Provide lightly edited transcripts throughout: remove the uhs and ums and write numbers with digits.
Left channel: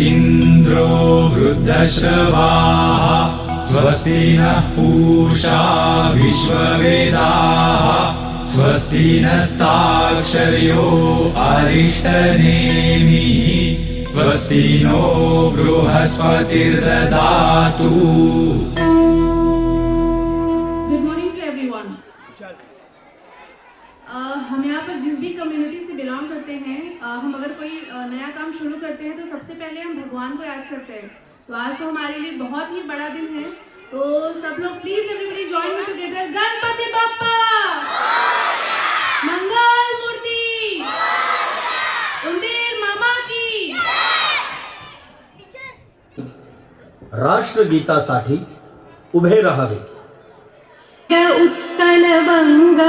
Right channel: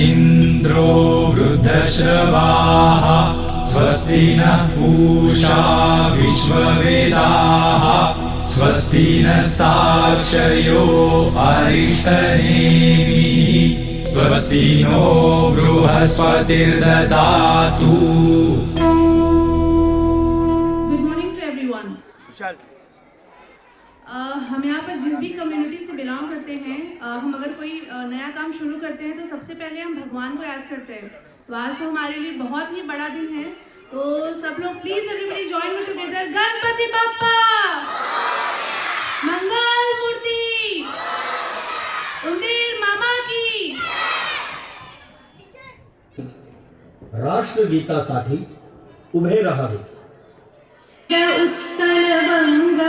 इन्द्रो वृद्धश्रवाः स्वस्ति नः पूषा विश्ववेदाः स्वस्ति नस्ताक्षर्यो अरिष्टनेमिः स्वस्ति नो बृहस्पतिर्ददातु। Good morning to everyone. हम यहाँ पर जिस भी कम्युनिटी से बिलोंग करते हैं, हम अगर कोई नया काम शुरू करते हैं तो सबसे पहले हम भगवान को याद करते हैं। तो आज तो हमारे लिए बहुत ही बड़ा दिन है, तो सब लोग please everybody join me together. Ganpati Bappa मंगल मूर्ति उंदीर मामा की। राष्ट्रगीतासाठी उभे राहावे। उत्कल बंग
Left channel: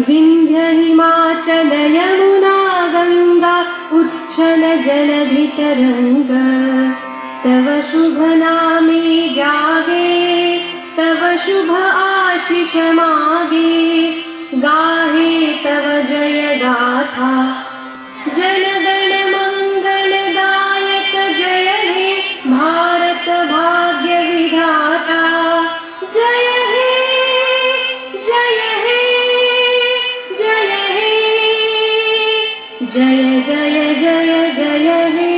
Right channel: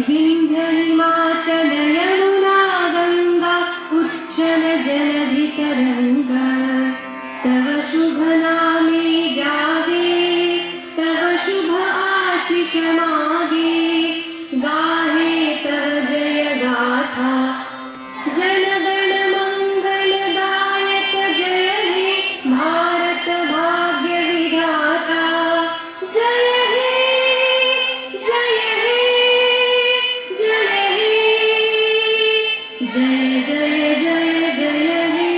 विंध्य हिमाचल यमुना गंगा उच्छल जलधि तरंग तव शुभ नामे जागे तव शुभ आशीष मागे गाहे तव जय गाथा जनगण मंगलदायक जय हे भारत भाग्य विधाता जय हे जय हे जय हे जय जय जय जय हे।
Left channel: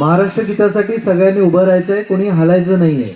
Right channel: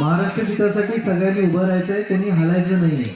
महाराष्ट्र गीतासाठी सगळ्यांनी उभं राहायचंय, कोणी हलायचं नाहीये।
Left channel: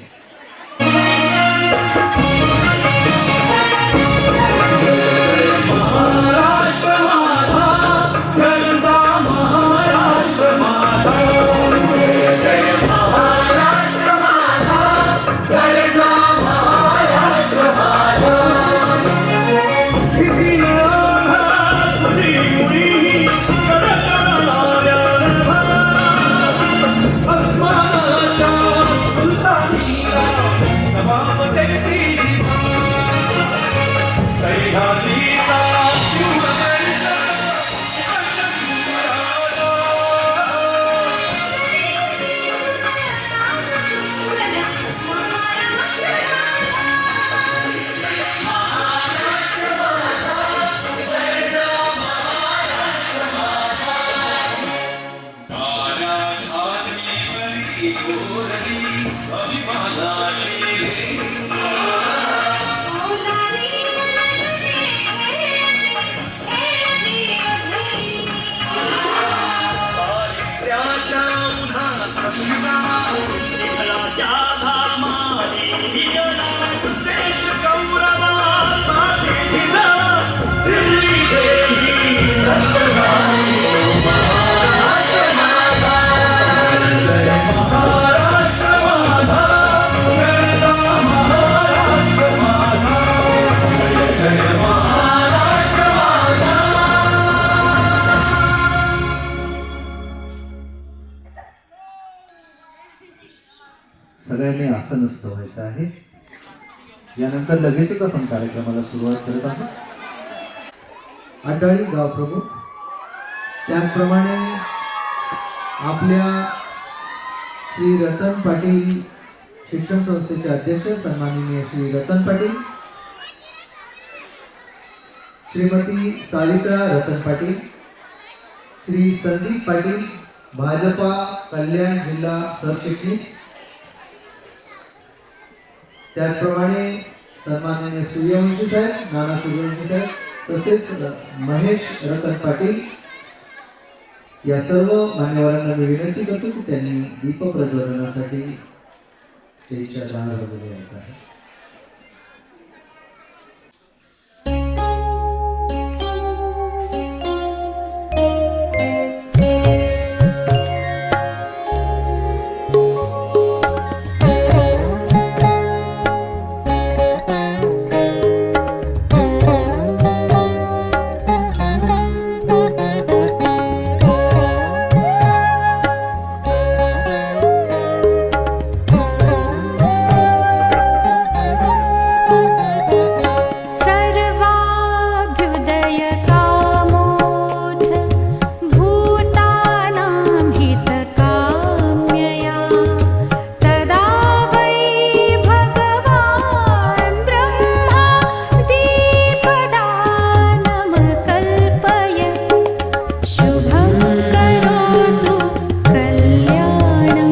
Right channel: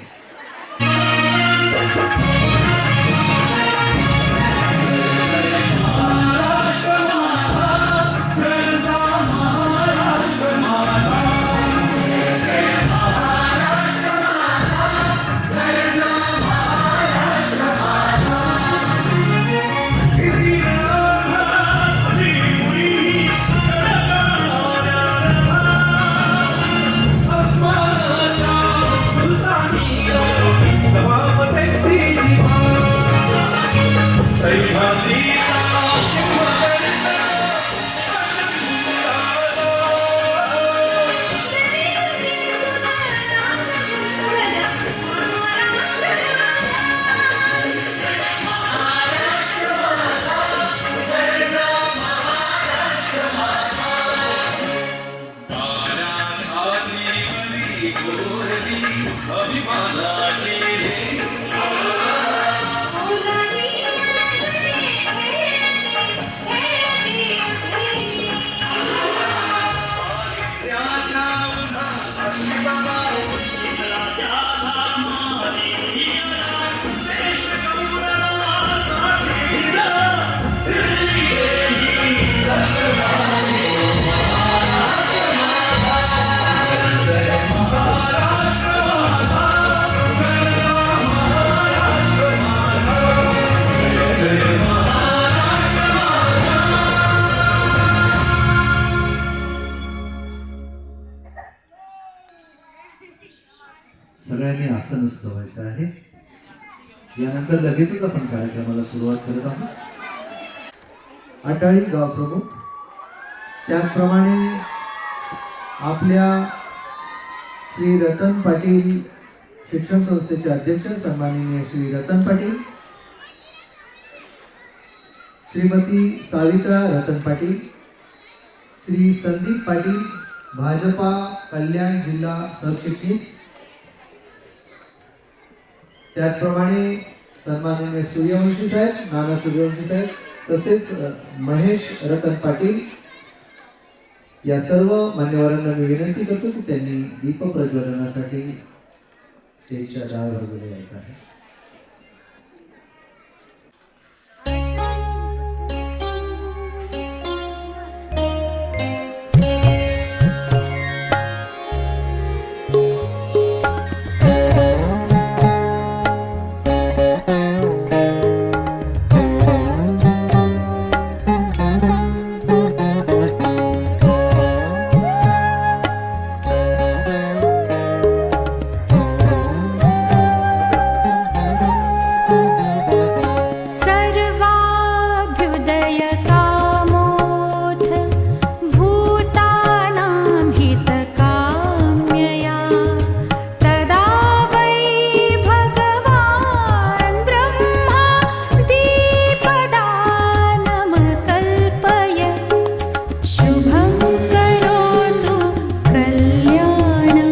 सगळ्यांनी आसनस्थ व्हायचं आहे। यानंतर लगेचच आपण कार्यक्रमाला सुरुवात करत आहोत। आटाळी गाव प्रमुख, त्याचप्रमाणे आपल्या श्री रतन पाटील शिक्षण संस्थेचे अध्यक्ष सन्माननीय श्री रतन पाटील, श्रीमती सावित्रा रतन पाटील, श्री संदीप पाटील भाजपा कल्याण जिल्हा सरचिटणीस, त्याचप्रमाणे सन्माननीय सूर्यवंशी साहेब, नाना सूर्यवंशी साहेब, तसेच महेश रतन पाटील या सर्व मान्यवरांना मी विनंती करतो की त्यांनी दीप प्रज्वलनासाठी स्टेजच्या दार वाजवले यायचं आहे। शुभं करोतु कल्याणं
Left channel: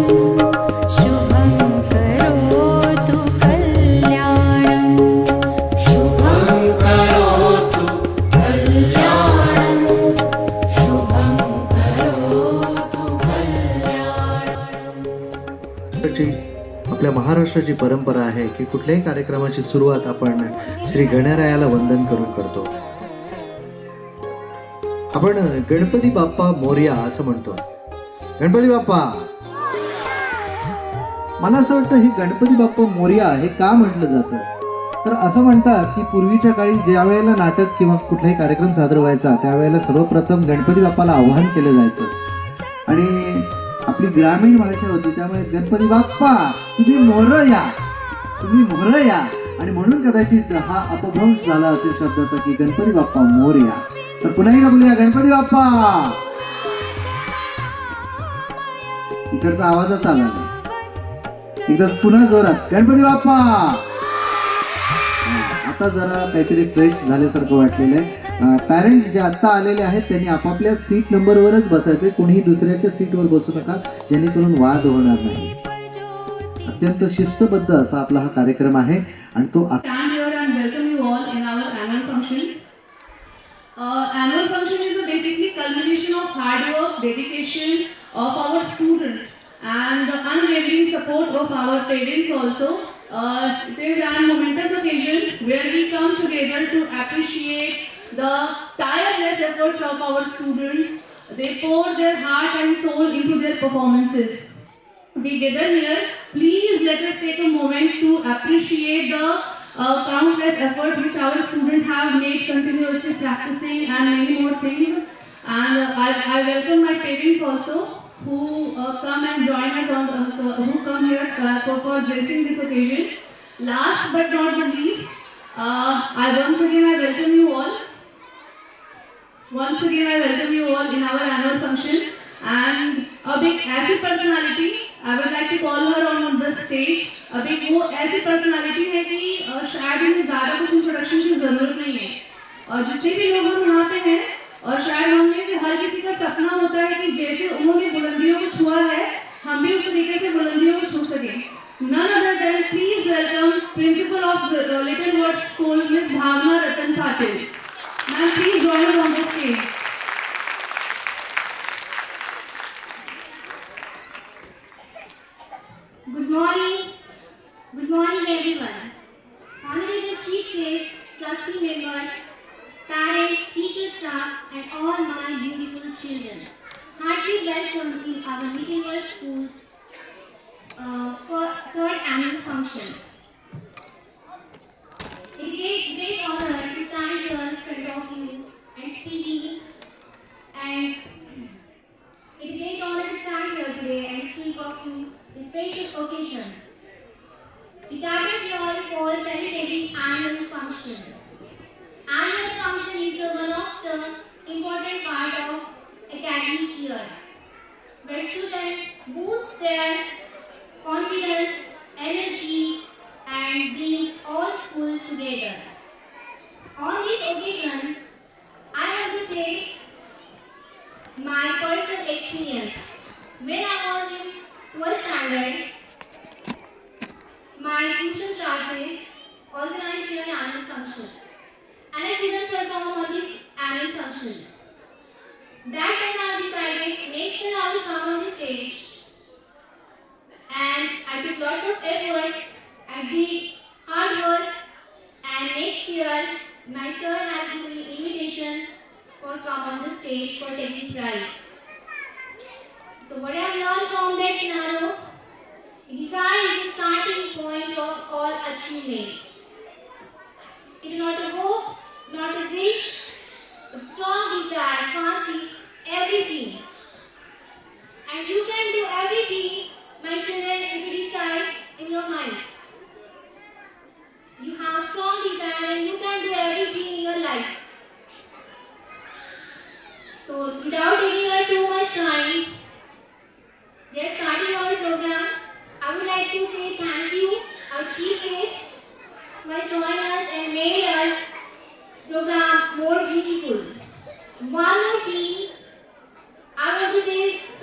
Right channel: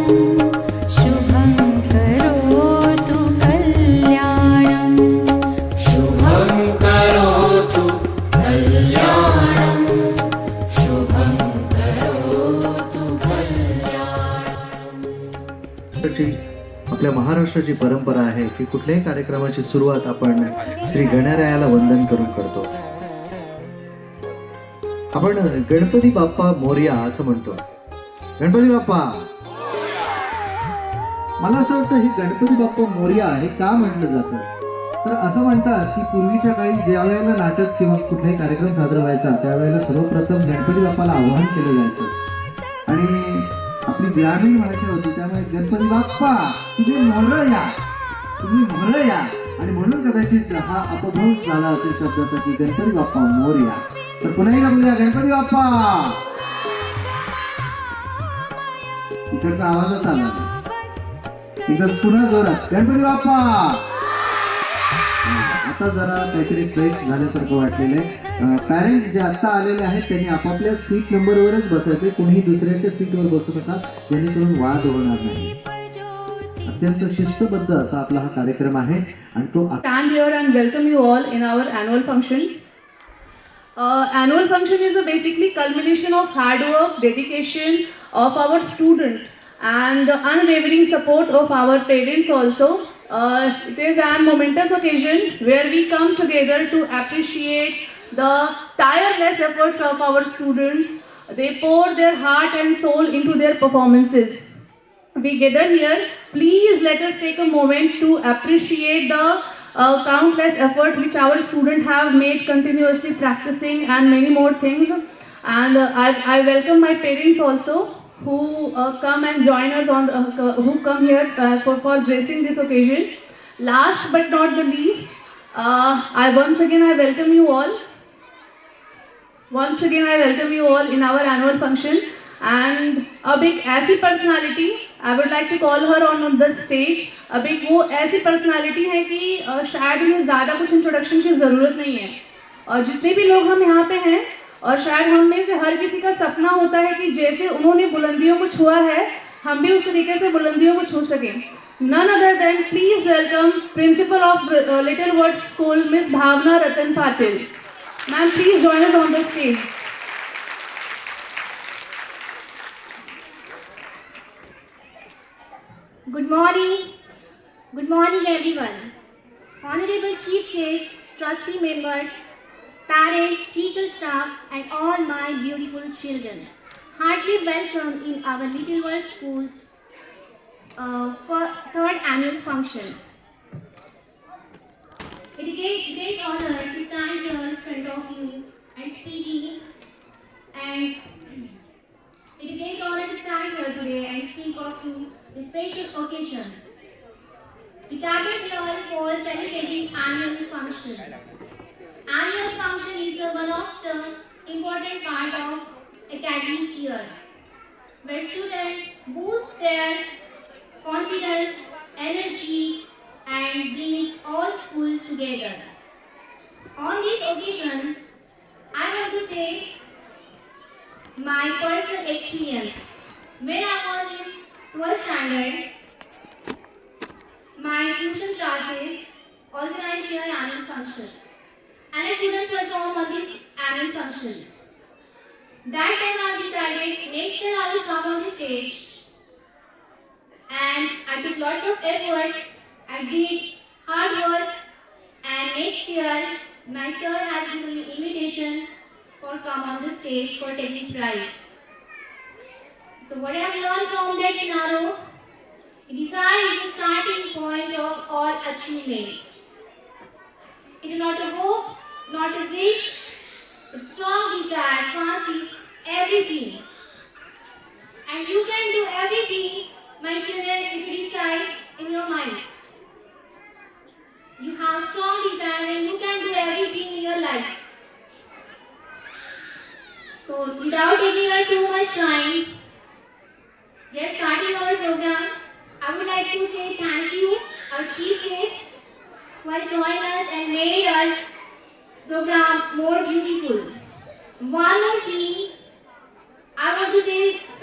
शुभं करोतु कल्याणं शुभं करोतु कल्याणं शुभं करोतु कल्याणं। आपल्या महाराष्ट्राची परंपरा आहे की कुठल्याही कार्यक्रमाची सुरुवात आपण श्री गणरायाला वंदन करून करतो. आपण गणपती बाप्पा मोरया असं म्हणतो. गणपती बाप्पा, मला असं वाटतं हे गणपती बाप्पा मोरया हे का म्हटलं जातं, तर असं म्हणतात की पूर्वीच्या काळी ज्या वेळेला नाटक किंवा कुठलाही कार्यक्रम सादर व्हायचा त्यावेळेला सर्वप्रथम गणपती बाप्पाला आवाहन केलं जायचं आणि आपली ग्रामीण भाषा होती त्यामुळे गणपती बाप्पा तुम्ही मोरया, तुम्ही मोरया, आणि म्हणून कदाचित हा अपभ्रंश झाला असेल शब्दाचा की गणपती बाप्पा मोरया. तर पुन्हा एकदा बोलूया गणपती बाप्पा. इकडचा आवाजच आला एकदा पुन्हा जोरात गणपती बाप्पा. आता जरा काहीतरी फ्रेश झाल्यासारखं वाटलेलं आहे. पॅरेंट्स जे आत्ता आलेले आहेत त्यांनी आपापल्या सीट नंबरवरच बसायचे, कोणीही दुसऱ्याच्या सीटवर बसू नका जेणेकरून वाद होणार नाही. अत्यंत शिस्तबद्ध असा आपला हा कार्यक्रम आहे आणि तो Stand here and welcome you all in our annual function. Annual function is a basically culmination of hard work, dedication of our students and the unwavering support of our parents also. It is a momentous occasion where we come together to appreciate the tireless efforts of our students. They pour their heart and soul into their performances. We gather here. Please let us take a moment to appreciate the countless effort which our students have made continuously practicing and many more things. And I welcome my parents also who come and join us on who come here for gracing this occasion. Last but not the least, I once again welcome you all. Once again I welcome you all in our annual function, and a big AC personality I would like to call her on the stage. अभी वो ऐसी personality है कि शायद इन्हें ज़्यादा कुछ introduction की ज़रूरत नहीं है, और जितने भी लोग हम यहाँ पे हैं और शायद हम में से हर किसी का सपना होता है कि जैसे उन्होंने बुलंदियों को छुआ है हम भी उस तरीके से बुलंदियों को छू सकें. None other than please welcome Principal of Little World School Miss Bhavna Ratan Patil. Ma'am, please join us on the stage. Good morning everyone. Honorable Chief Guests, trustee members, parents, teacher staff and all my beautiful children. Heartily welcome in our Little World Schools for third annual function. It is a great honor to stand here in front of you and speaking, and it is a great honor to stand here today and speak of you this special occasion. We gathered here for celebrating annual function. Annual function is one of the important part of academic year, where students boost their confidence, energy, and brings all school together. On this occasion, I want to say my personal experience. When I was in 12th standard, my tuition classes organized here an annual function, and I couldn't perform on this annual function. That time I decided next year I will come on the stage, and I took lots of efforts, I did hard work, and next year my sir has given me invitation for come on the stage for taking prize. So what I have learned from that scenario, desire is the starting point of all achievement. It is not a hope, not a wish, but strong desire transcends everything. And you can do everything, my children, if you decide in your mind. You have strong desire and you can do everything in your life. So without taking too much time, we are starting our program. I would like to say thank you, our chief guest, who have joined us and made our program more beautiful. One more thing,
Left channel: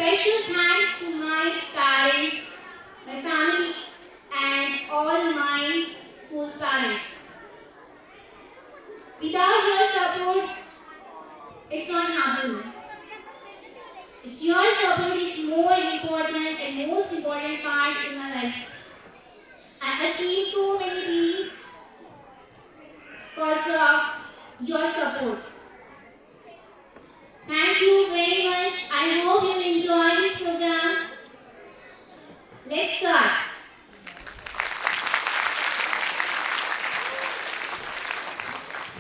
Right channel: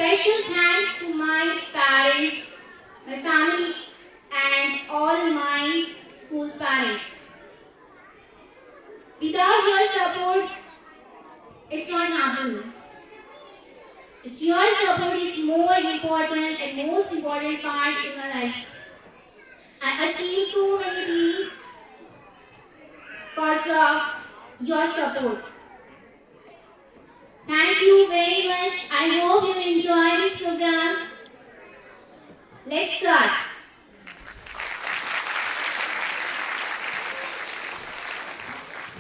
special thanks to my parents, my family, and all my school's parents. Without your support, it's not happening. It's your support is more important and most important part in my life. I achieved so many things because of your support. Thank you very much. I hope you enjoy this program. Let's start.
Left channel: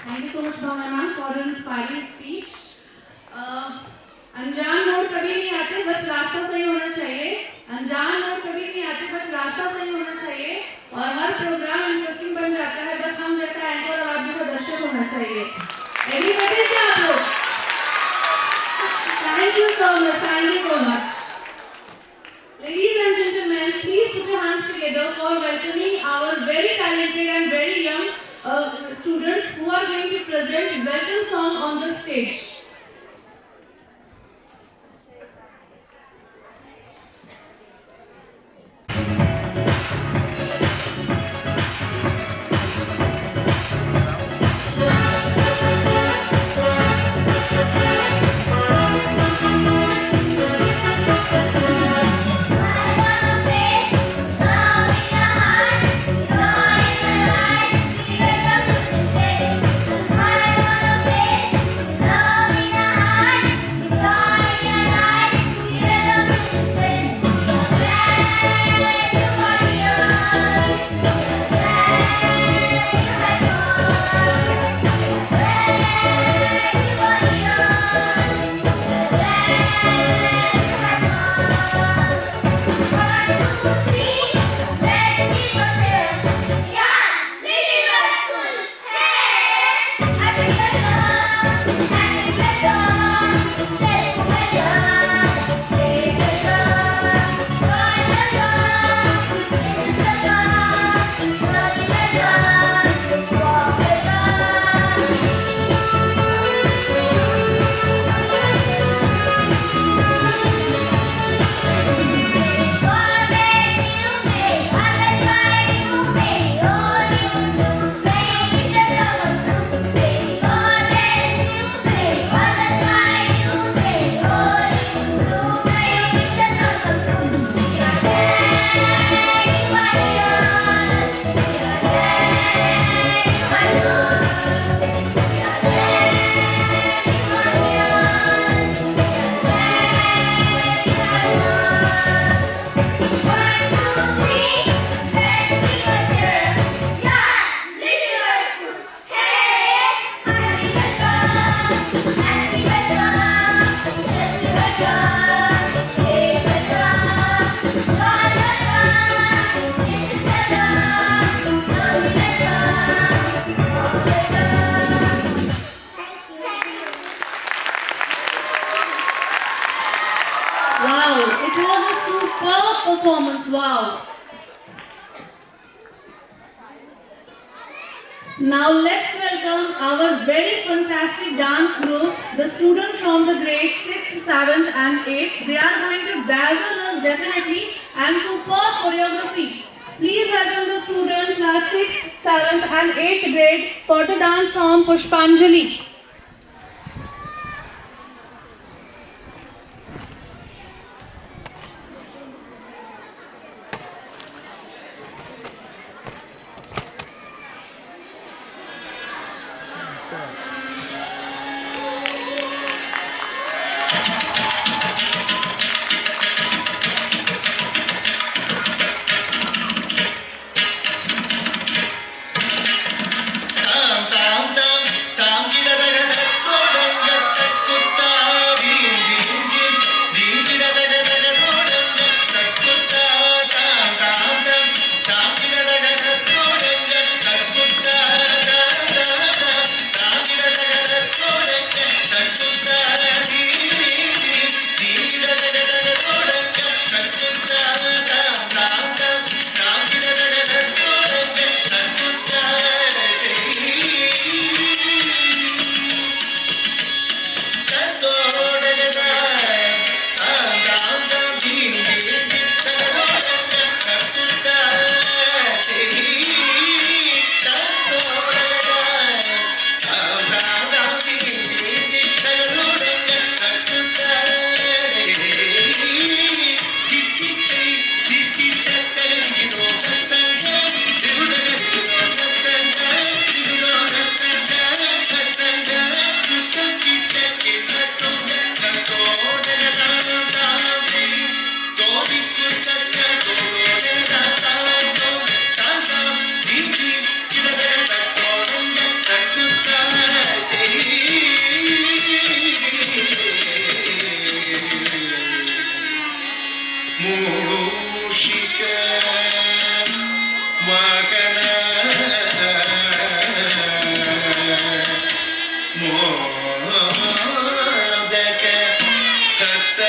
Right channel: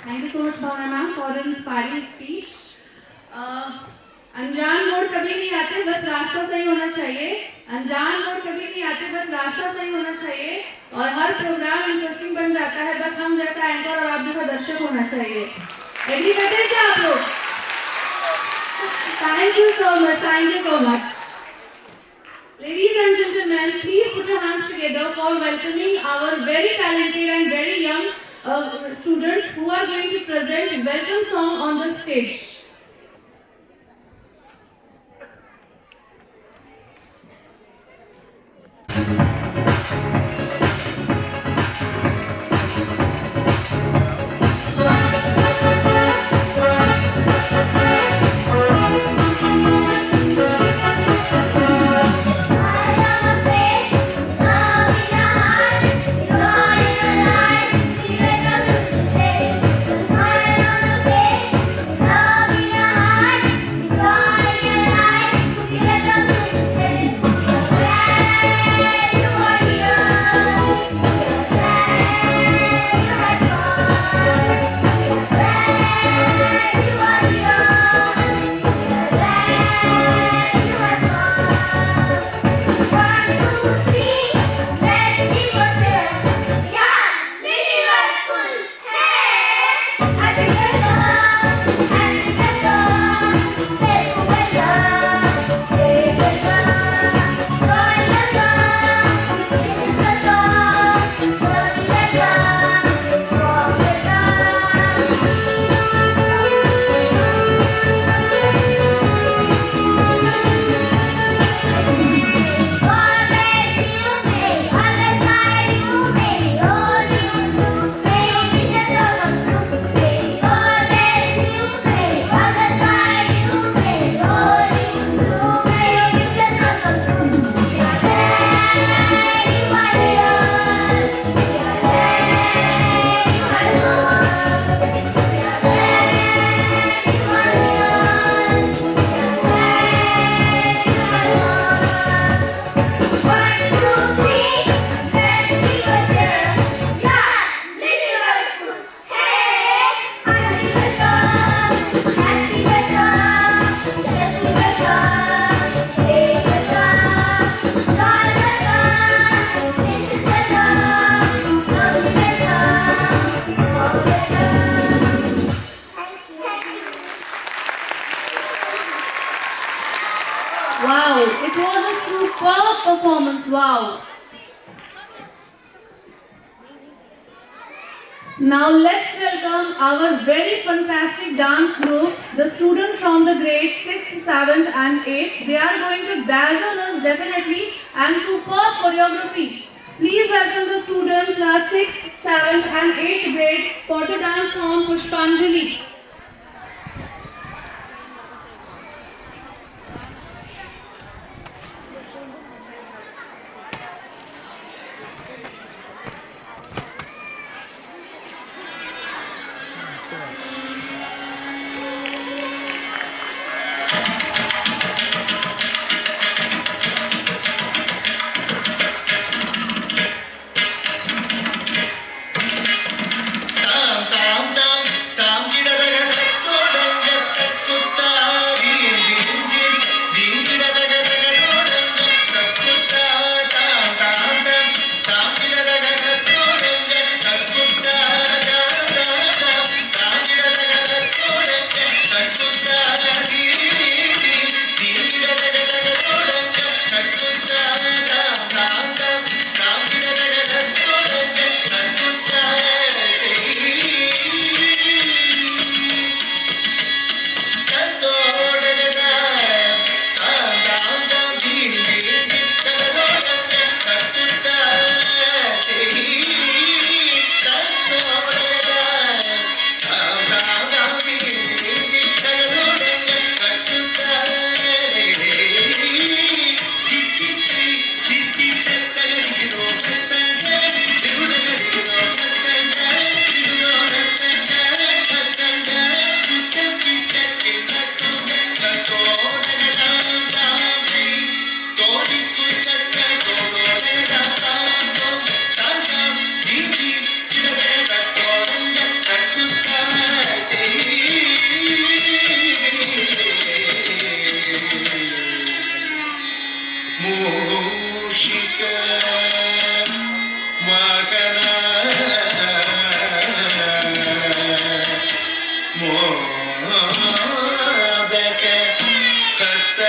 Thank you so much, Bhavna ma'am, for an inspiring speech. अनजान मोड़ कभी नहीं आते, बस रास्ता सही होना चाहिए. अनजान मोड़ कभी नहीं आते, बस रास्ता सही होना चाहिए. और हर प्रोग्राम इंटरेस्टिंग बन जाता है, बस हम जैसा एंकर और आप जैसा दर्शक होना चाहिए. एग्री बैठे क्या आप लोग? Thank you so much. Thank you so much. Ladies and gentlemen, please put your hands together for welcoming our very talented and very young students who are going to present a welcome song on the stage. Wow, it was a superb performance. Wow. Now let's welcome our very fantastic dance group, the students from the grade 6th, 7th and 8th. They are going to dazzle us definitely and superb choreography. Please welcome the students class 6th, 7th and 8th grade for the dance form Pushpanjali. Tam tam tam tam, मूषिक वाहन मोदक हस्त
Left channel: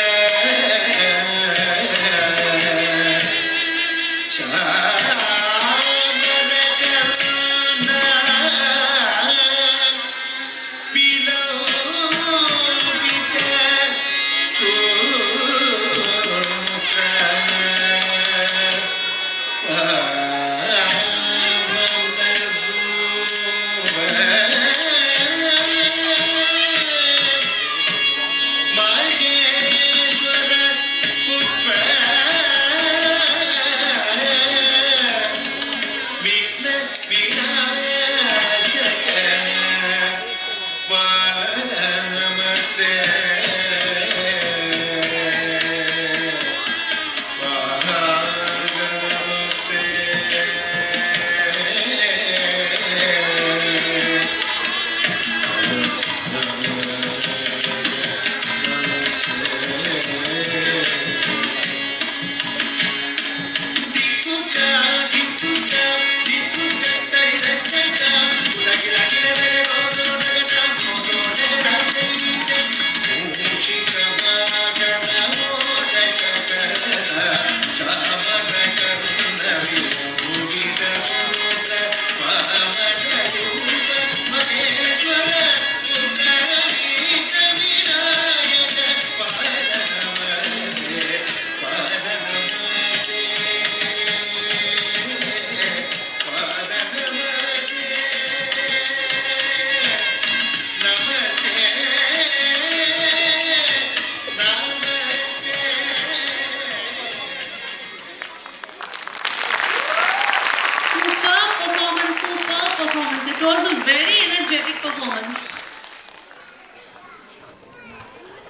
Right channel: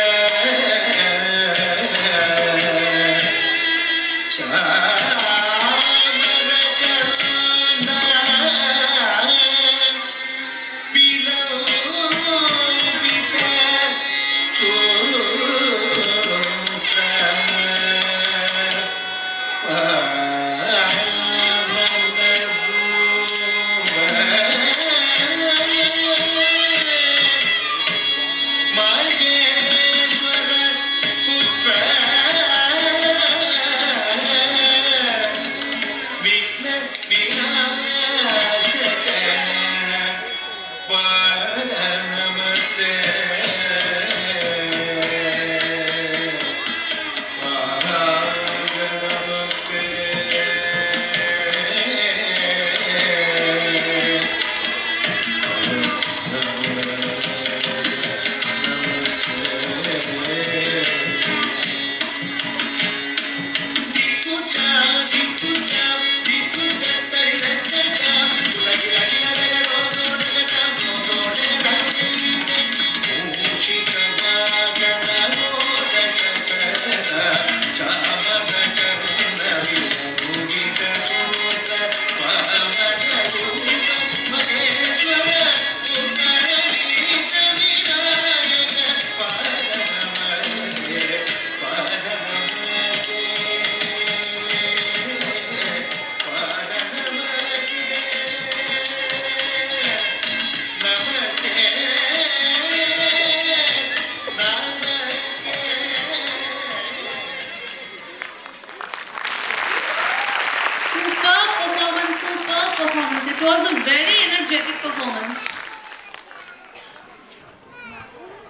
It was a very energetic performance.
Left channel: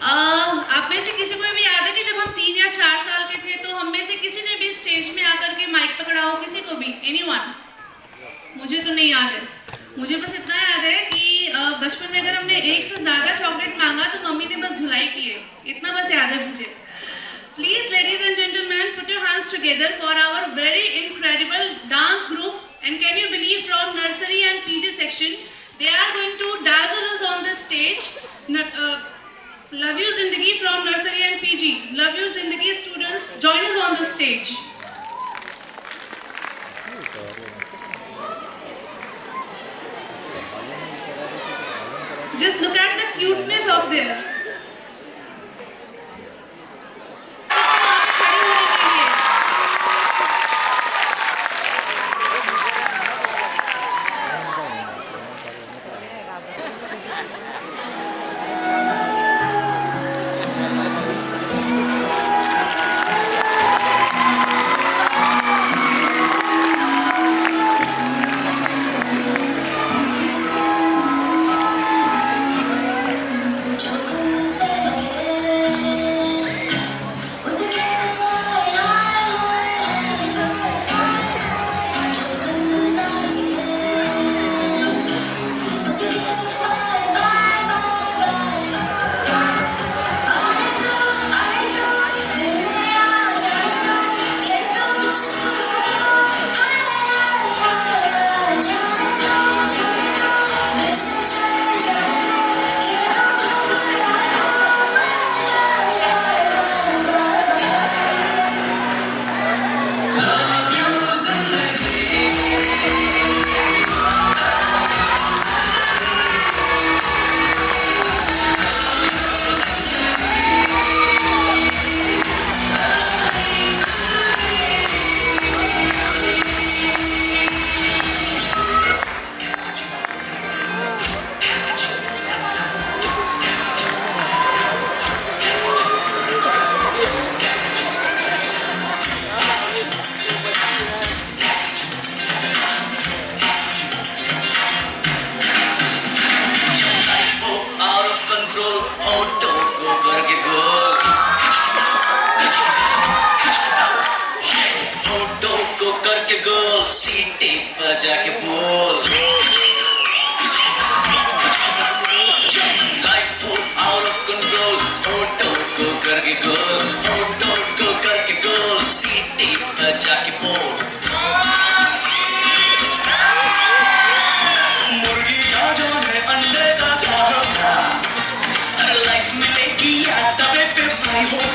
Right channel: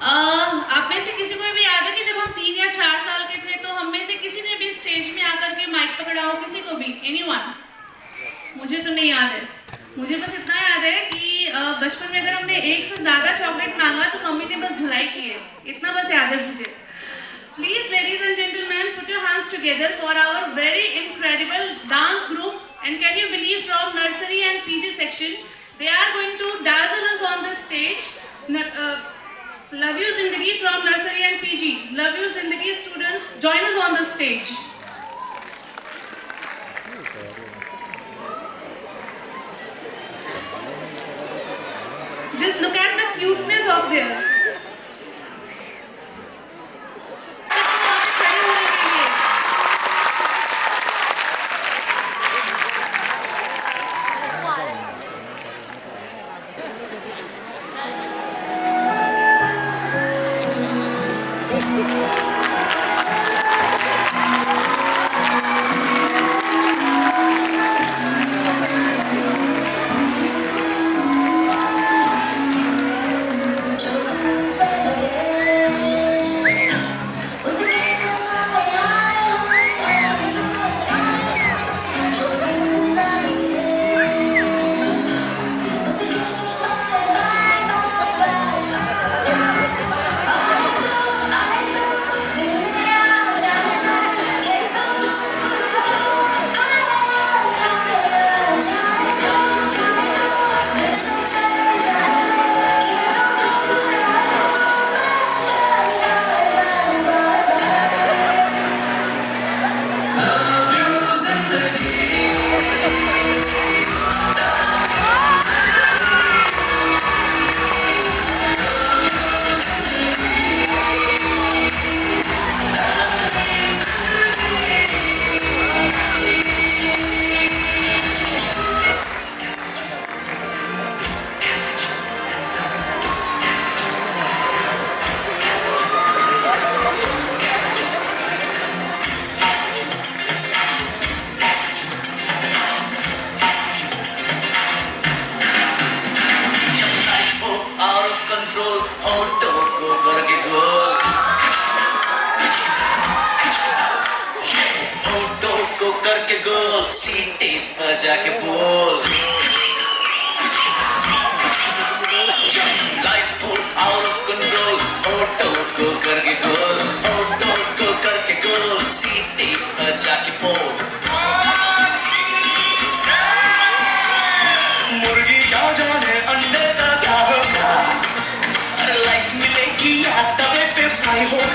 आप में से किसी को भी याद है कि जब हम 3 या 4 साल के थे तो हम में से किसी ने भी स्टेज में आकर के माइक पकड़ा हो? किसी को भी? एनीवन? मुझे तो नहीं याद है। मुझे बस इतना याद है कि बचपन में अगर हमने 1 से ज्यादा चॉकलेट मांगा तो मम्मी ने बस धुलाई की है। इतना बस याद है मुझे। Please, ladies and gentlemen, put your hands together for our very incredible dance group. And can you believe, from nursery and PG section, they are going to dazzle us on the stage. Love You Zindagi from nursery and PG. Love You Zindagi students, join us on the stage. Just look at the cuteness of theirs.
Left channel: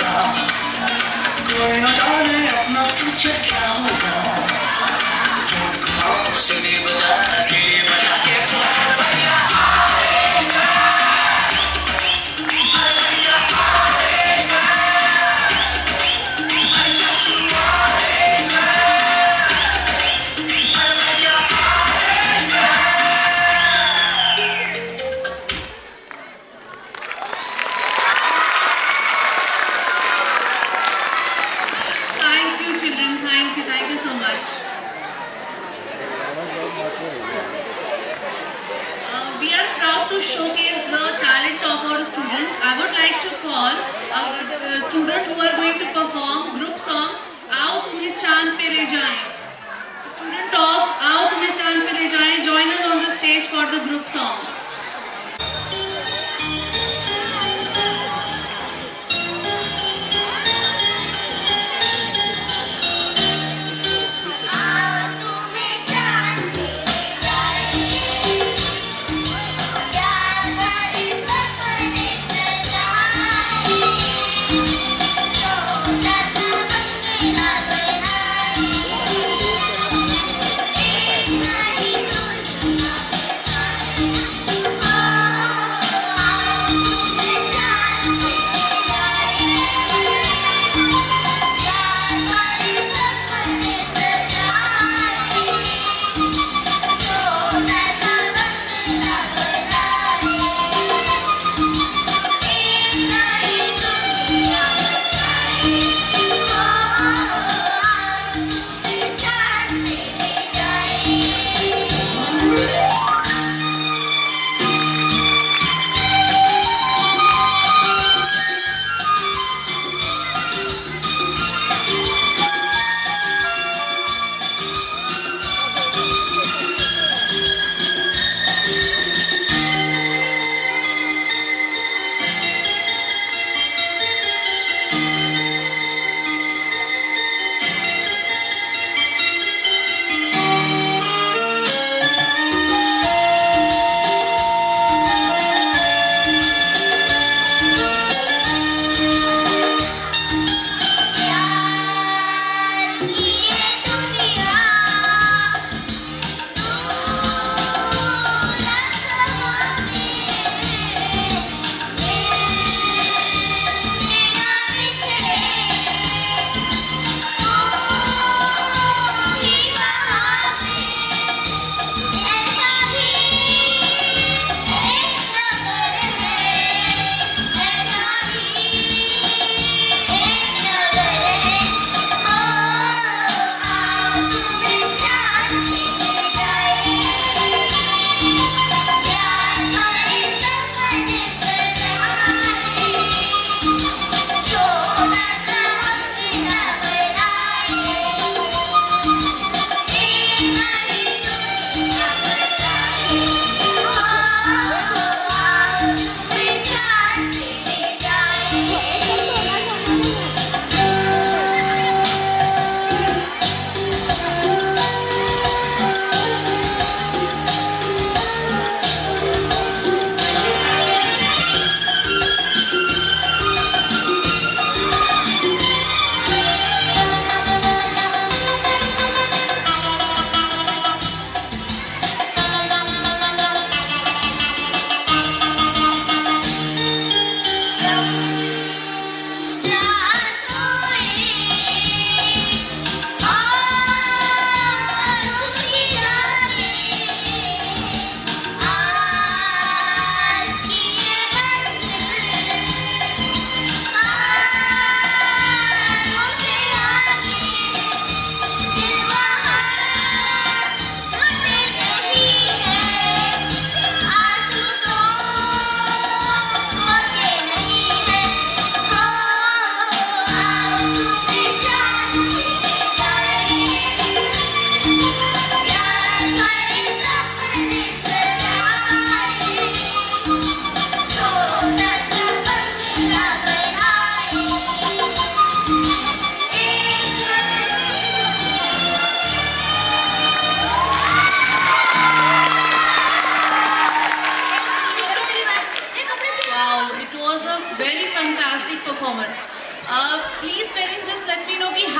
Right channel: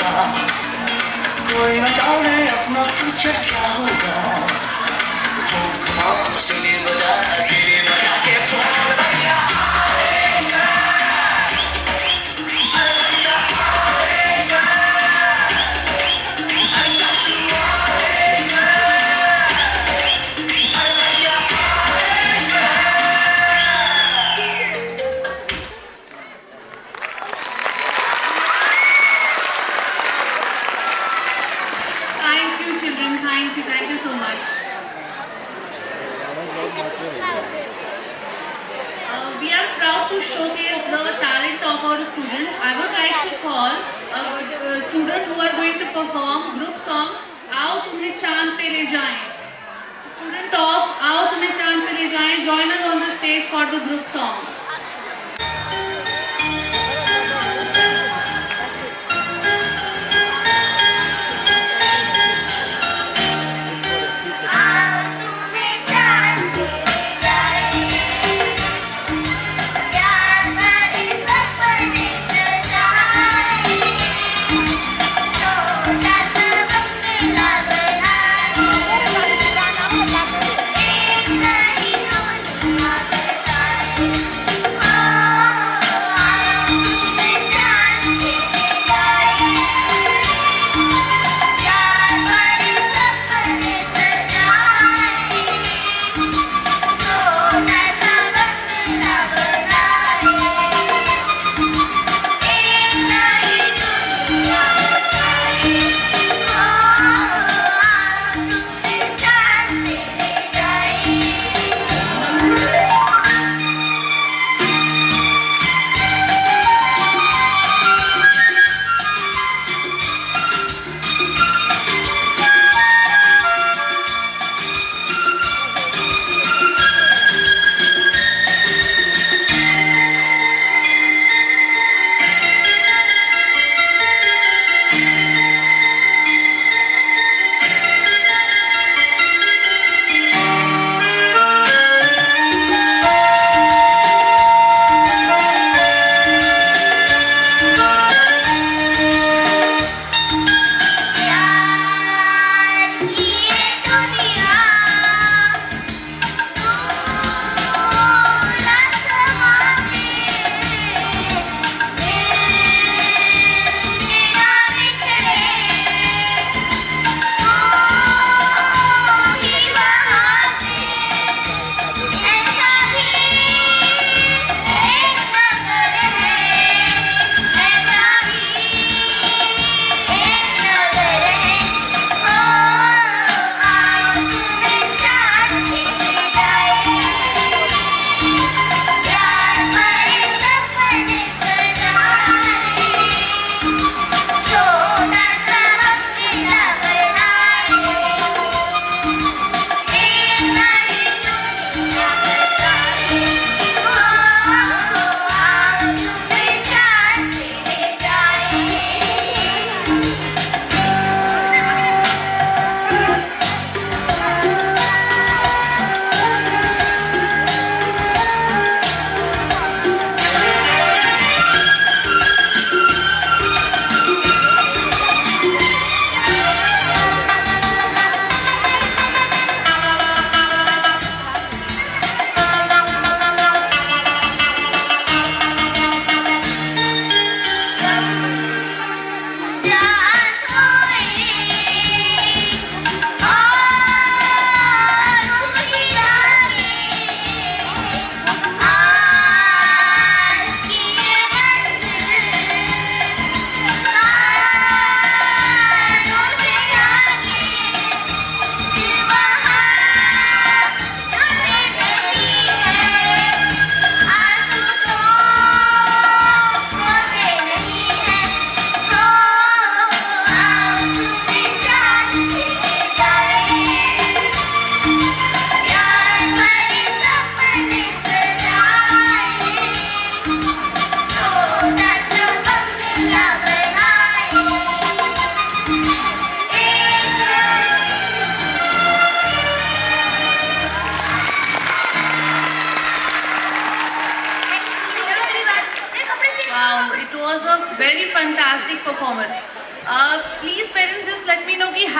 कोई न जाने अपना future क्या होगा सुनी बजा सीढ़ी बजा के Thank you, children. Thank you so much. We are proud to showcase the talent of our students. I would like to call a student who are going to perform group song आओ तुम्हें चांद पे ले जाएं. Student of आओ तुम्हें चांद पे ले जाएं, join us on the stage for the group song. Thank you.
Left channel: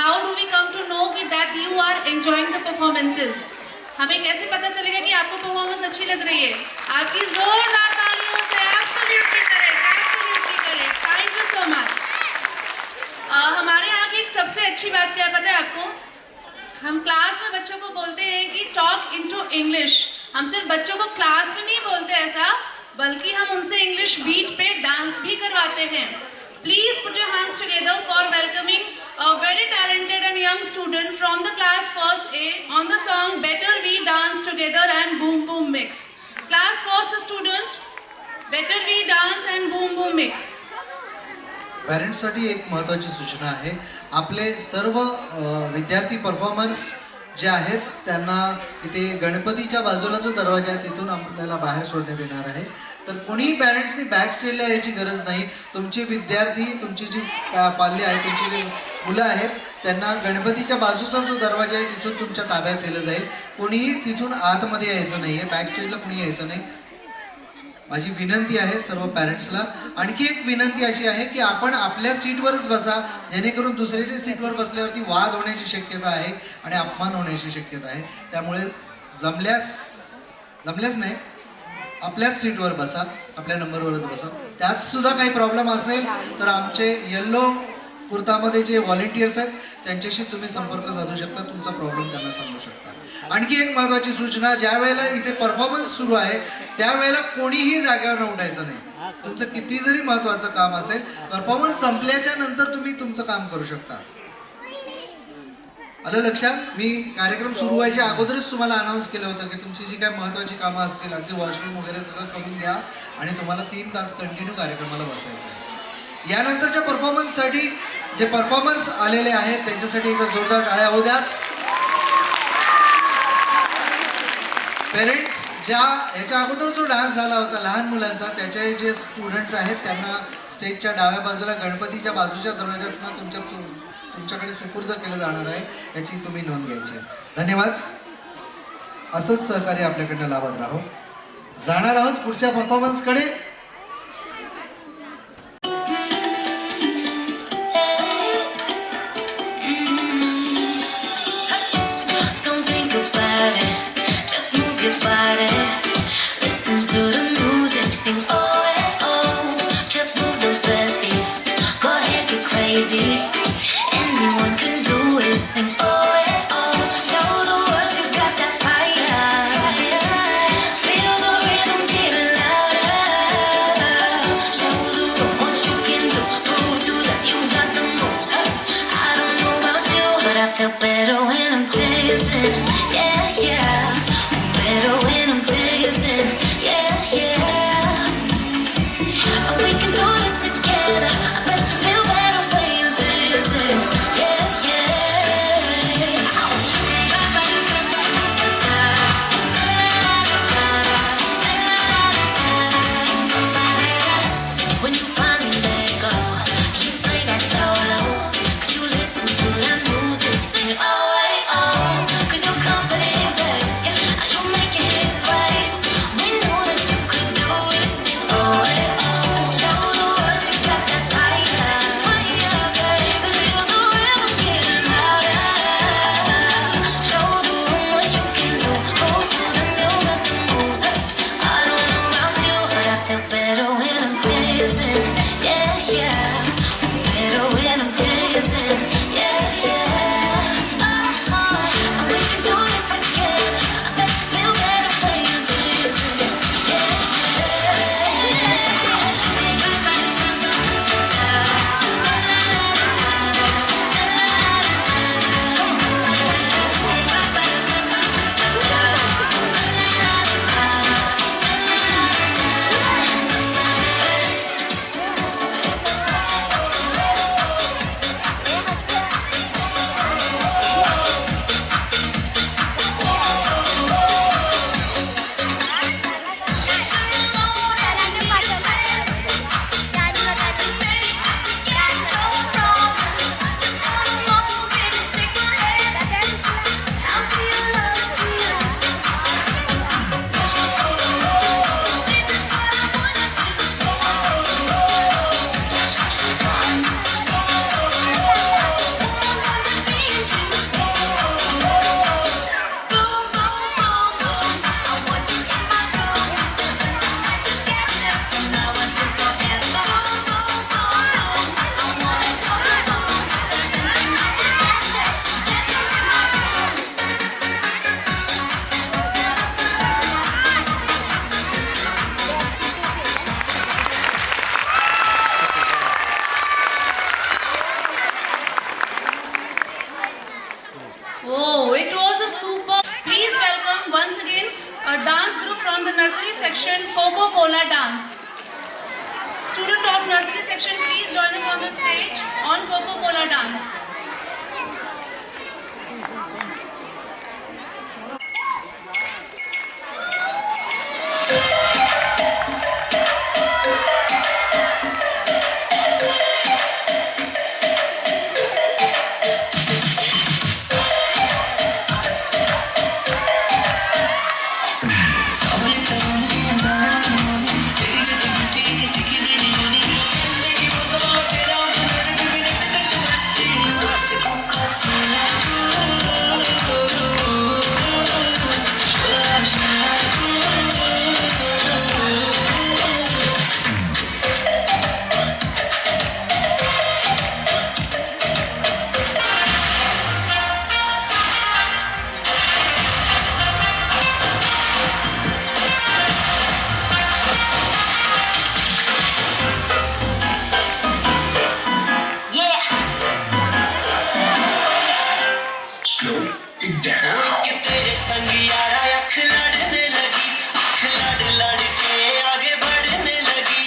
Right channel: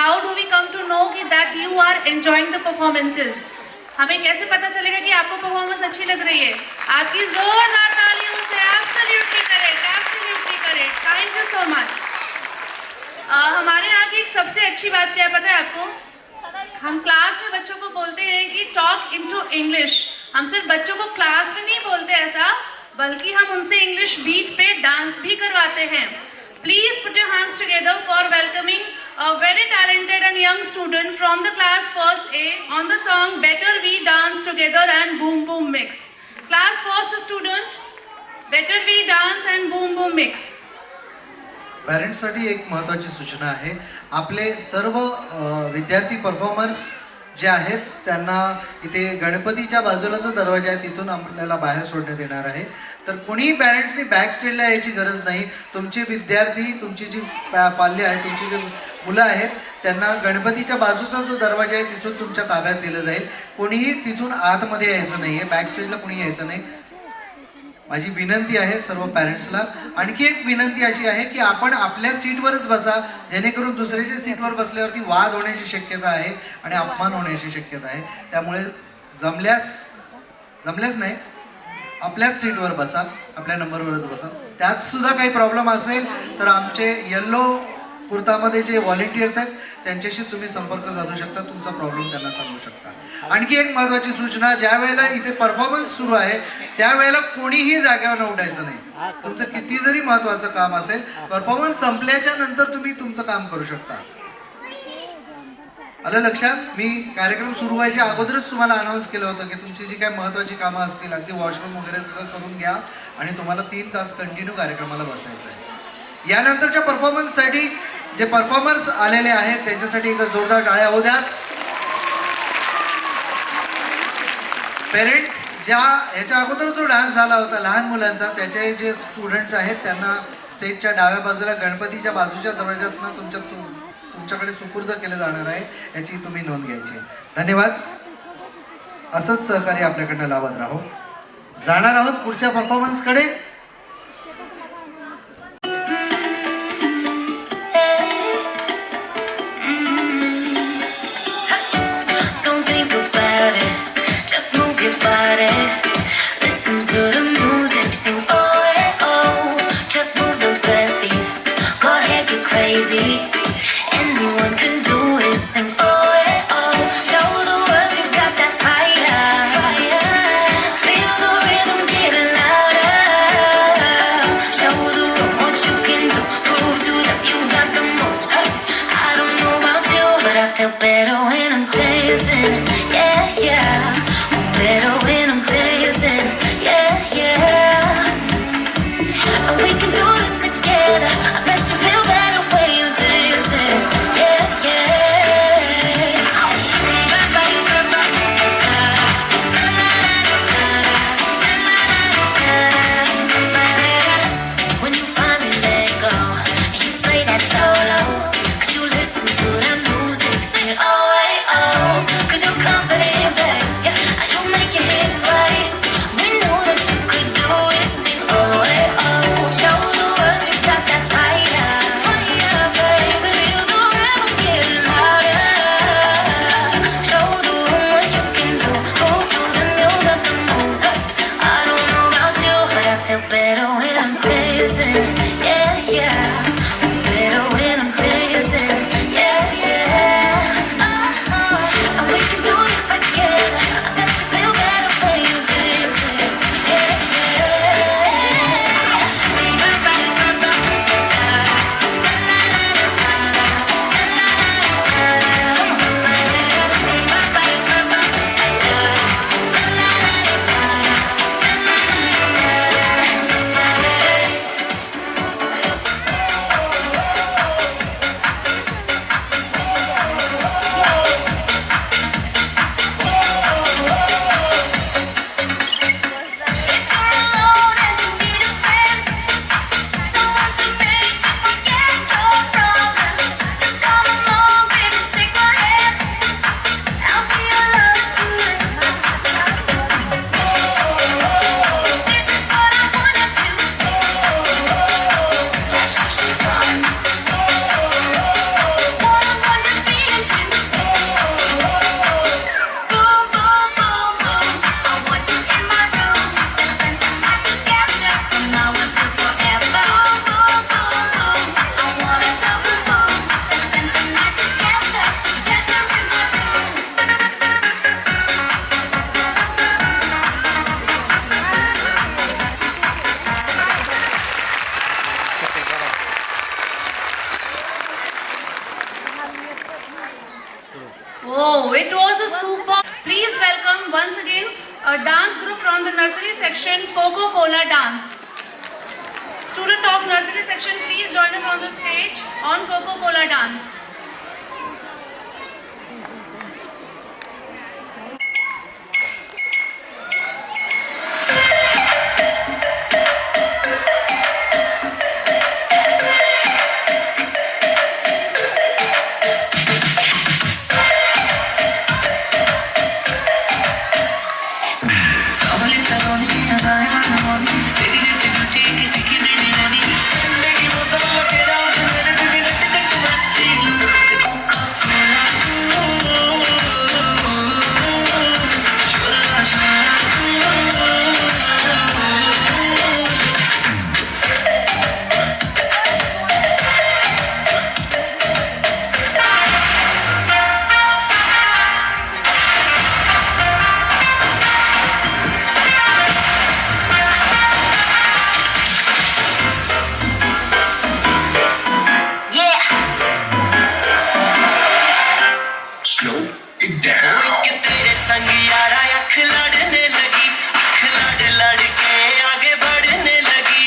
How do we come to know कि that you are enjoying the performances? हमें कैसे पता चलेगा कि आपको परफॉर्मेंस अच्छी लग रही है? आपकी जोरदार तालियों से absolutely correct, absolutely correct. Thank you so much. हमारे यहाँ की एक सबसे अच्छी बात क्या पता है आपको? हम क्लास में बच्चों को बोलते हैं कि टॉक इनटू इंग्लिश। हम सिर्फ बच्चों को क्लास में नहीं बोलते ऐसा, बल्कि हम उनसे इंग्लिश बीट पे डांस भी करवाते हैं। Please put your hands together for welcoming a very talented and young student from the class first A on the song Better We Dance Together and Boom Boom Mix. Class first student, Better We Dance and Boom Boom Mix. पॅरेंट्ससाठी एक महत्त्वाची सूचना आहे. आपले सर्व विद्यार्थी performers जे आहेत त्यांना इथे गणपतीच्या बाजूला जो दरवाजा आहे तिथून आपल्याला बाहेर सोडण्यात येणार आहे. तर कोणीही पॅरेंट्सनी बॅक स्टेजला यायची गरज नाही. तुमचे विद्यार्थी, तुमची जी पाल्य आहे, तुमची जी मुलं आहेत त्यांना गणपतीच्या बाजूचा जो दरवाजा आहे तिथून तुमच्या ताब्यात दिलं जाईल. कोणीही तिथून आतमध्ये यायचं नाही आहे, बॅक स्टेजला कोणी यायचं नाही. माझी विनंती आहे सर्व पॅरेंट्सला. आणखी एक विनंती अशी आहे की आपण आपल्या सीटवरच बसा, जेणेकरून दुसऱ्याच्या सीटवर बसल्यावरती वाद होण्याची शक्यता आहे आणि अपमान होण्याची शक्यता आहे. त्यामुळे जमल्यास नाही, आपल्याच सीटवर बसा, आपल्या नंबरवरच बसा. त्यात सुद्धा काही प्रॉब्लेम असेल तर आमचे येल्लो कुर्तामध्ये जे व्हॉलेंटियर्स आहेत त्यांच्याशी तुम्ही संपर्क साधू शकता, तुमचा प्रॉब्लेम त्यांना सांगू शकता. आणखी एक महत्त्वाची सूचना, ज्या वेळेला इथे परफॉर्मन्स सुरू आहे त्यावेळेला कोणीही जागेवर उठायचं नाही. तुमचं किती जरी महत्त्वाचं काम असेल, परफॉर्मन्स संपल्याच्या नंतर तुम्ही तुमचं काम करू शकता. आलं लक्षात? मी कार्यक्रम सुरू व्हायच्या अगोदरच तुम्हाला अनाऊन्स केलं होतं की तुमची जी काही महत्त्वाची कामं असतील, अगदी वॉशरूम वगैरे सगळं करून घ्या आणि तुम्हाला 3 तास कंटिन्यू कार्यक्रमाला बसायचं आहे. यानंतरच्या परफॉर्मन्ससाठी जे परफॉर्मर्स आलेले आहेत त्यांच्यासाठी इथं जोरदार टाळ्या होऊ द्या. पेरेंट्स, ह्याच्या अगोदर जो डान्स झाला होता लहान मुलांचा, त्याचे जे स्टुडंट्स आहेत त्यांना स्टेजच्या डाव्या बाजूला गणपतीच्या बाजूच्या दरवाज्यातून तुमच्याकडे सुपूर्द केलं जाणार आहे, याची तुम्ही नोंद घ्यायची. धन्यवाद. असंच सहकार्य आपल्याकडनं लाभत राहो. जाणार आहोत पुढच्या परफॉर्मन्सकडे. Better when I'm dancing, yeah, yeah. Better when I'm dancing, yeah, yeah. We can do this together. I bet you feel better when you're dancing, yeah, yeah. When you finally let go, you say that solo, 'cause you listen to that music, sing it all. Oh, it was a super. Please welcome once again a dance group from the nursery section, Coca-Cola Dance. Student of nursery section, please join us on the stage on Coca-Cola Dance. सावली सलोनी अदायन मोनी तेरी जैसी beauty किसी की भी नहीं होनी ठंडे की बोतल में तेरा मेरे तुझे गट गट बनती कोका-कोला शोला शोला कि तेरे संग यारा अख लड़ने लगी अख लड़ लड़ के आगे बढ़ने लगी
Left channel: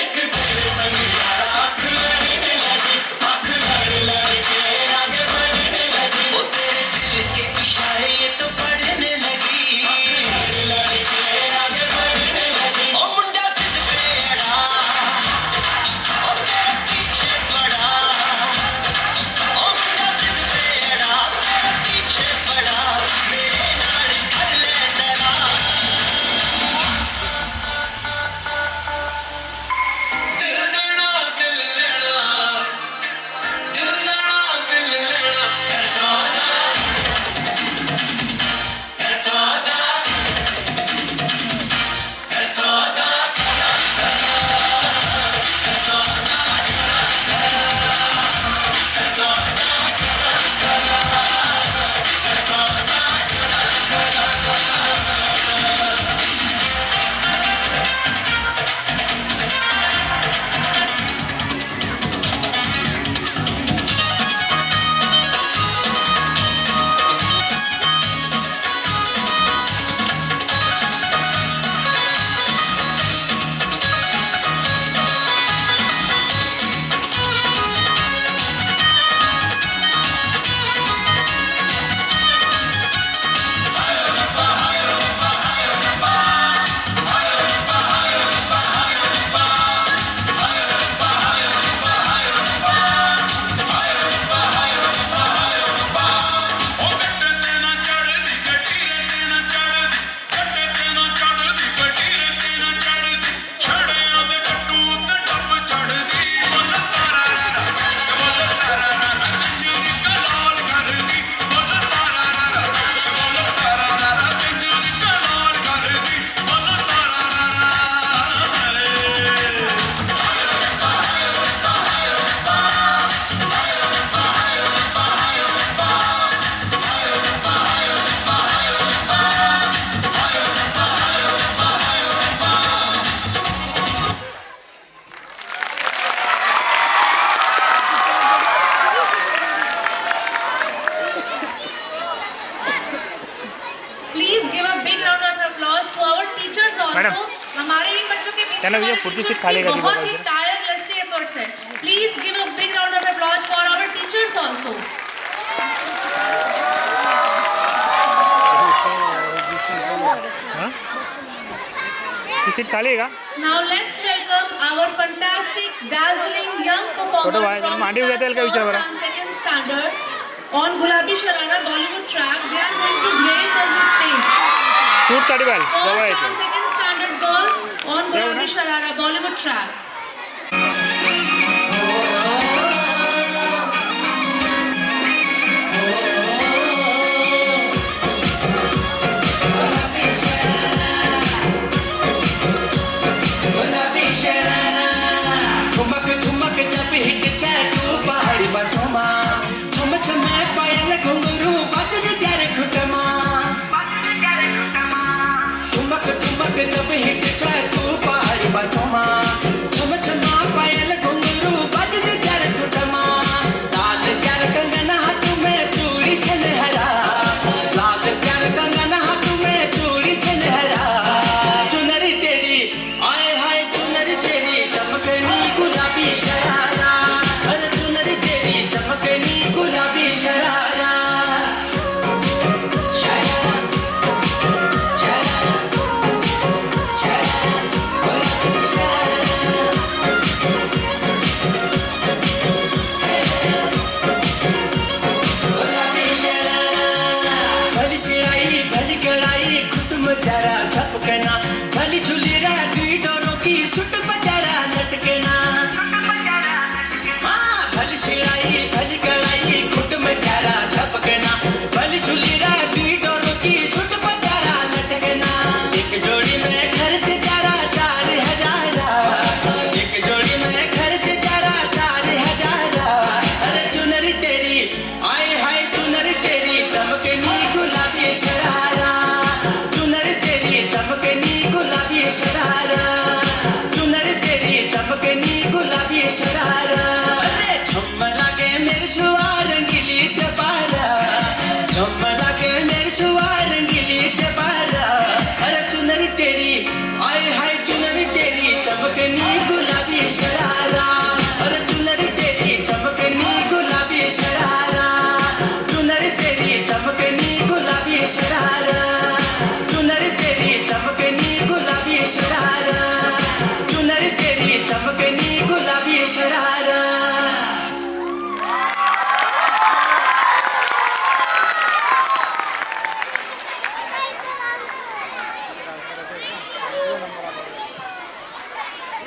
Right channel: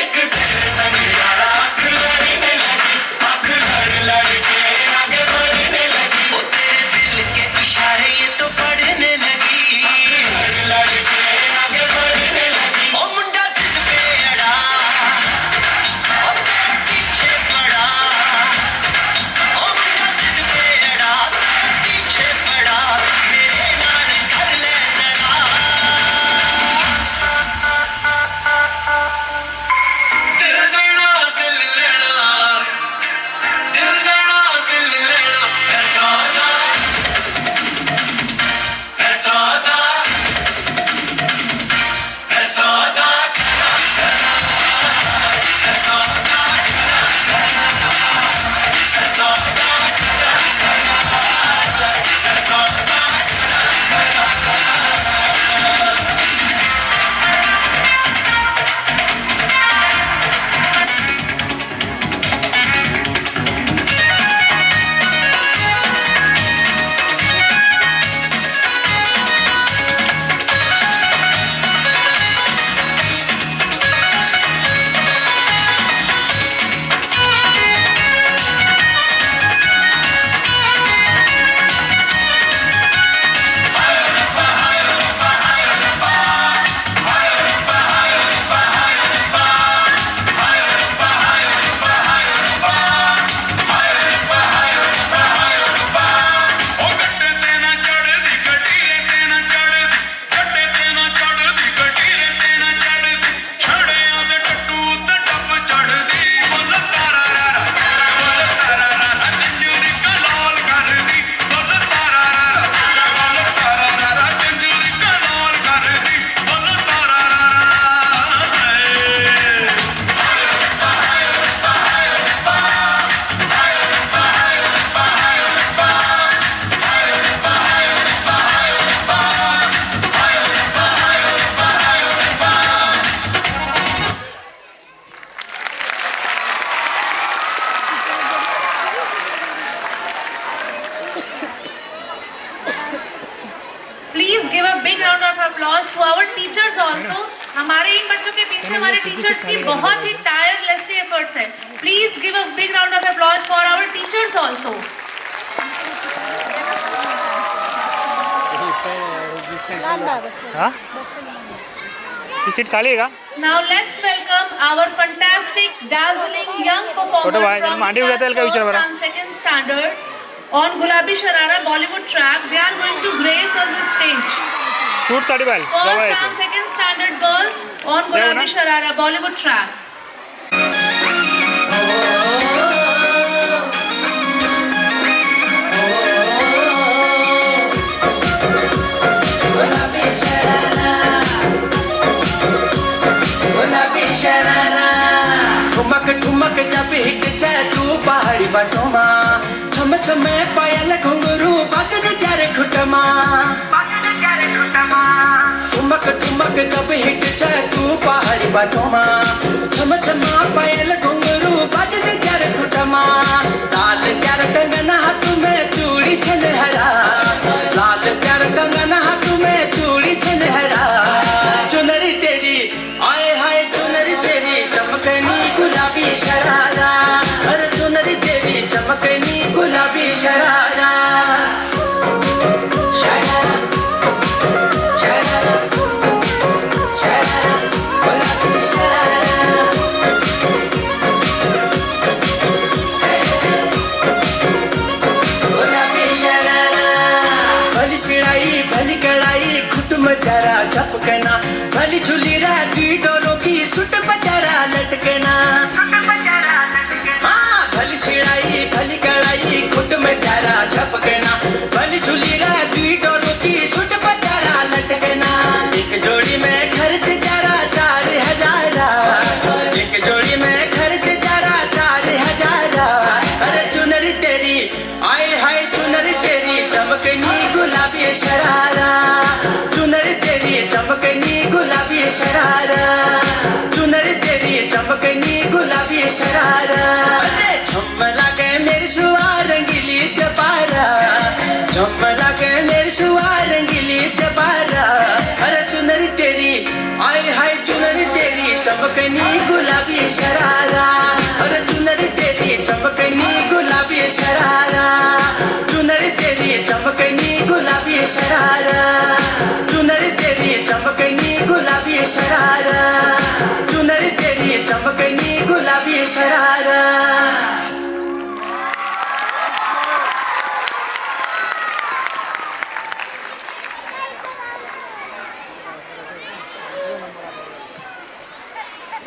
एक तेरे संग यारा अख लड़ने लगी अख लड़ लड़ के आगे बढ़ने लगी वो तेरे दिल के इशारे ये तो पढ़ने लगी लड़ लड़ के आगे बढ़ने लगी ओ मुंडा सिद्ध पे अड़ा ओ तेरे पीछे पड़ा हमारे इन बच्चों के पीछे हमारे टीचर्स की बहुत ही टायरलेस एफर्ट्स है. Please give a big round of applause for our teachers also. Seat खाली है का? Now let's welcome our fantastic, dazzling young performers from second standard on Gulabi Sharara Bollywood track. They are going to grace us the stage. Shoot साठी बाल जवळ First यायचं. and second standard girls on Gulabi Sharara Bollywood track. बटोमा छम छमे पायल घुंघरू बाजन त्यारे खुटमा ठुमक ठुमक जब हिट चू पहाड़ी बटोमा छम छमा पायल घुंघरू बाजन त्यारे खुटमा ताल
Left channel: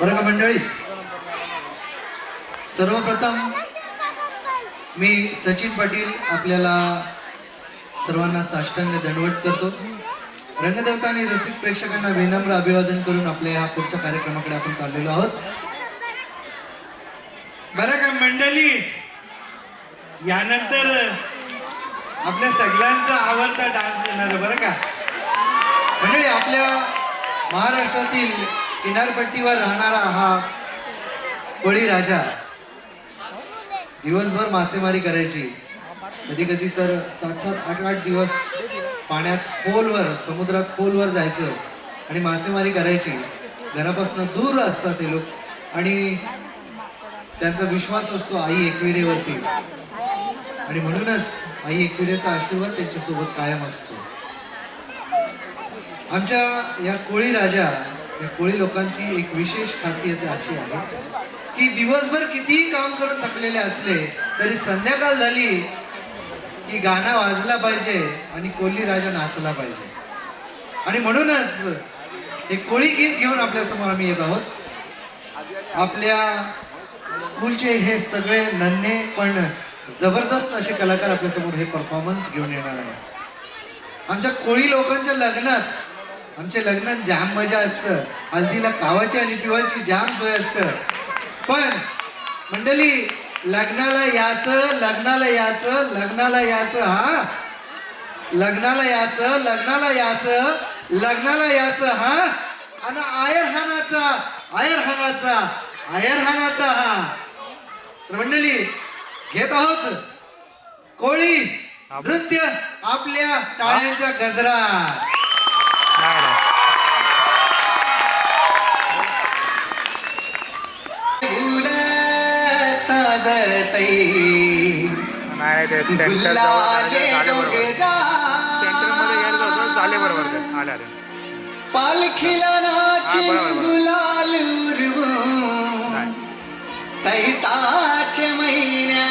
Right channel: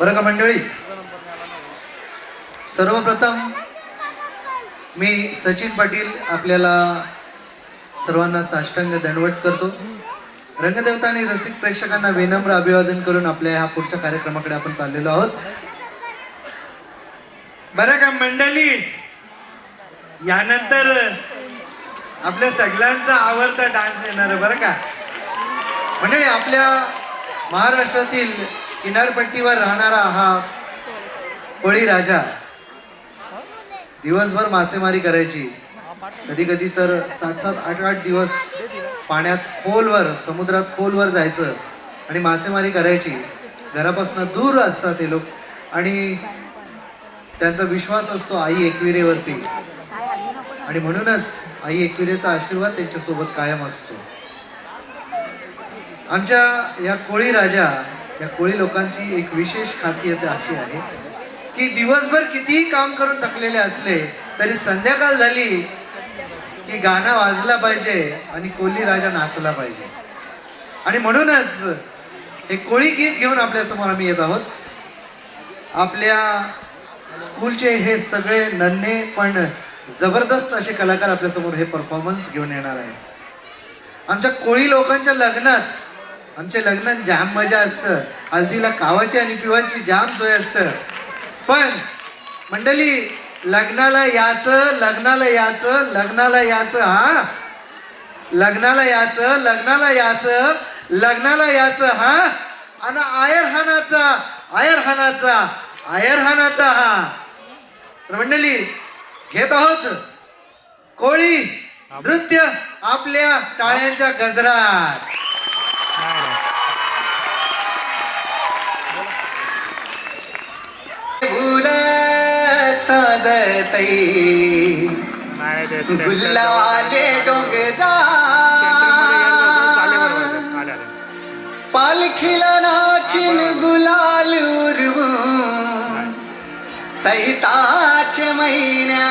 बरं का मंडळी, सर्वप्रथम मी सचिन पाटील आपल्याला सर्वांना साष्टांग दंडवत करतो. रंगदेवता आणि रसिक प्रेक्षकांना विनम्र अभिवादन करून आपल्या ह्या पुढच्या कार्यक्रमाकडे आपण चाललेलो आहोत. बरं का मंडळी, यानंतर आपल्या सगळ्यांचा आवडता डान्स येणार बरं का. मंडळी, आपल्या महाराष्ट्रातील किनारपट्टीवर राहणारा हा कोळी राजा दिवसभर मासेमारी करायची, कधी कधी तर 7-8 दिवस पाण्यात खोलवर, समुद्रात खोलवर जायचं आणि मासेमारी करायची. घरापासून दूर असतात ते लोक आणि त्यांचा विश्वास असतो आई एकविरेवरती आणि म्हणूनच आई एकविरेचा आशीर्वाद त्यांच्यासोबत कायम असतो. आमच्या या कोळी राजा, या कोळी लोकांची एक विशेष खासियत अशी आहे की दिवसभर कितीही काम करून थकलेले असले तरी संध्याकाळ झाली की गाणं वाजला पाहिजे आणि कोळी राजा नाचला पाहिजे. आणि म्हणूनच हे कोळी गीत घेऊन आपल्या समोर आम्ही येत आहोत. आपल्या स्कूलचे हे सगळे नन्हे पण जबरदस्त असे कलाकार आपल्या समोर हे परफॉर्मन्स घेऊन येणार आहे. आमच्या कोळी लोकांच्या लग्नात, आमच्या लग्नात जाम मजा असतं. हल्दीला खावायची आणि पिवायची जाम सोय असतं. पण मंडळी, लग्नाला याचं, लग्नाला याचं, लग्नाला याचं, हा लग्नाला याचं, लग्नाला याचं, लग्नाला याचं, हा आणि आयरहानाचा, आयरहानाचा, आयरहानाचा, हा. तर मंडळी, घेत आहोत कोळी नृत्य आपल्या टाळ्यांच्या गजरात. नाही ते सेंटर झाले बरोबर आले आले पालखीला नाचून गुलाल उरवून सैताच्या महिन्या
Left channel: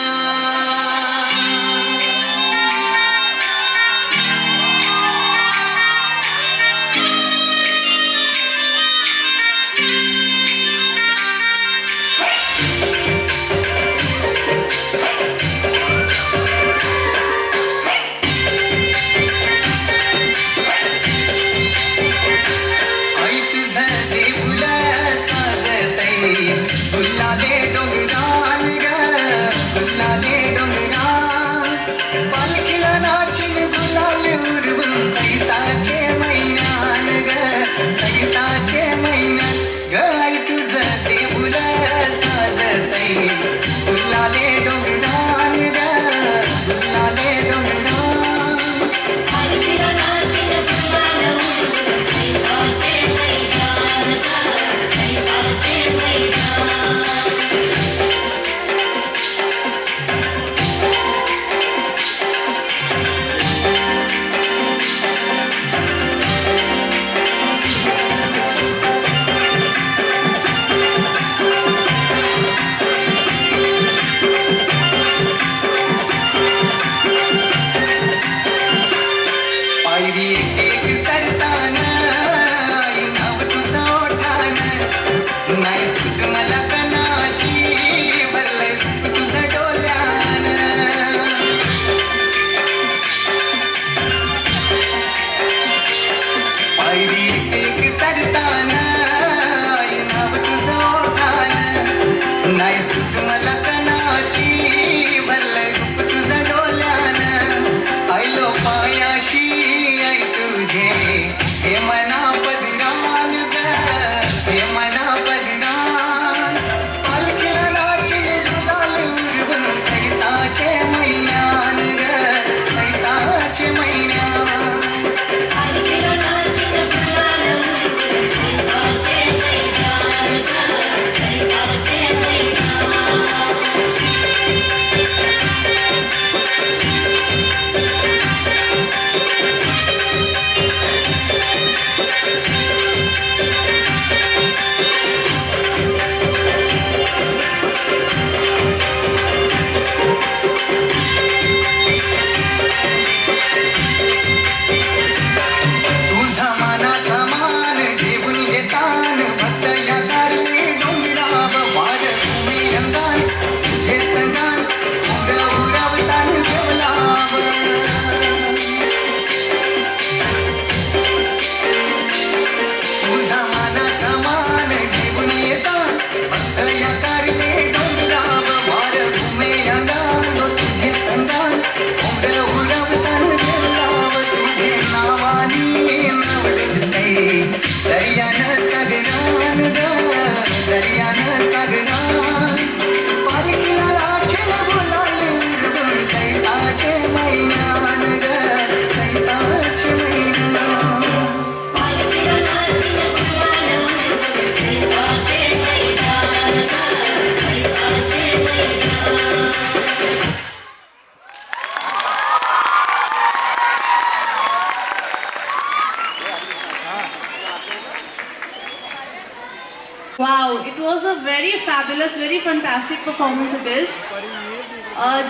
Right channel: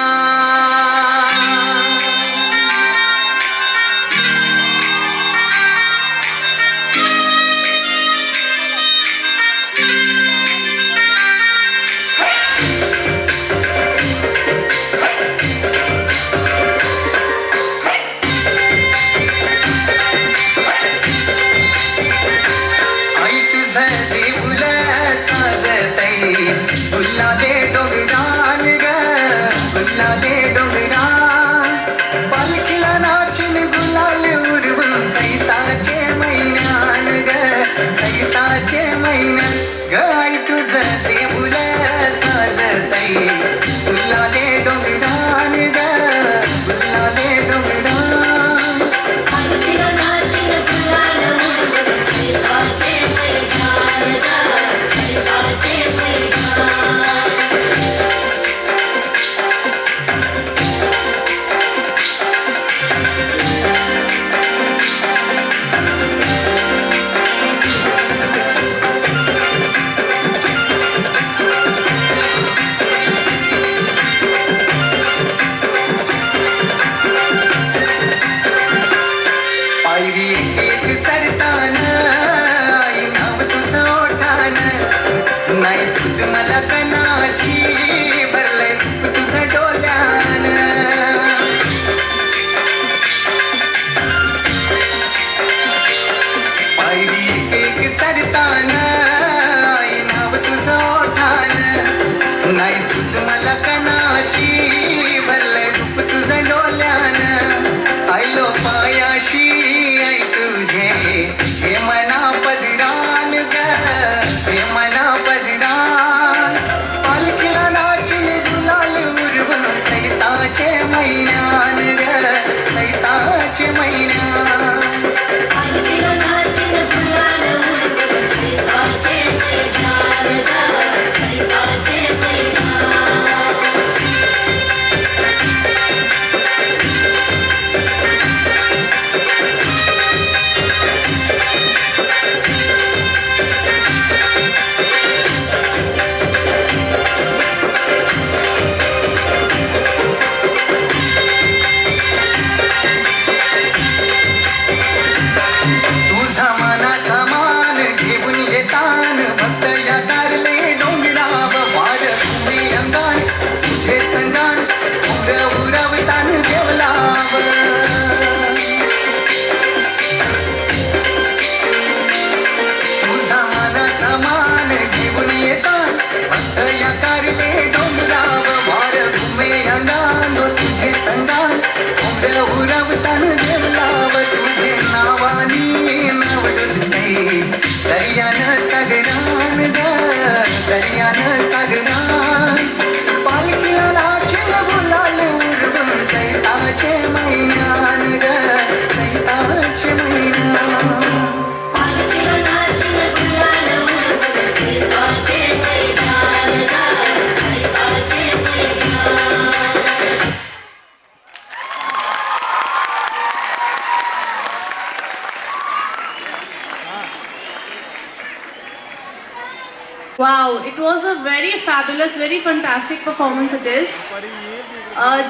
fabulous, very fantastic performance it is.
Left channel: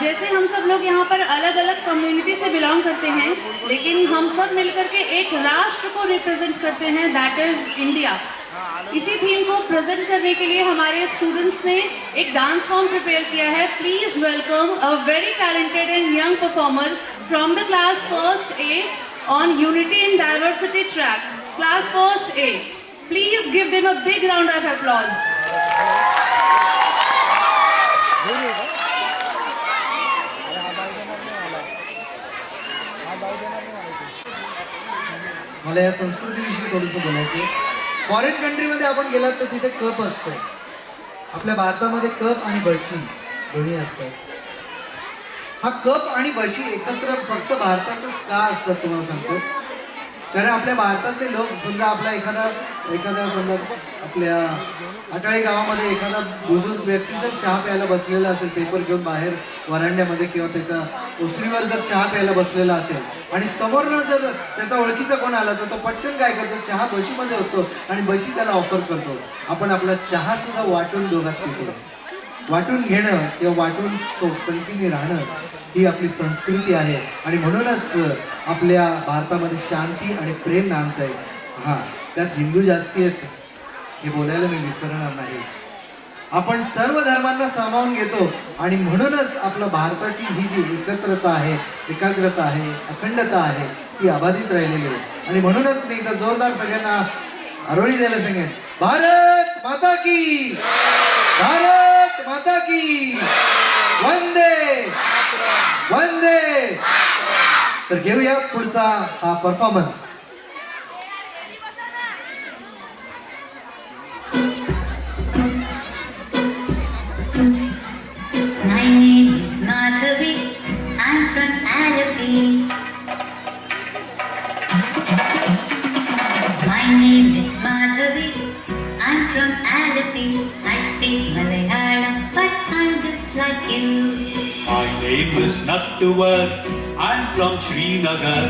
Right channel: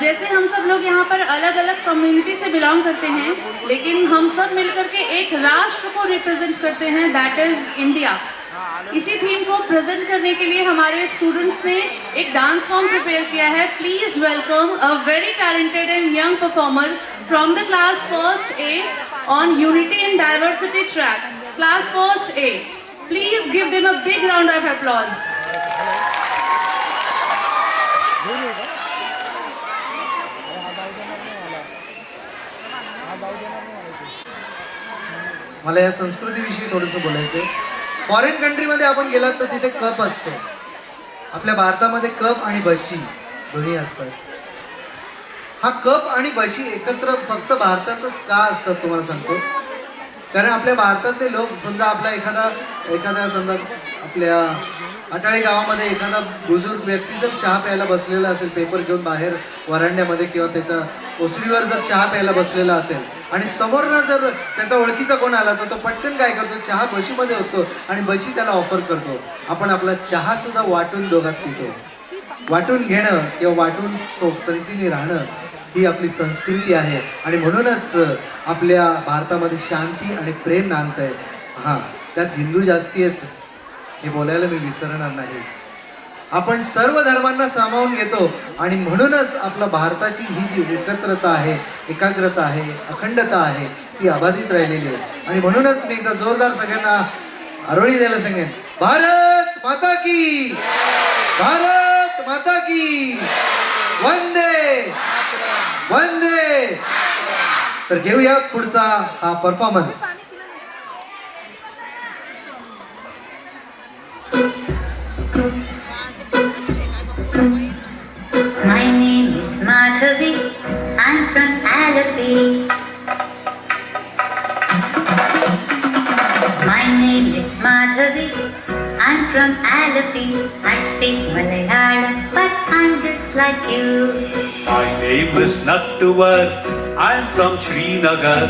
जैसे हम सब लोग यहाँ पर अलग अलग कम्युनिटी से बिलोंग करते हैं, लेकिन हम सब मिलकर के एक राष्ट्र को रिप्रेजेंट करते हैं, दैट इज इंडिया. इसी थीम को प्रेजेंट करने के लिए हमारे स्टूडेंट्स ने एक डांस फॉर्म प्रिपेयर किया है. Please welcome a very talented end young performer from the class first A on unity in diversity track. Class first A, please give them a big round of applause. मला या संस्कृतीविषयी थोडंसं बोलायचं आहे. Foreign कंट्रीमध्ये आपण गेलात तर तिथे कप असतो. आपल्या भारतामध्ये कप आणि बशी दोन्ही असतात. हा कप आणि बशी एकत्र फक्त भारतातच का असतात तुम्हाला सांगतो. कारण आपल्या भारतातले लोक समजा आपला एखादा समजा आपल्या अटाळे गावामध्ये एखादा बुजुर्ग व्यक्ती जर चहा प्यायला बसलेला असेल, पेपर घेऊन बाहेर वरांड्यामध्ये किंवा त्याच्या ओसरीवर जर चहा प्यायला बसलेला असेल आणि समोरनं जर त्याचा ओळखीचा कोण आला तर तो पटकन काय करतो, चहा बशीमध्ये होतो आणि बशी त्याला ऑफर करतो. आपण आपला चहा सुद्धा वाटून दोघात पितो. वाटून घेणं किंवा वाटून संगतीने राहणं ही आपली संस्कृती आहे आणि म्हणूनच आपल्या भारतामध्ये शांती आणि प्रेम नांदत आहे. हां, त्यात हिंदू जास्ती आहेत हे बोलायला मी विसरणार नाही. आपण सर्व धर्मांना सामावून घेतो आणि म्हणूनच आपल्या भारताची ही जी एकत्रता आहे, एकाग्रता आहे, अखंडता आहे ती अबाधित राहिलेली आहे. आणि म्हणूनच मी एकदा जोरदार सगळ्यांना आरोळी द्यायला सांगेन, भारत माता की, भारत माता की, वंदे वंदे. तर घेऊया पुढचा हा performance. My name is Madhavi, I'm from Alapi. My name is Madhavi, I'm from Alapi. I speak Malayalam, but I'm just like you. My name is Nattuvar, I'm from Srinagar.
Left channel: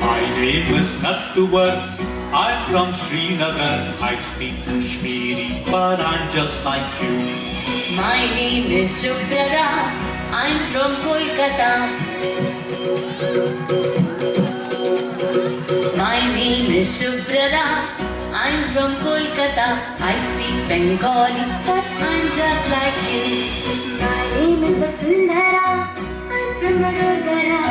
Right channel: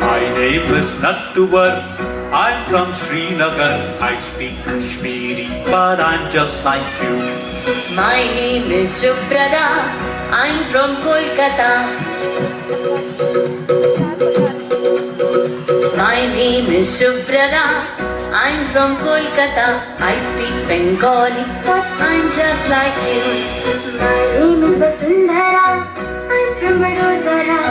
My name is Nattuvar, I'm from Srinagar. I speak Kashmiri, but I'm just like you. My name is Subrata, I'm from Kolkata. My name is Subrata, I'm from Kolkata. I speak Bengali, but I'm just like you. My name is Vasundhara, I'm from Vadodara.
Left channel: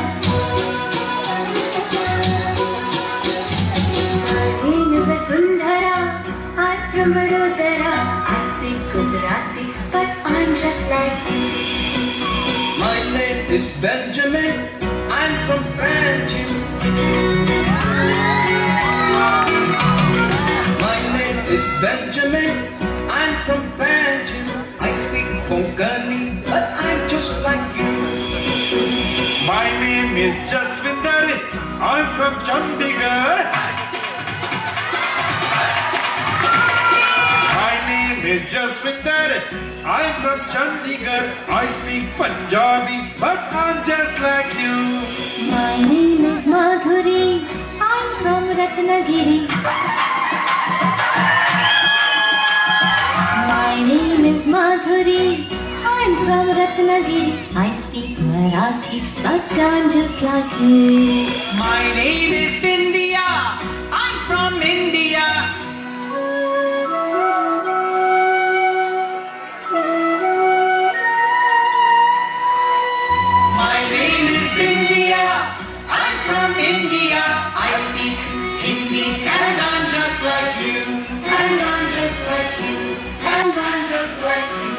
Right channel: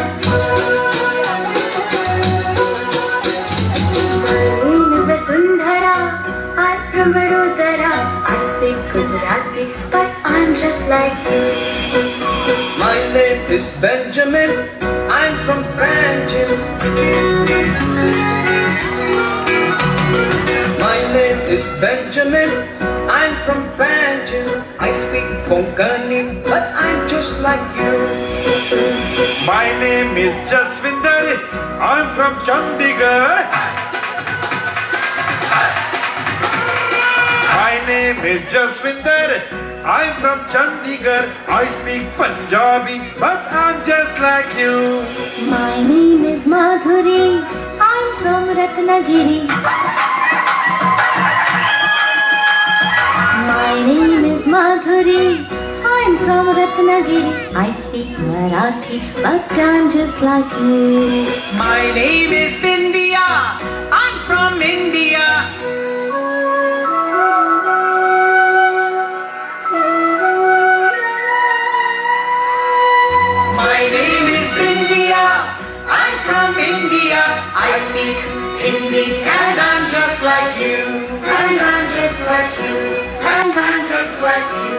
My name is Vasundhara, I'm from Vadodara. I speak Gujarati, but I'm just like you. My name is Benjamin, I'm from Panjim. My name is Benjamin, I'm from Panjim. I speak Konkani, but I'm just like you. My name is Jaswinder, I'm from Chandigarh. My name is Jaswinder, I'm from Chandigarh. I speak Punjabi, but I'm just like you. My name is Madhuri, I'm from Ratnagiri. My name is Madhuri, I'm from Ratnagiri. I speak Marathi, but I'm just like you. My name is Bindya, I'm from India. My name is Bindya, I'm from India. I speak Hindi and I'm just like you. And I'm just like you. And I'm just like you.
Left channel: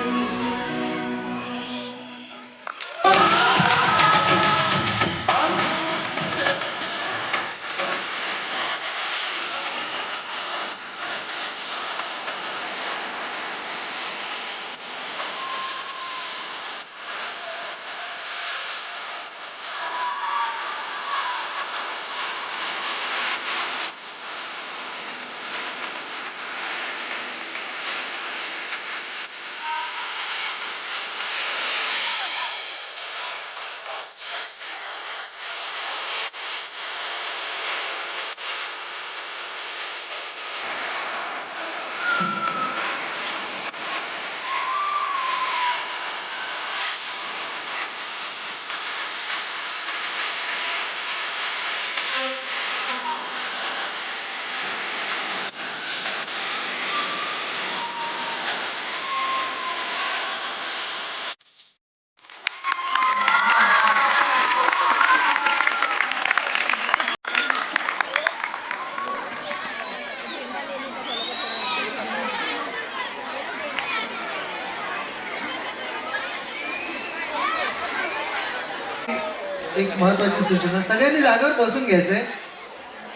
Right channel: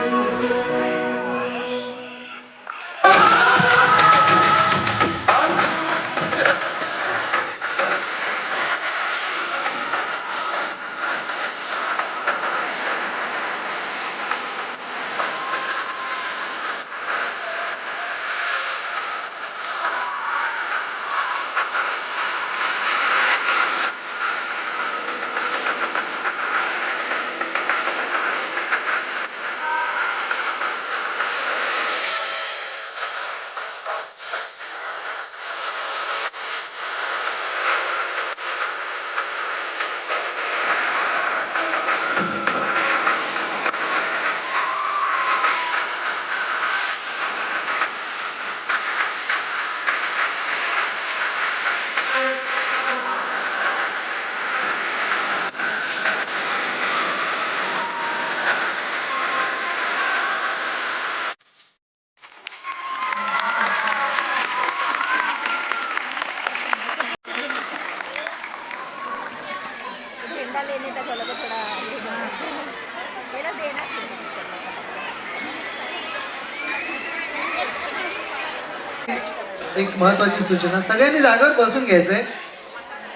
एक महत्वाची सूचना, सगळ्यांनी जागेवर बसून घ्यायचंय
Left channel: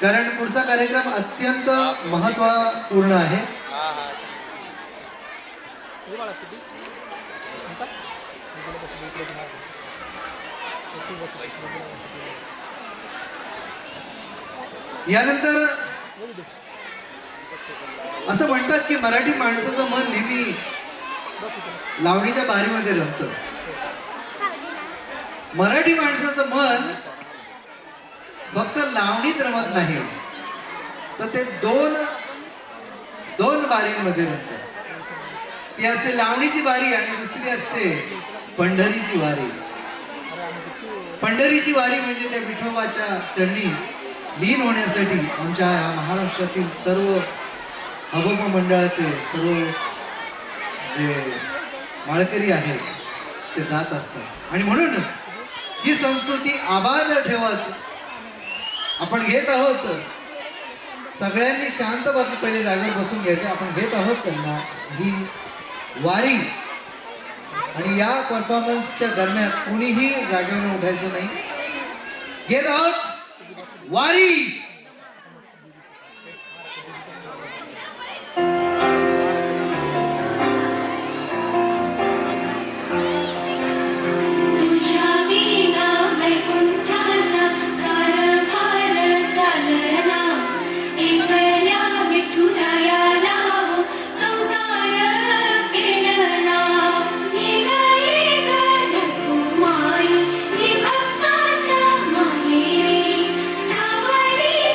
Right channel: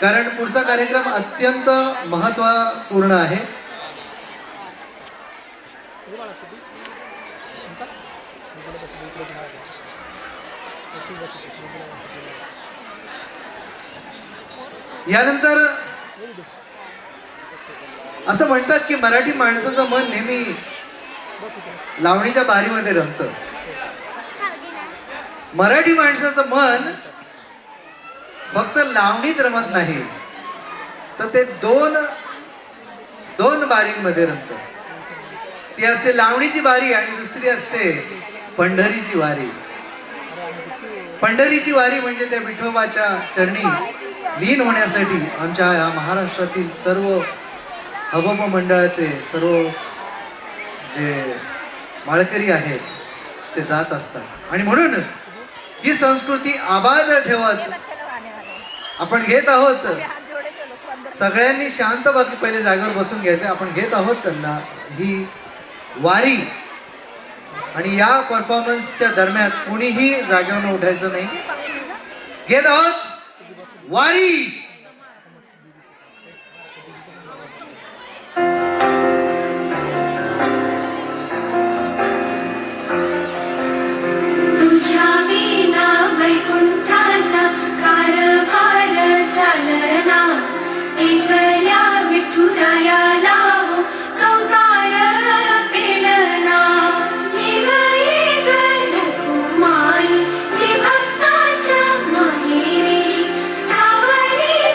कारण पुढचा कार्यक्रम अत्यंत महत्त्वपूर्ण आहे. यानंतर असं म्हणतात की मराठी माणसाचं मन नेहमी लावणीच्या बारीमध्ये रमतं. मराठी माणसाचं मन फक्त लावणीत रमत नाही, तर ते दोन बारींमध्ये रमतं. ती असते लावणीची बारी आणि दुसरी असते पंढरीची वारी. पंढरीची वारी म्हणजे त्या विठोबाच्या चरणी लीन होण्यासाठी आमच्या या महाराष्ट्रातील सर्व अभोप मंडळाचे सर्व जे माळकरी आहेत ते जात असतात. आणि म्हणून ही संस्कृती आबाद ठेवत आपण घेत आहोत. सगळ्यांनी शांत पहिले जागेवर बसून घ्यायचे. आपण घेत आहोत त्यांना ही वारी आणि या परफॉर्मन्सच्या दरम्यान कोणीही जागेवर उठायचं नाही. घेत आहोत वारी. Somebody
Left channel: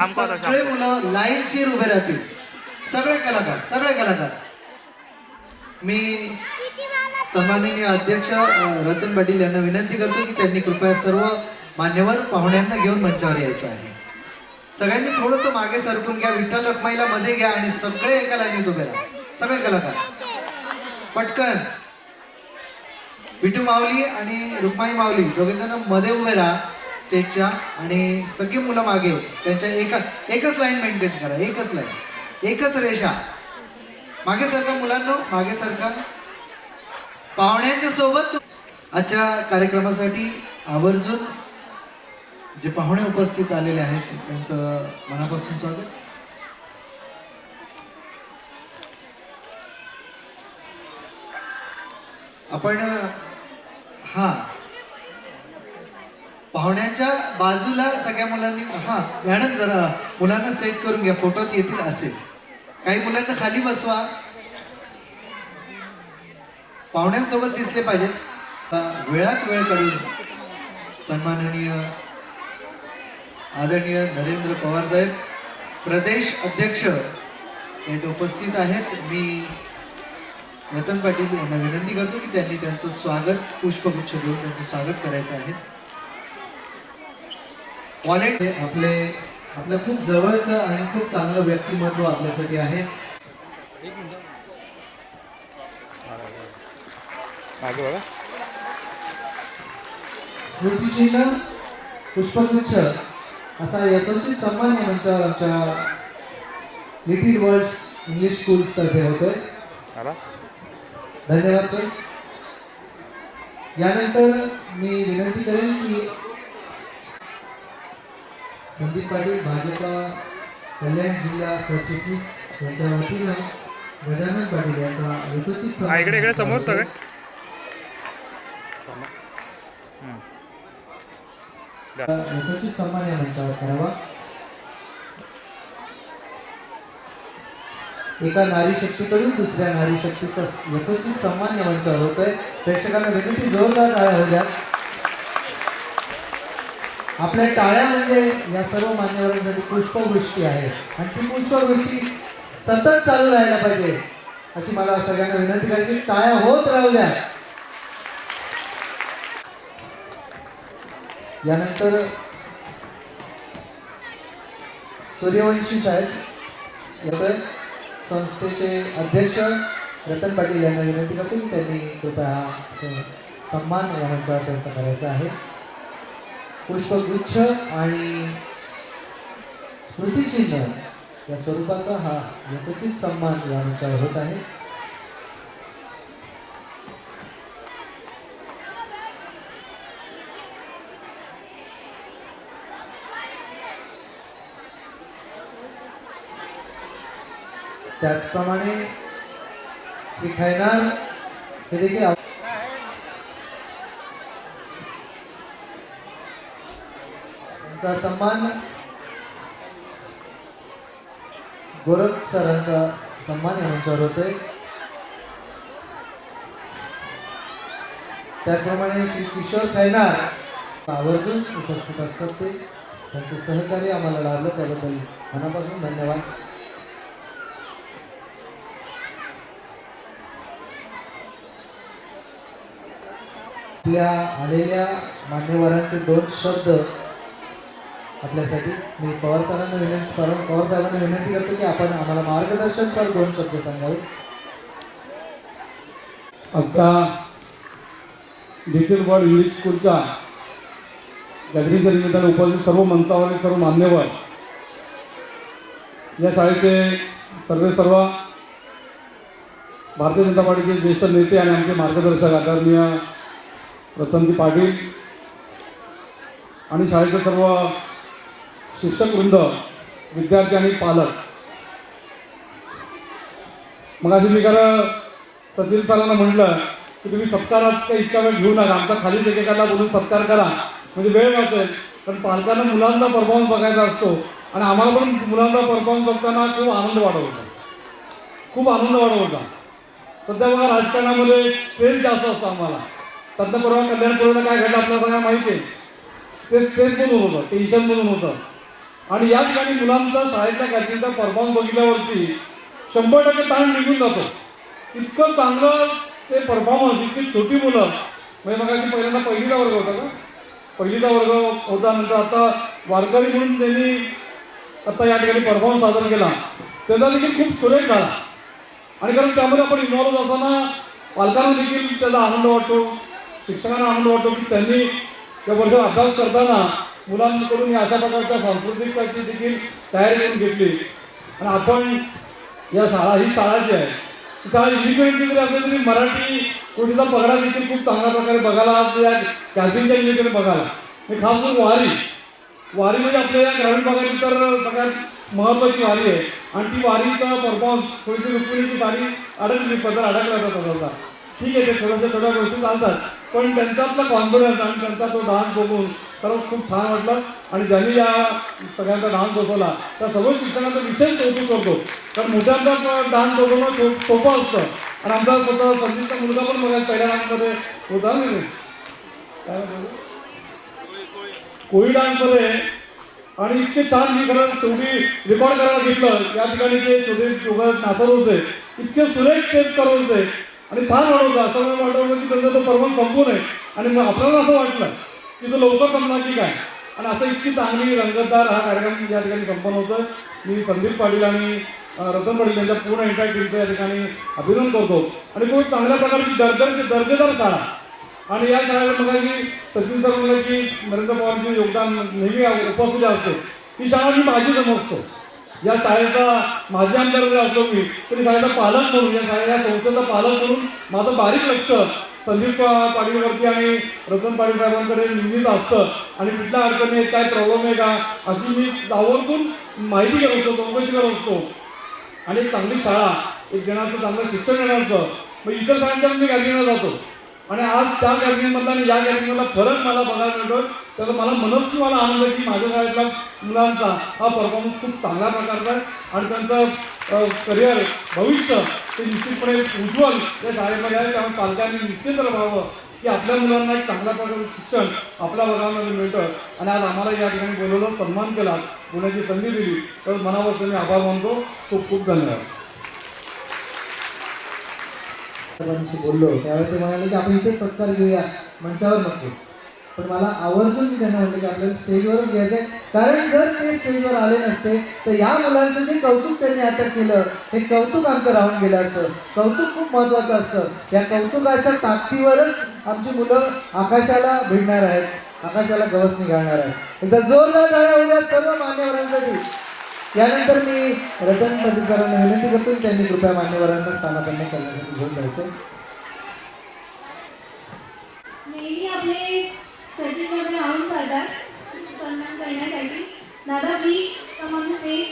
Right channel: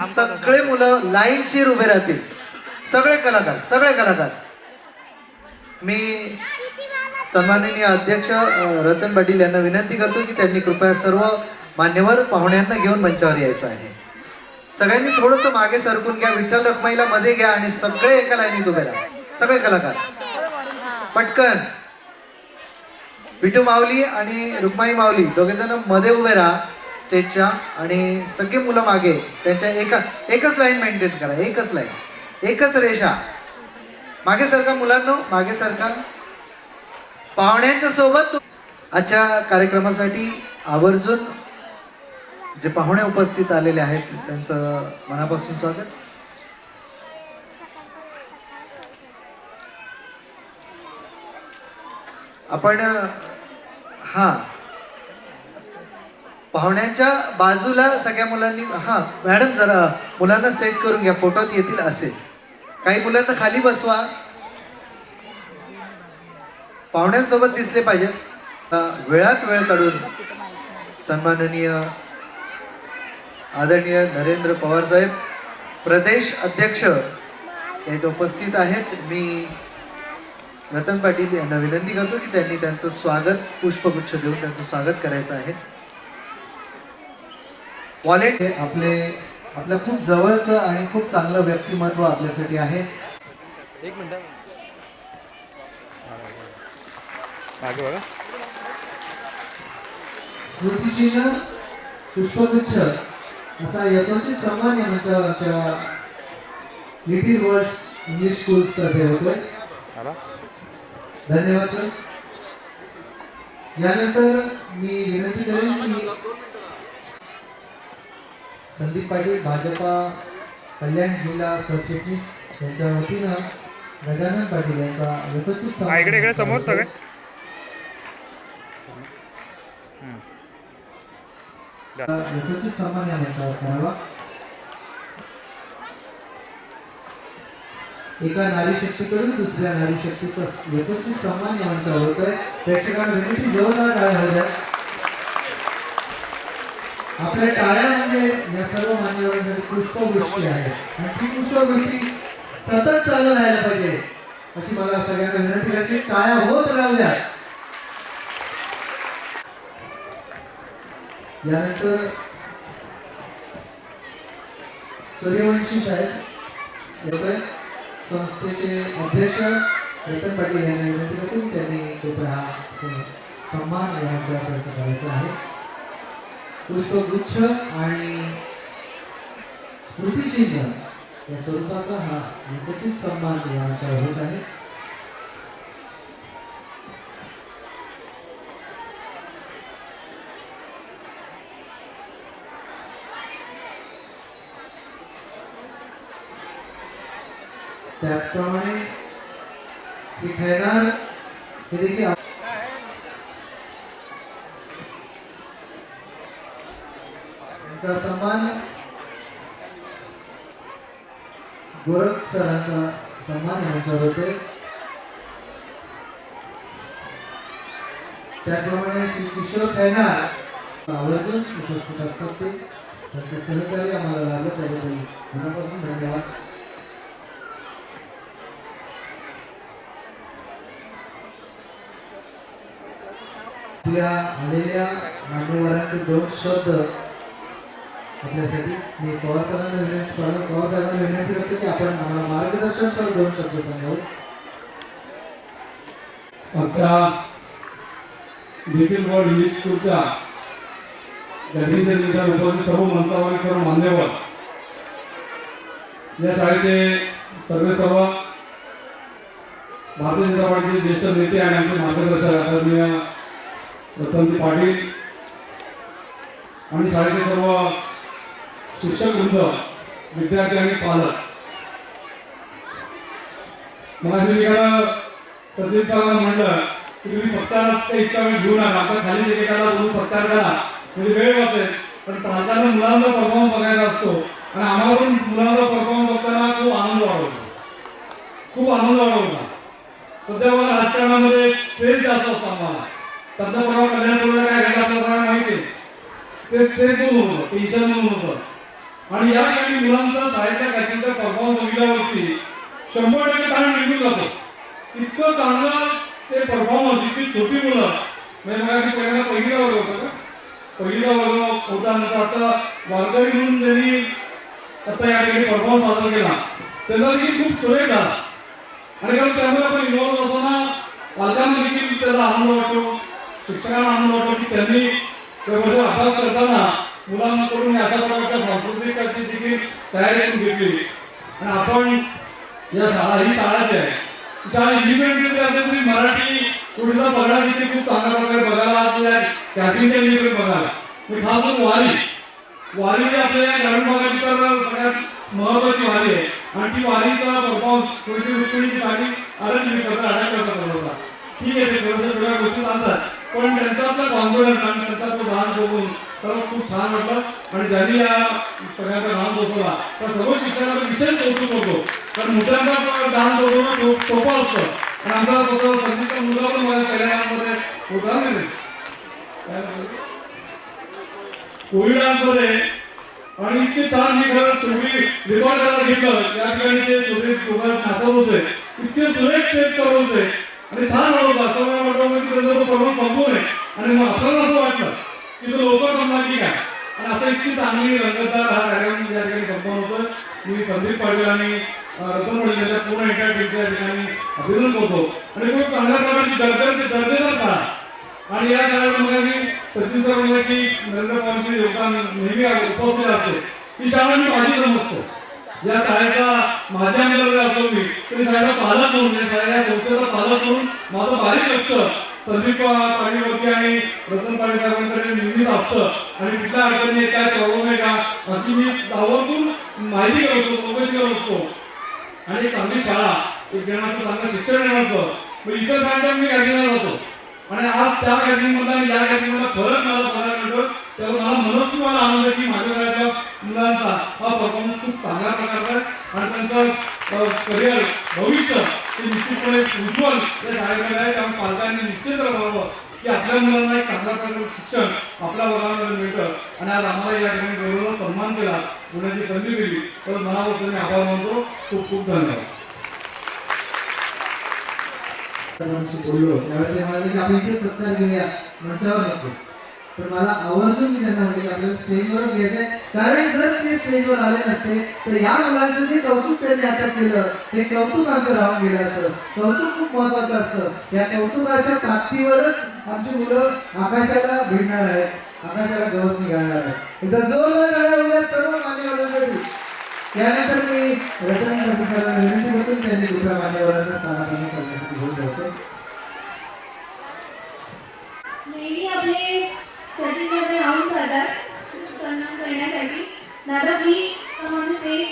सगळे मुलं लाईनशीर उभे राहतील. सगळे कलाकार. मी सन्माननीय अध्यक्ष रतन पाटील यांना विनंती करतो की त्यांनी कृपया सर्व मान्यवर पाहुण्यांना घेऊन मंचावर यायचं आहे. सगळ्यांनी थोडंसं मागे सरकून घ्या. विठ्ठल रखमाईला मध्ये घ्या आणि सगळे एका लाईनीत उभे राहा. सगळे कलाकार पटकन. विठू माऊली आणि रुक्माई माऊली दोघे जण मध्ये उभे राहा स्टेजच्या आणि सगळी मुलं मागे. त्यांच्या एकच लाईन मेंटेन करा. एकच लाईन, एकच रेषा. मागे सरका मुलांनो, मागे सरका. पाहुण्यांच्या सोबत आजच्या कार्यक्रमासाठी आवर्जून जे पाहुणे उपस्थित आलेले आहेत त्यांचं मनापासून स्वागत. आपण पाहुण्यांच्या बाजूला सगळ्या मुलांनी मॅडम जरा मुलांना सेट करून घ्या. फोटोत येतील असे. काही मुलांना खाली बसवा. पाहुण्यांसोबत दिसले पाहिजेत. वेळात वेळ काढून सन्माननीय आदरणीय नरेंद्र पवार साहेब प्रदेश अध्यक्ष हे उपस्थित आहेत. मी रतन पाटील यांना विनंती करतो की त्यांनी त्यांचं स्वागत पुष्पगुच्छ देऊन त्यांचं स्वागत करायचं आहे. वॉलेट आपलं खूप जवळचं आणि खूप चांगलं व्यक्तिमत्व आपल्यासाठी आहे. एक मिनिट मागे बघा. स्मृतिचिन्ह पुष्पगुच्छ असा यथोचित सन्मान आमच्या लिटिल वर्ड्स इंग्लिश स्कूल्स तर्फे होतोय. धन्यवाद सर. यानंतर मी विनंती करेन की संदीप पाटील भाजपा कल्याण जिल्हा सरचिटणीस यांच्या वतीनं गजानन पाटील यांचा यथोचित इकडे समोर सगळे यथोचित सन्मान या मंचावर करावा. एका नारी शक्तीकडून दुसऱ्या नारी शक्तीचा यथोचित सन्मान या मंचावर होतोय. प्रेक्षकांना विनंती जोरदार टाळ्या होत्या. आपल्या टाळ्या म्हणजे या सर्व मान्यवरांसाठी पुष्पवृष्टी आहे आणि ती पुष्पवृष्टी सतत चालू राहायला पाहिजे अशी मला सगळ्यांना विनंती करायची. टाळ्या होत राहू द्या. यानंतर सूर्यवंशी साहेब संस्थेचे अध्यक्ष रतन पाटील यांना विनंती करतो की त्यांनी कृपया हा सन्मान या मंचावर त्यांचा करायचा आहे. पुष्पगुच्छ आणि स्मृतिचिन्ह या स्वरूपाचा हा यथोचित सन्मान या मंचावर होत आहे. त्याचप्रमाणे श्री खैरार हे देखील त्यांचा सन्मान गोरख सरांचा सन्मान यांच्यावर होते. त्याचप्रमाणे श्री किशोर खैरार आवर्जून उपस्थित असतात. ते त्यांचे सहकार्य आम्हाला लाभलं त्याबद्दल मनापासून धन्यवाद. आपल्या आलेल्या मान्यवरांचे 2 शब्द आपल्यासाठी मी पवार सरांना विनंती करतो की आपण आम्हाला मार्गदर्शन कर 2 शब्द सांगावे. आमच्या लिटिल वर्ल्ड इंग्लिश स्कूलच्या गणपती निमित्ताने उपस्थित सर्व मंचावर सर्व मान्यवर या शाळेचे सर्व भारतीय जनता पार्टीचे ज्येष्ठ नेते आणि आमचे मार्गदर्शक आदरणीय रतनजी पाटील आणि शाळेचे सर्व शिक्षकवृंद, विद्यार्थी आणि पालक. मग मी सचिन सरांना म्हटलं की तुम्ही सत्कारात इतका वेळ घेऊ नका. आमचा खालीच एकेकाला बोलून सत्कार करा म्हणजे वेळ वाचेल. पण पालकांना मुलांचा परफॉर्मन्स बघायचा असतो आणि आम्हाला पण मुलांचा परफॉर्मन्स बघताना खूप आनंद वाढवता. सध्या मला राजकारणामध्ये स्ट्रेस जास्त असतो. आम्हाला तंत्रपुरा कल्याण करून काय घडलं आपल्याला माहिती आहे. ते स्ट्रेस म्हणून होतं, टेन्शन म्हणून होतं. आणि या ठिकाणी मुलांचा शाळेतल्या गॅदरिंगचा परफॉर्मन्स बघितल्यावरती 100% ताण निघून जातो. इतकं चांगलं ते परफॉर्मन्स, इतकी छोटी मुलं, म्हणजे मग पहिल्यांदा पहिलीचा वर्ग होता का, पहिलीचा वर्ग होता, नंतर आता वारकरी म्हणून त्यांनी आता या ठिकाणी परफॉर्मन्स सादर केला, त्याचा देखील खूप सुरेख झाला. आणि कारण त्यामध्ये आपण इन्व्हॉल्व असताना पालकांना देखील त्याचा आनंद वाटतो, शिक्षकांना आनंद वाटतो की त्यांनी त्याबरोबर अभ्यास करताना मुलांकडून अशा प्रकारच्या सांस्कृतिकाची देखील तयारी करून घेतली. आणि आपण या शाळा, ही शाळा जी आहे, ही शाळा इंडिपेंडेंटली असेल तरी मराठी कोणीचा पगडा देखील खूप चांगल्या प्रकारे बघायला आज या कॅन्टीनच्या निमित्ताने बघायला. मी खास करून वारी म्हणजे आपल्या या ग्रामीण भागाची तर सगळ्यात महत्त्वाची वारी आहे. आणि ती वारीचा परफॉर्मन्स थोडीशी रुक्मिणीची गाडी अडकली होता. ठीक आहे, ते थोड्या गोष्टी चालतात, पण त्यांच्यातला कॉन्फिडन्स आणि त्यांचा तो डान्स बघून तर खूप छान वाटलं. आणि ज्यांनी या सगळ्यांचा डान्स बसवला त्या सर्व शिक्षकांचा विशेष कौतुक करतो. कारण मोठ्यांचा डान्स बसवणं खूप सोपं असतं. आणि आमचा स्वतः संगीतचा मुलगा पण मला पहिल्या डान्समध्ये होता नाही कोळी डान्समध्ये. आणि इतके छान मी खरं शेवटी रेकॉर्ड करायला घेतलं. या ठिकाणी ते छोटे दोघं नाचत होते, इतके सुरेख स्टेप करत होते आणि छान वाटत होतं. असं मला वाटतं की त्यांचा तो परफॉर्मन्स संपून आहे. आणि मग आपल्याला असं वाटलं की तो लवकर संपणार की काय. आणि असं इतकी चांगली रंगतदार हा कार्यक्रम या ठिकाणी संपन्न होतं. मी संदीप पाटील आणि रतन पाटील यांच्या पूर्ण एंटायर टीमचं या ठिकाणी अभिनंदन करतो. आणि खूप चांगल्या प्रकारची दर्जेदार शाळा. आणि या शाळेवर मला की सचिन सर म्हणलं की नरेंद्र पवारांचे योगदान नेहमी उपस्थित असते. ही शाळा मी माझी समजतो. या शाळेचा माझ्या आमच्याकडे असतो मी तरी शाळेचा पालक म्हणून, या शाळेच्या संस्थेचा पालक म्हणून माझं बारीक लक्ष संदीप पाटीलवरती आणि रतन पाटील साहेबांकडे नेहमीच असतं. आणि कुठल्या अडचणी आहेत, काय प्रॉब्लेम आहे का, अशी मी आवर्जून माहिती करत असतो, चौकशी करत असतो. आणि एक चांगली शाळा, एक जणांचं चांगलं शिक्षण देण्याचं. मग इतर शाळांच्या मी गॅदरिंगला जातो आणि आज त्या गॅदरिंगमधला आणि या गॅदरिंगमधला फरक मला बघायला मिळतो. त्याचा मला आनंद आहे की माझ्या शाळेतल्या मुलांचा हा परफॉर्मन्स खूप चांगल्या प्रकारचा आहे. आणि त्यांचं करिअर, भविष्य ते निश्चितपणे उज्ज्वल या शाळेमध्ये आहे. त्यामुळे पालकांनी निश्चित राहावं की आपल्या मुलांना एक चांगल्या प्रकारचं शिक्षण आपल्या वर्गामध्ये मिळतं. आणि आज आम्हाला या ठिकाणी बोलवलं, सन्मान केला, बोलण्याची संधी दिली, तर मनापासून मी आभार मानतो. खूप खूप धन्यवाद. बोललो त्यावेळेस ते म्हणाले की आपण इथे सत्कार घेऊया, मंचावर नको. पण मला आवर्जून मी त्यांना म्हटलं की आपल्याला स्टेजवरच घ्यायचंय. कारण जर ते स्टेजवर आले नसते तर या मुलांचं जे कौतुक त्यांनी आता केलं हे कौतुक आमचं राहून गेलं असतं. कौतुक खूप महत्वाचं असतं. या कौतुकाच्या ताकदीवरच आमची मुलं आकाशाला भिडणार आहेत, आकाशाला गवसणी घालणार आहेत. एकदा जोरदार टाळ्या होत्या सर्व मान्यवरांसाठी. यानंतर मी रतन पाटील सरांना विनंती करतो की त्यांनी कृपया मान्यवरांना स्थानापन्न करण्यासाठी घेऊन जायचं. नेहमी आपले सचिनमध्ये राहून जातात सन्मान करण्यासाठी. दादा प्लीज कम ऑन स्टेज.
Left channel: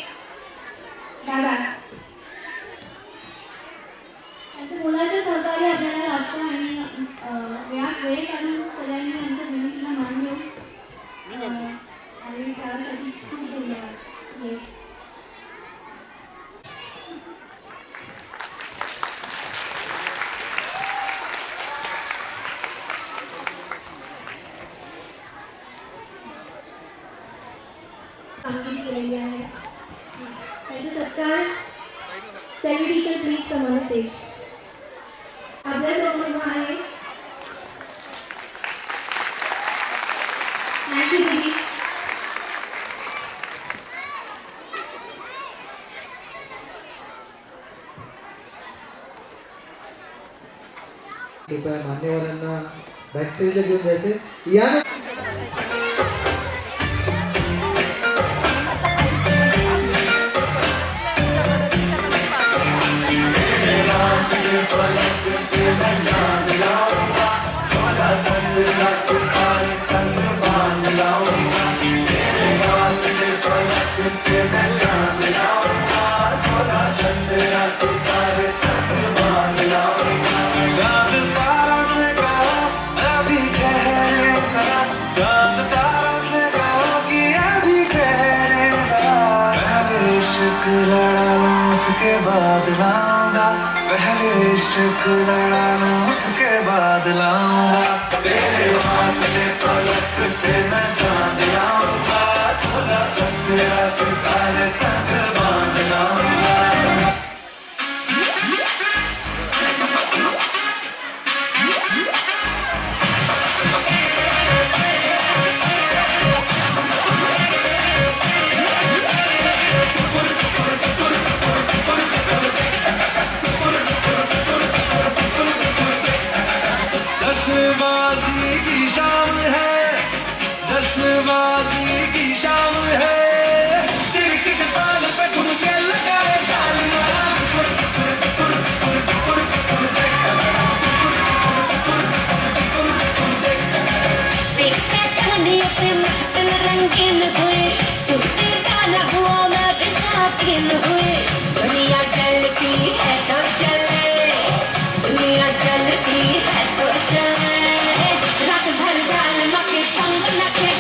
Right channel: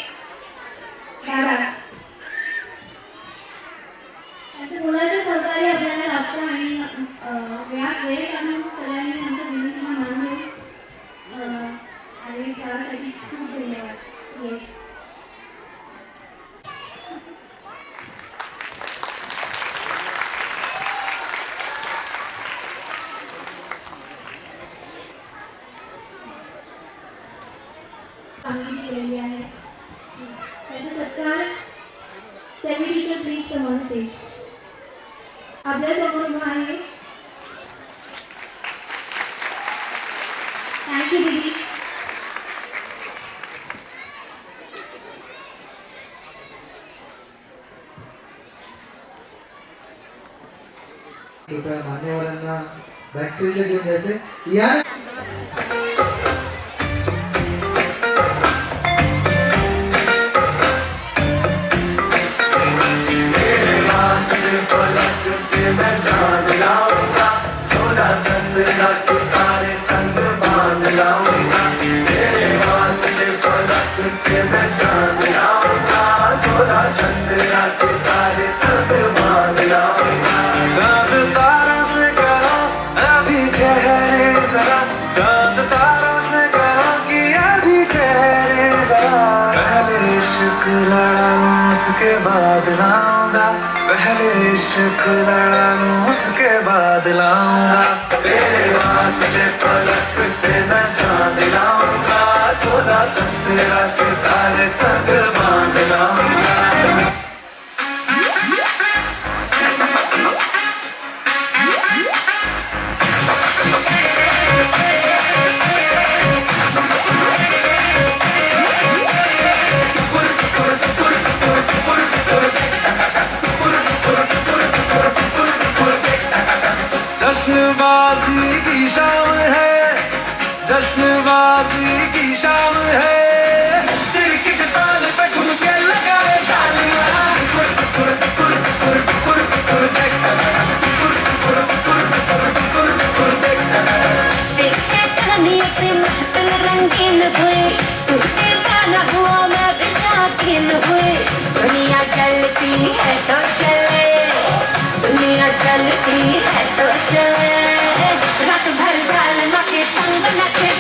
दादा, त्यांचं मुलाचं सहकार्य आपल्याला लागतं आणि वेळ काढून सगळ्यांनी आमच्या विनंतीला मान देऊन आणि त्यासाठी खूप धन्यवाद. येस, कामगिरी केलेली आहे. त्याचा सत्कार सेमी टीचर प्लीज समोर स्टेज. आपल्या समोर उभा आहे. थँक्यू दीदी. कृपया मान्यवरांना बॅकस्टेजला घेऊन जायचे. या उसके बाद लाऊंगा, पहले इश्क लड़ा उसके बाद लाऊंगा, तेरे वास्ते फलक से न चांद लाऊंगा. बोला संतरा सितारे संग बांध लाऊंगा जश्नबाजी की शाम है जश्नबाजी की शाम है क्रिकेट बॉल पे ठुमके लगाए तालियां महफिल रंगीन हुए तू दीवाना हुआ मैं भी शौकीन हुई दुनिया चलती है तो चले दुनिया चलती है तो चले रात भर जालमा के संग नखे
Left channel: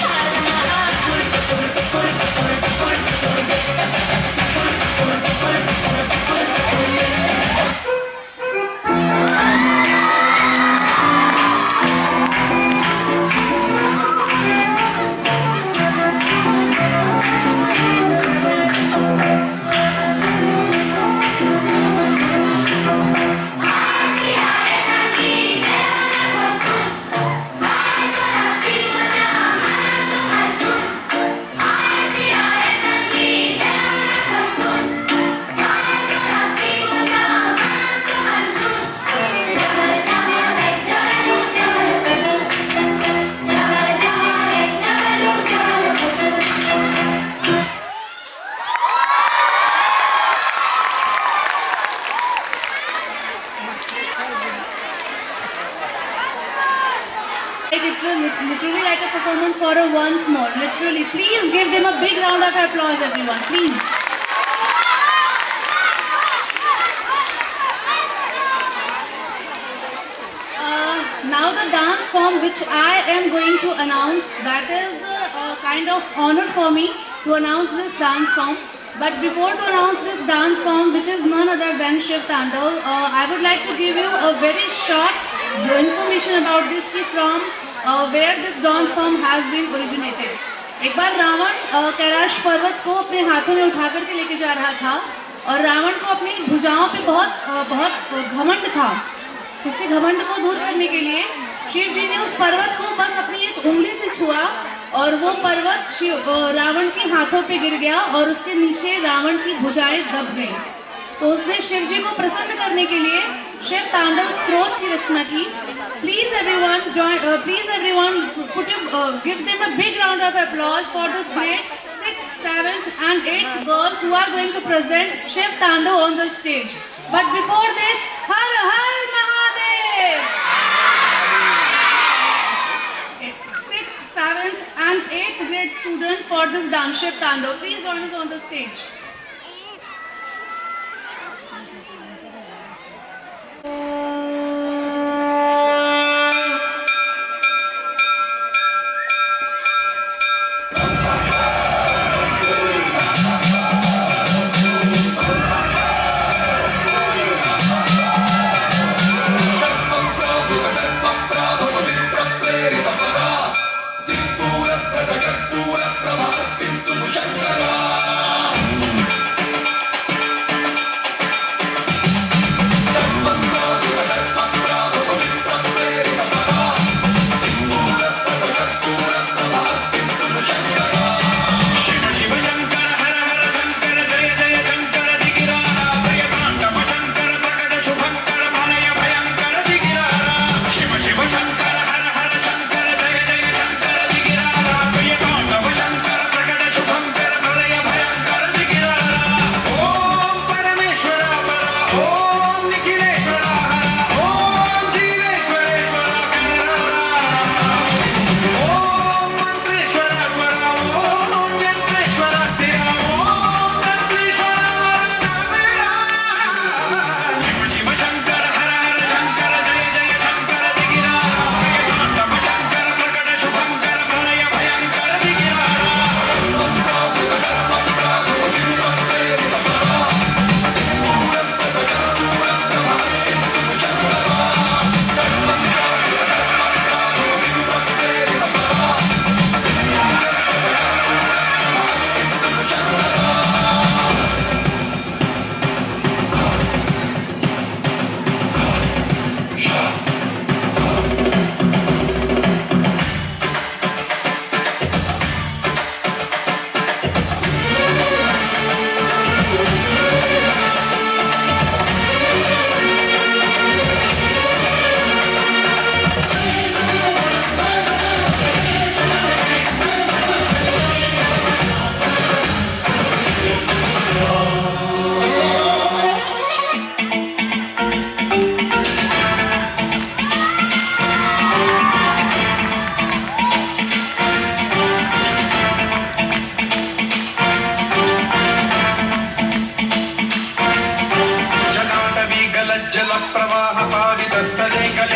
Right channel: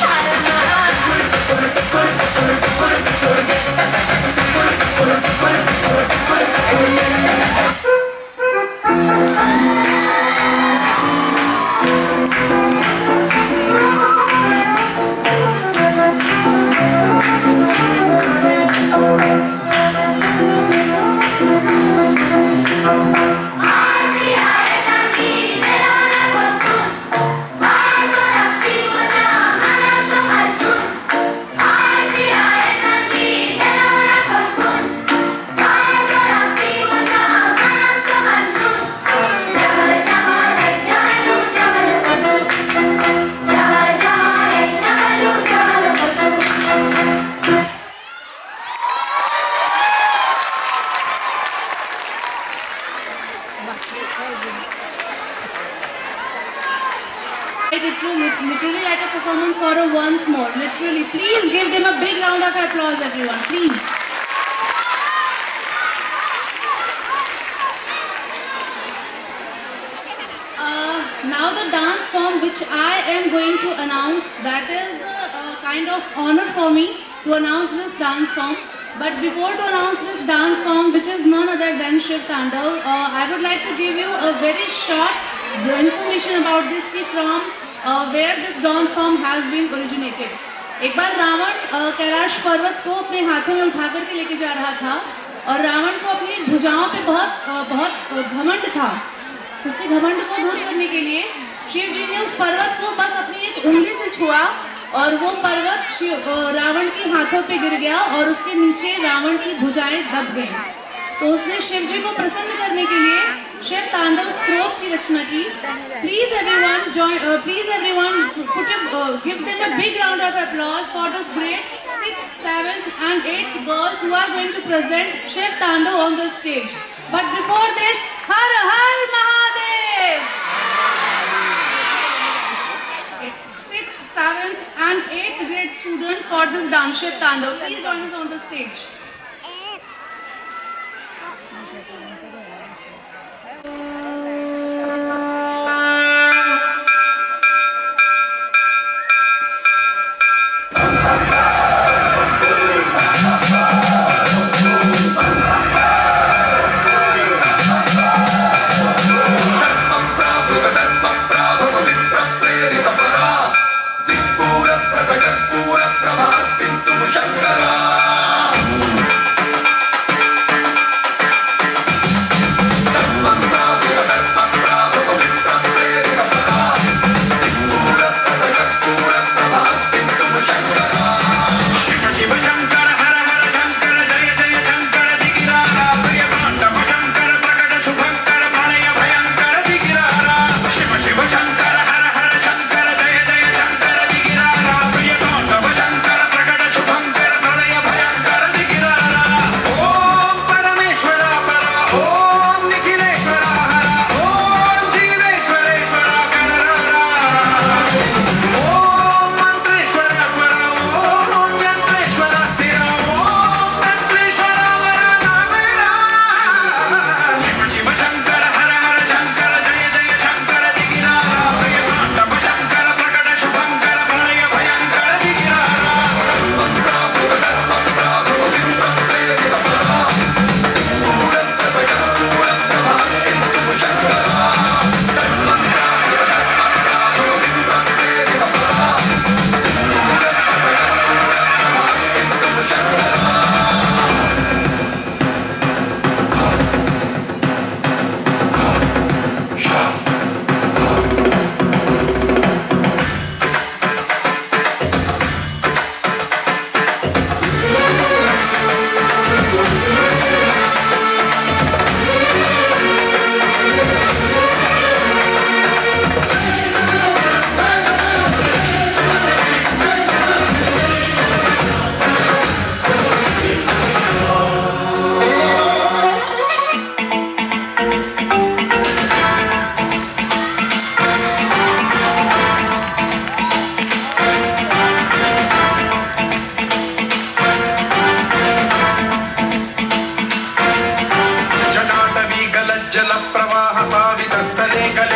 It will literally like a performance for a once more. Literally, please give them a big round of applause, everyone. Please. Now the dance form which I am going to announce, that is a kind of honor for me to announce this dance form. But before to announce this dance form, which is none other than Shiv Tandav, I would like to give you a very short information about this from where this dance form has been originated. एक बार रावण कैलाश पर्वत को अपने हाथों में उठा करके लेके जा रहा था और रावण को अपनी भुजाओं पे बहुत घमंड था। उसके घमंड को दूर करने के लिए शिव जी ने उस पर्वत को बस अपनी एक उंगली से छुआ और वो पर्वत रावण के हाथों पे गिर गया और उसके नीचे रावण की भुजाएं दब गई। तो उसने शिव जी को प्रसन्न करने के लिए शिव तांडव स्तोत्र की रचना की। Please everyone give them a big round of applause for this great 6th, 7th and 8th girls who are going to present Shiv Tandav on the stage. But before this, Har Har Mahadev! 6th, 7th and 8th grade student for this dance Shiv Tandav. Please join us on the stage.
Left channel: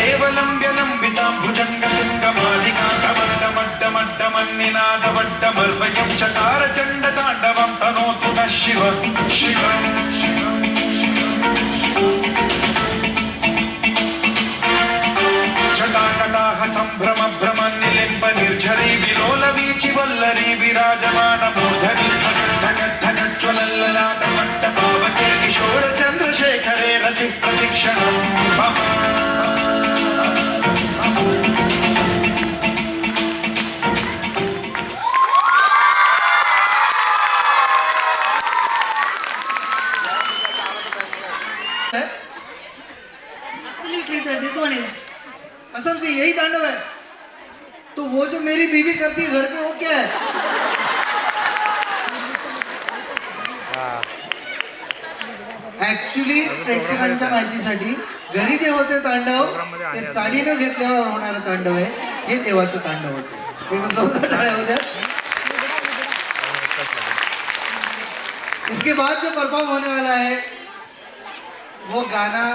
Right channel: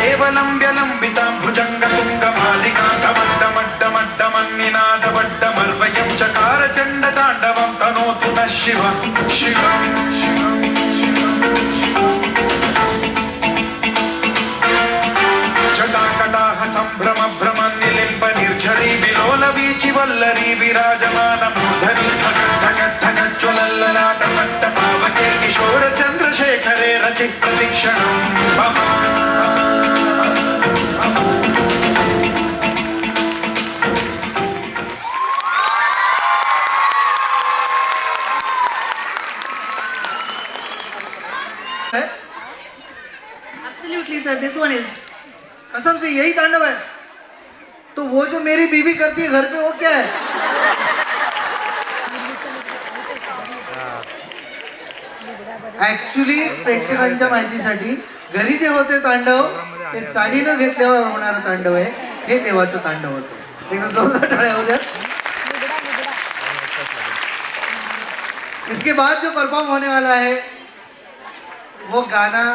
एवलम्ब्य लम्बितां भुजङ्गतुङ्गमालिकां डमड्डमड्डमड्डमन्निनादवड्डमल्वयं चकार चण्डताण्डवं तनोतु नः शिवं शिवम् जटाकटाह सम्भ्रम भ्रमन्निलिम्ब निर्झरी विलोल वीचि वल्लरी विराजमान मूर्धनि ज्वलल्ललाटमट्ट पावके किशोर चन्द्रशेखरे रति प्रतीक्षणम् Absolutely, sir. This one is. कसम से यही तांडव है। तो वो जो मेरी बीवी करती है घर पे वो क्या है? ऍक्च्युली प्रेक्षकांच्या माहितीसाठी घरी जे होते तांडव ते साडीनं घेतल्यावर होणारं तांडव आहे, हे देवाचं तांडव होतं। टाळ्या हो जाए। इसके बाद जो परफॉर्म होने वाला है वो गाना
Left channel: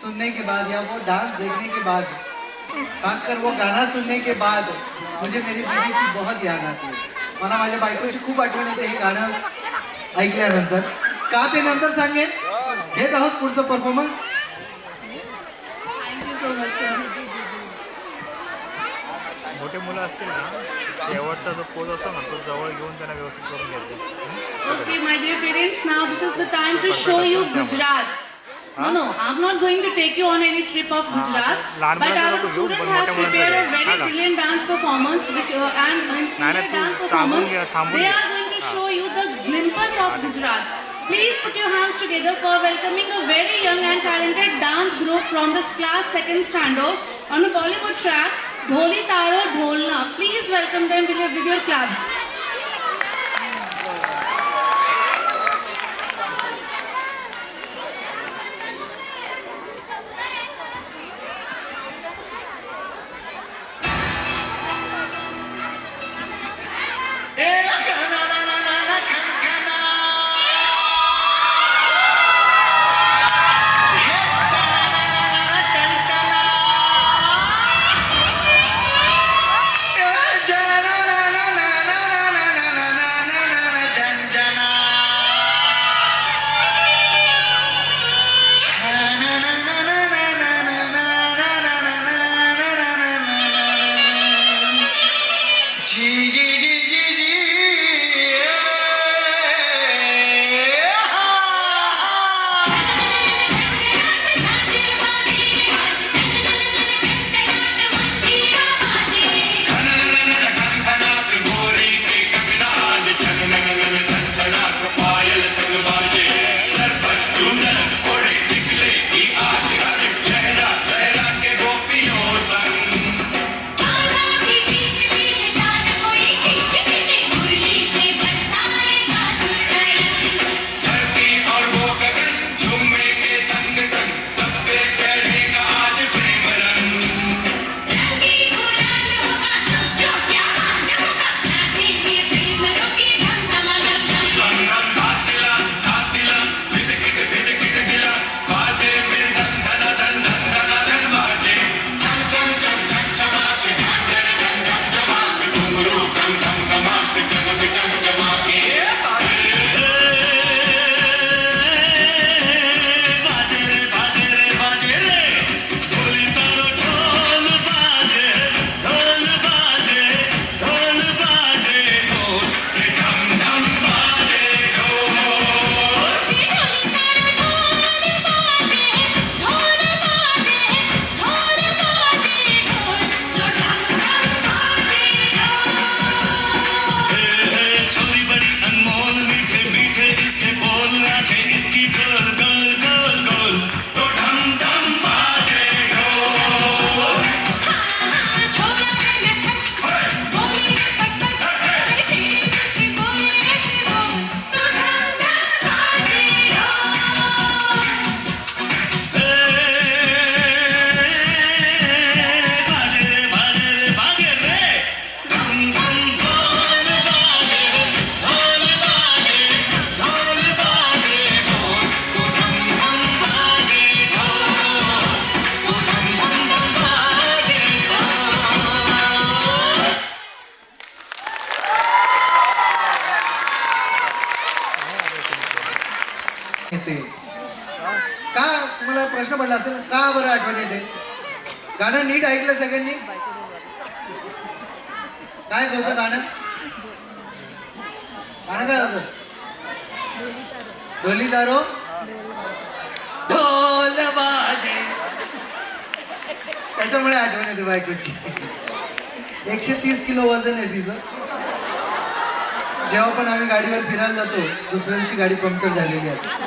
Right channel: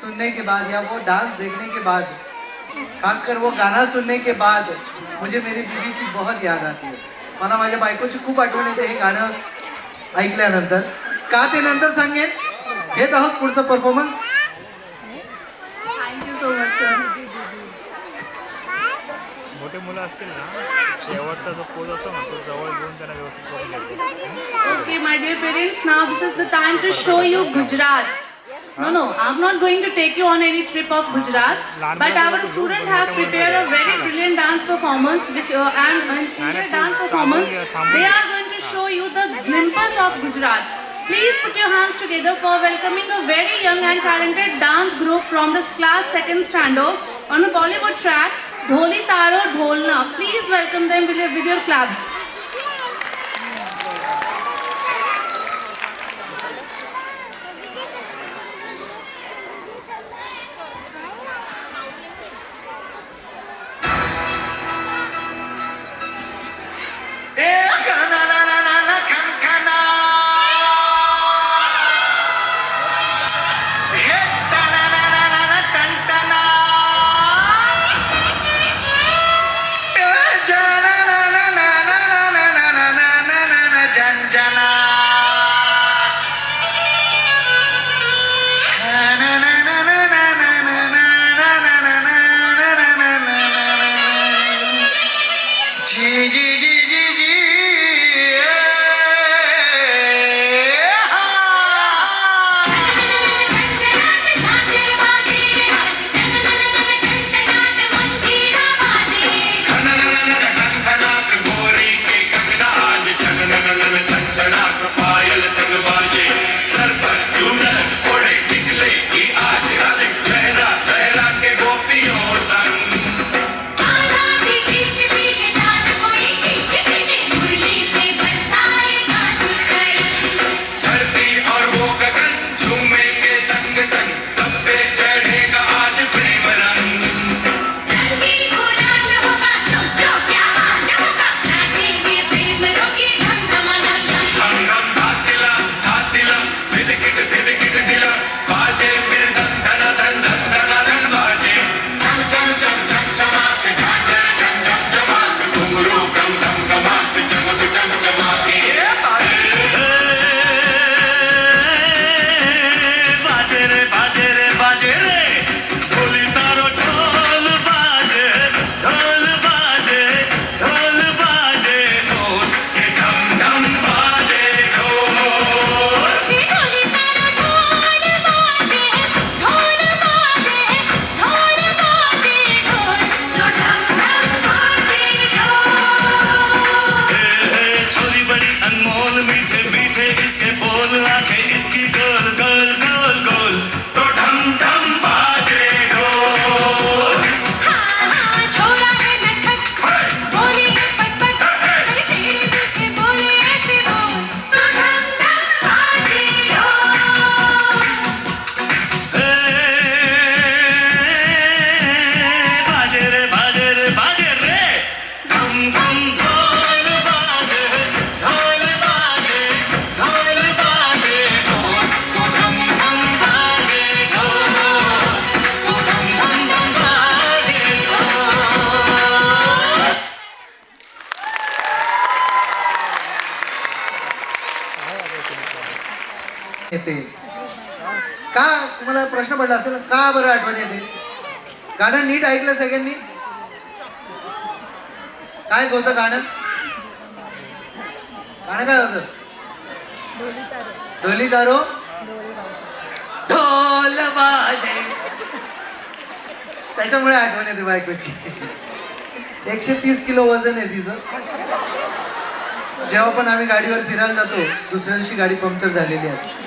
सुनने के बाद या वो डांस देखने के बाद, खासकर वो गाना सुनने के बाद मुझे मेरी बीवी की बहुत याद आती है। मला माझ्या बायकोची खूप आठवण येते हे गाणं ऐकल्यानंतर। का ते नंतर सांगेन। घेत आहोत पुढचं performance. Thank you so much, sir. मोठे मुलं असतील ना, शेवटचा जो पोज असतो ना तो जवळ घेऊन त्यांना व्यवस्थित करून घ्यायचं. Okay, my dear parents, now this is the time to show you Gujarat. No, I'm not going to take you on any trip of Gujarat, but our students have prepared a very brilliant dance performance, which and in their dance performance, they are going to show you the glimpse of Gujarat. Please put your hands together for welcoming a very young and talented dance group from this class 2nd standard on a Bollywood track, Dholi Taro Dholna. Please welcome them with your claps. na na na na येते का? तुम्हाला प्रश्न पडला असेल का बरं आठवण येते? गाणं नीट ऐकलं सगळ्यांनी? काय होतं गाणं? गाणं काय होतं? ढोली तारो ढोल वाजे, त्याच्यामुळे आठवण येते बायकोची. 130 किलो वजन आहे तिचं. जेव्हा पण आम्ही गाडीवर फिरायला जातो दुसऱ्या दिवशी गाडी पंक्चर झालेली असते.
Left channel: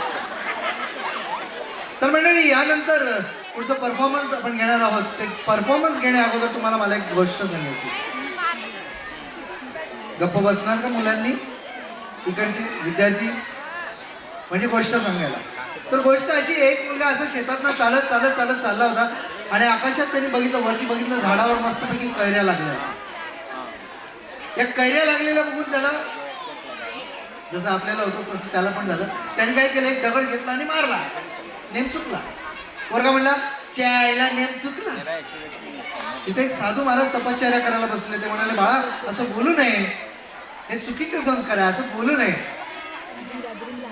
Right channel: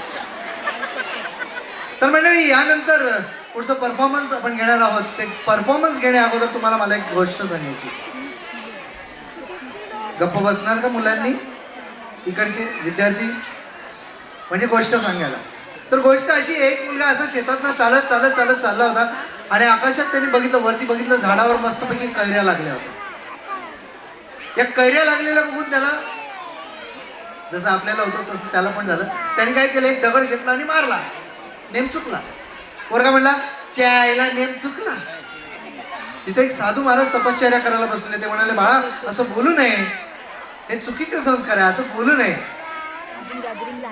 तर मंडळी, यानंतर पुढचं परफॉर्मन्स आपण घेणार आहोत. ते परफॉर्मन्स घेण्या अगोदर तुम्हाला मला एक गोष्ट सांगायची. गप्प बसणार का मुलांनी? इकडचे विद्यार्थी म्हणजे गोष्ट सांगायला. तर गोष्ट अशी, एक मुलगा असं शेतातनं चालत चालत चालत चालला होता आणि आकाशात त्यांनी बघितलं, वरती बघितलं, झाडावर मस्तपैकी कैऱ्या लागल्या होत्या. या कैऱ्या लागलेल्या बघून त्याला, जसं आपल्याला होतं तसं त्याला पण झालं. त्याने काय केलं, एक दगड घेतला आणि मारला. नेम चुकला. पोरगा म्हणला, चायला नेम चुकला. तिथे एक साधू महाराज तपश्चर्या करायला बसले. ते म्हणाले, बाळा असं बोलू नये, हे चुकीचे संस्कार आहे, असं बोलू नये.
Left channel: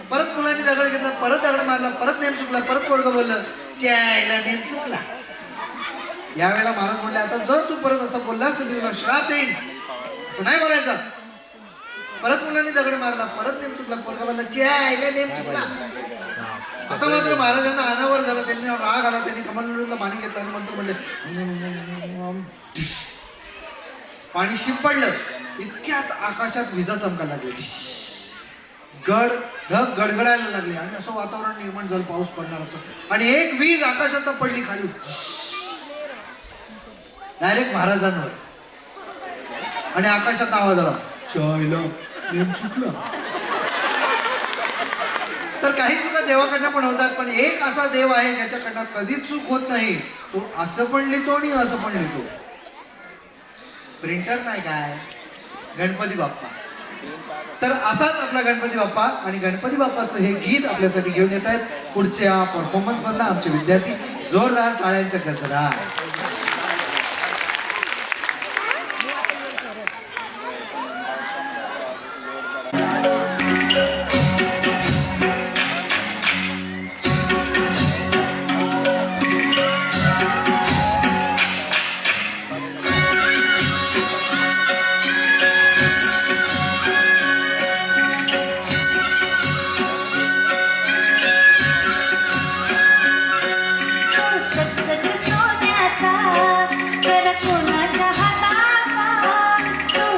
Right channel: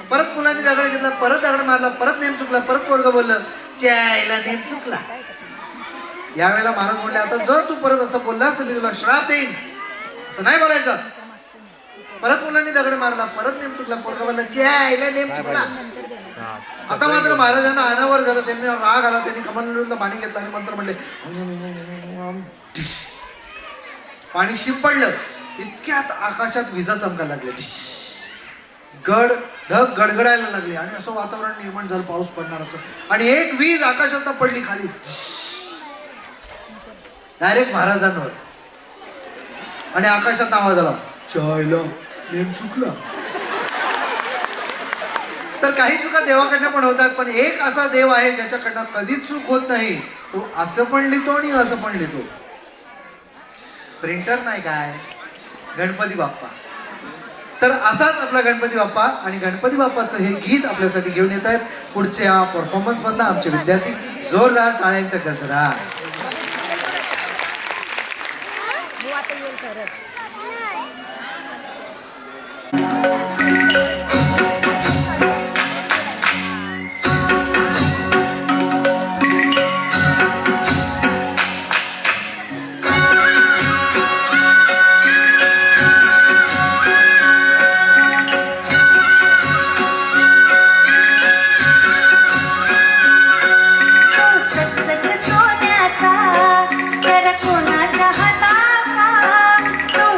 परत मुलांनी दगड घेतला, परत दगड मारला, परत नेम चुकला. परत पोरगं बोललं, चायला नेम चुकला. यावेळेला महाराज म्हणले, आता जर तू परत असं बोललास तर तुला श्राप येईल, असं नाही बोलायचं. परत मुलांनी दगड मारला, परत नेम चुकला. पोरगं बोलला, चायला नेम चुकला. आता मात्र महाराजांना अनावर झालं. त्यांनी राग आला. त्यांनी कमंडलूला पाणी घेतलं आणि मंत्र म्हणले, पाणी शिंपडलं. इतक्यात आकाशात विजा चमकायला लागल्या. ढग गडगडायला लागले आणि असं वातावरण निर्माण झालं, पाऊस पडणार असं. आणि एक वीज आकाशात पडली खाली, डायरेक्ट महाराजांवर. आणि आकाशात आवाज आला, चायला नेम चुकला. तर काही चुका देवाकडनं पण होतात, पण एक असा देव आहे ज्याच्याकडनं कधीच चूक होत नाही. तो असं पण लिहितो आणि असं पण लिहितो. प्रिंटर नाही, काय गणपती बाप्पा. तर असाच आपला गणपती बाप्पा. आणि गणपती बाप्पाचं हे गीत आपल्यासाठी घेऊन येत आहेत पुढच्या परफॉर्मन्स मधला आमचे विद्यार्थी. जोरदार टाळ्यांचा गजरा. सोन्याचा तर कोणाच्या हाताचा तो